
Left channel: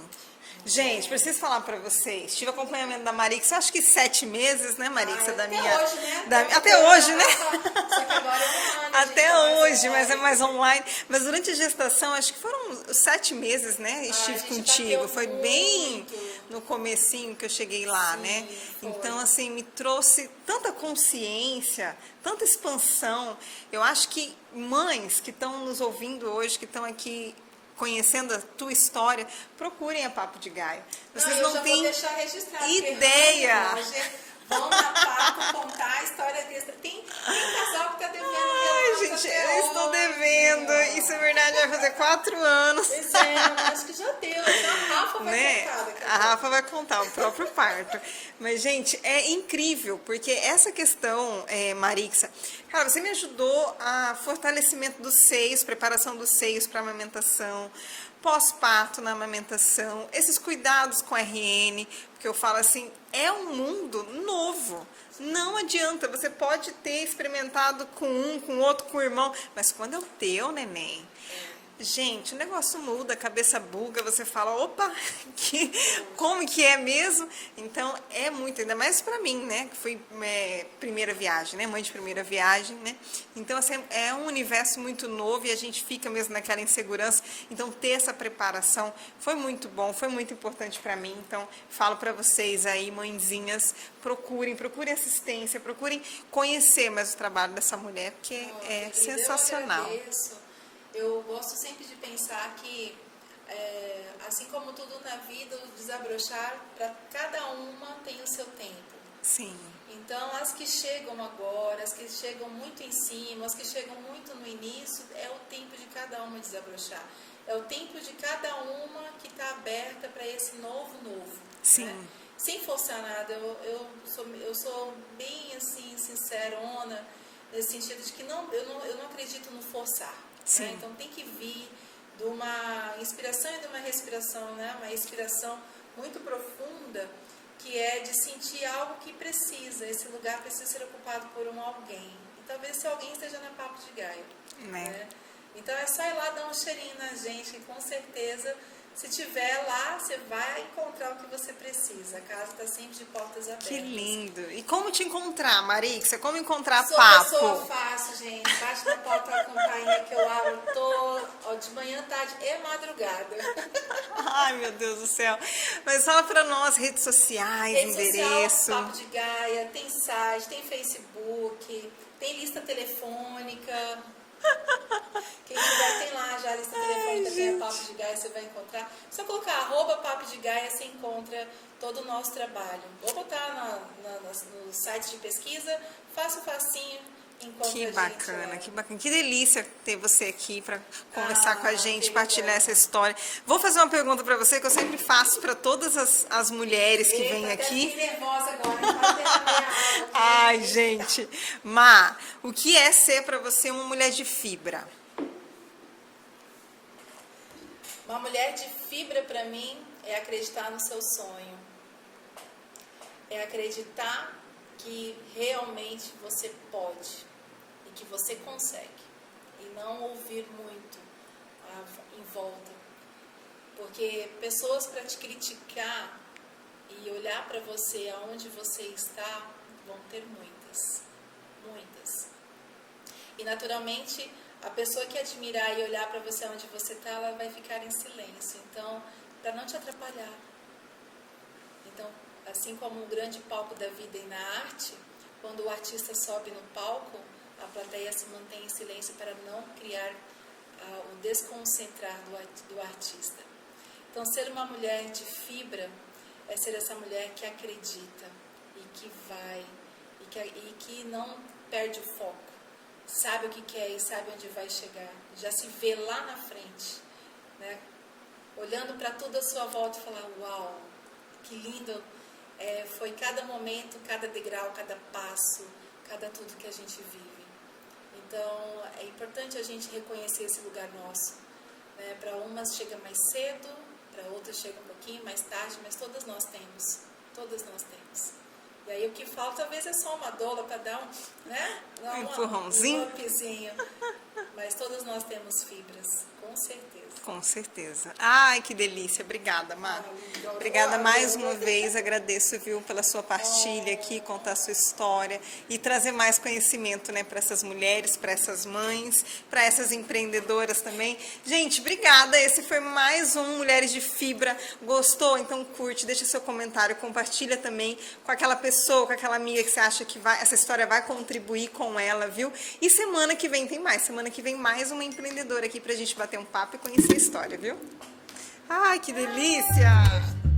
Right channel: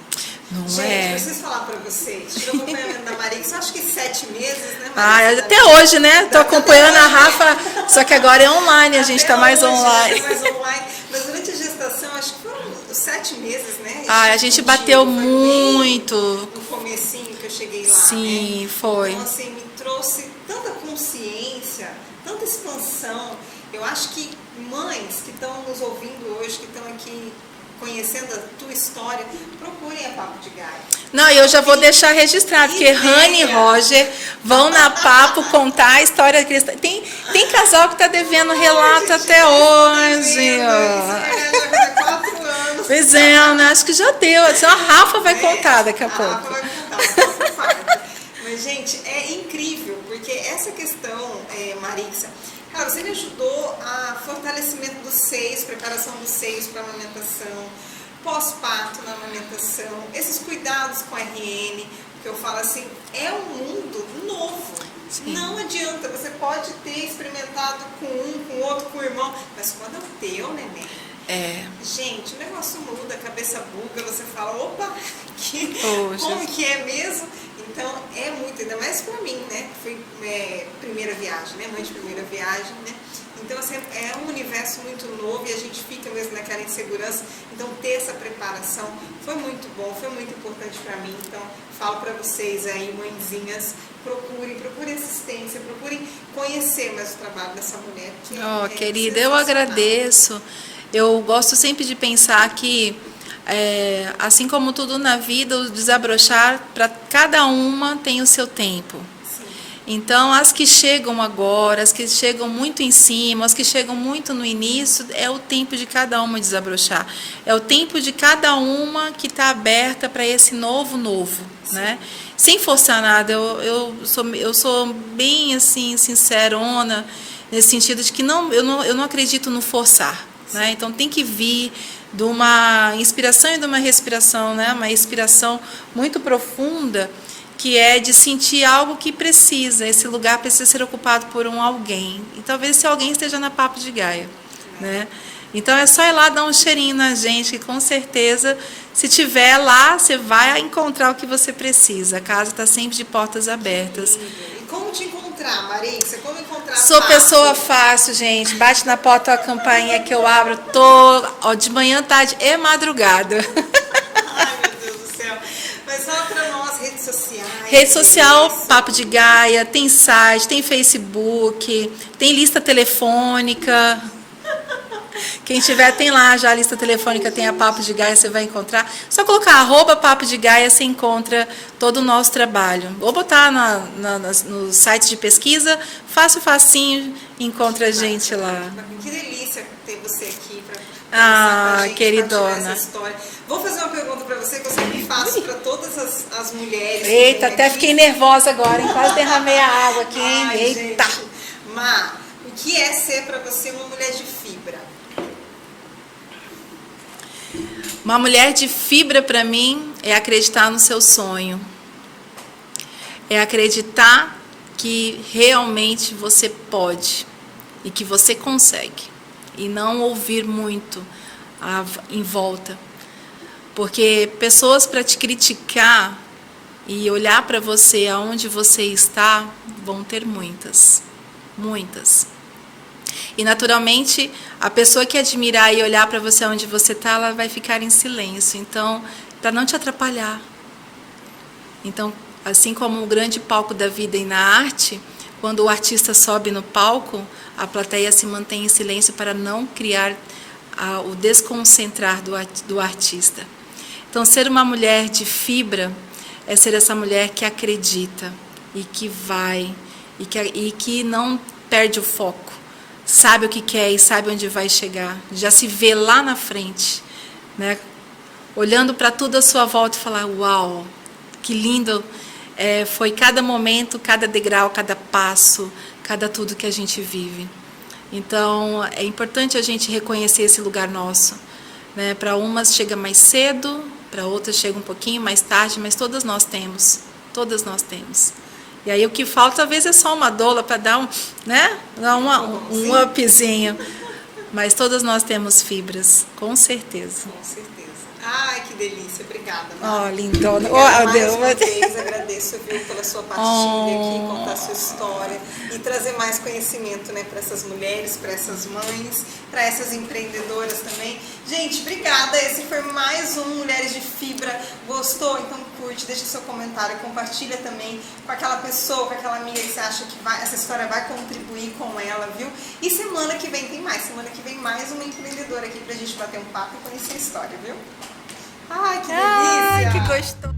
Não gente, preciso falar para vocês. Tive acompanhamento da Marixa, acho que 7 meses, né, Marixa? Até hoje, né? Estou acompanhando a Rafa, só que agora é online, a gente está mais online. Mais online. Mas durante a gestação, acho que foram 7 meses, né? A gente bateu muito. No comecinho que eu cheguei lá, sim, né? foi. Então, assim, me trouxe tanta consciência, tanta expansão. Eu acho que mães que estão nos ouvindo hoje, que estão aqui conhecendo a tua história, procurem a Papo de Gaia. Não, eu já vou deixar registrado, porque Rani e Roger vão na Papo contar a história que eles... Tem casal que está devendo relato gente, até hoje. Isso é verdade, já vai ter 4 anos. Pois é, né? Acho que já deu. A Rafa vai contar daqui a pouco. A Rafa vai contar, por parte. Mas, gente, é incrível, porque essa questão, Marixa, cara, você me ajudou a fortalecimento dos seios, preparação dos seios para amamentação, pós-parto na amamentação, esses cuidados com RN, que eu falo assim, é um mundo novo. Sim. Não adianta, você pode ter experimentado com um, com outro, com o irmão, mas quando é o teu neném, gente, o negócio muda, a cabeça buga, você fala, opa, como que é mesmo? Então, é muito, ainda mais pra mim, né? Fui primeira viagem, né? Mãe de primeira viagem, né? Então, assim, é um universo muito novo e a gente fica mesmo naquela insegurança. Então, ter essa preparação foi muito bom, foi muito importante pra mim. Então, falo pra vocês aí, mãezinhas, procurem assistência, procurem conhecer mais o trabalho dessa mulher. Porque querida, eu agradeço. Eu gosto sempre de pensar que assim como tudo na vida, o desabrochar, para cada uma tem o seu tempo. Sim. Então, as que chegam agora, as que chegam muito em cima, as que chegam muito no início, é o tempo de cada uma desabrochar. É o tempo de cada uma que está aberta para esse novo, né? Sem forçar nada. Eu sou bem assim, sincerona, nesse sentido de que eu não acredito no forçar. Né? Então, tem que vir de uma inspiração e de uma respiração, né? Uma inspiração muito profunda, que é de sentir algo que precisa, esse lugar precisa ser ocupado por alguém. E talvez esse alguém esteja na Papo de Gaia. Né? Então é só ir lá dar um cheirinho na gente, que com certeza, se tiver lá, você vai encontrar o que você precisa. A casa está sempre de portas abertas. Como te encontrar, Marixa? Como encontrar a Sou Papo? pessoa fácil, gente. Bate na porta a campainha que eu abro de manhã, tarde e madrugada. Ai, meu Deus do céu. Mas fala para nós, redes sociais. Rede social, Papo de Gaia, tem site, tem Facebook, tem lista telefônica. Quem tiver, tem lá já a lista telefônica, tem a Papo de Gaia, você vai encontrar. Só colocar @Papo de Gaia, você encontra todo o nosso trabalho. Ou botar nos sites de pesquisa, fácil, facinho, encontra a gente lá. Que delícia ter você aqui para conversar com a gente, queridona. partilhar essa história. Vou fazer uma pergunta para você que eu sempre faço para todas as mulheres. Eita, que até aqui. fiquei nervosa agora, hein? Quase derramei a água aqui. Ai, Eita. gente. Má, o que é ser para você uma mulher de fibra? Uma mulher de fibra para mim é acreditar no seu sonho. É acreditar que realmente você pode e que você consegue. E não ouvir muito em volta. Porque pessoas para te criticar e olhar para você aonde você está, vão ter muitas. Muitas. E naturalmente, a pessoa que admirar e olhar para você onde você está, ela vai ficar em silêncio. Então, para não te atrapalhar. Então, assim como o grande palco da vida e na arte, quando o artista sobe no palco, a plateia se mantém em silêncio para não criar o desconcentrar do artista. Então, ser uma mulher de fibra é ser essa mulher que acredita e que vai e que não perde o foco. Sabe o que quer e sabe onde vai chegar. Já se vê lá na frente, né? Olhando para tudo à sua volta e falar, uau, que lindo foi cada momento, cada degrau, cada passo, cada tudo que a gente vive. Então, é importante a gente reconhecer esse lugar nosso, né? Para umas chega mais cedo, para outras chega um pouquinho mais tarde, mas todas nós temos. E aí o que falta, às vezes, é só uma doula para dar um upzinho. Mas todas nós temos fibras, com certeza. Com certeza. Ai, que delícia. Obrigada, Má. Lindona. Obrigada mais uma vez. Agradeço, viu, pela sua partilha aqui, contar a sua história e trazer mais conhecimento, né, para essas mulheres, para essas mães, para essas empreendedoras também. Gente, obrigada. Esse foi mais um Mulheres de Fibra. Gostou? Então curte, deixa seu comentário, compartilha também com aquela pessoa, com aquela amiga que você acha que essa história vai contribuir com ela, viu? E semana que vem tem mais. Semana que vem mais uma empreendedora aqui pra gente bater um papo e conhecer a história, viu? Ai, que delícia! Ai, que gostoso!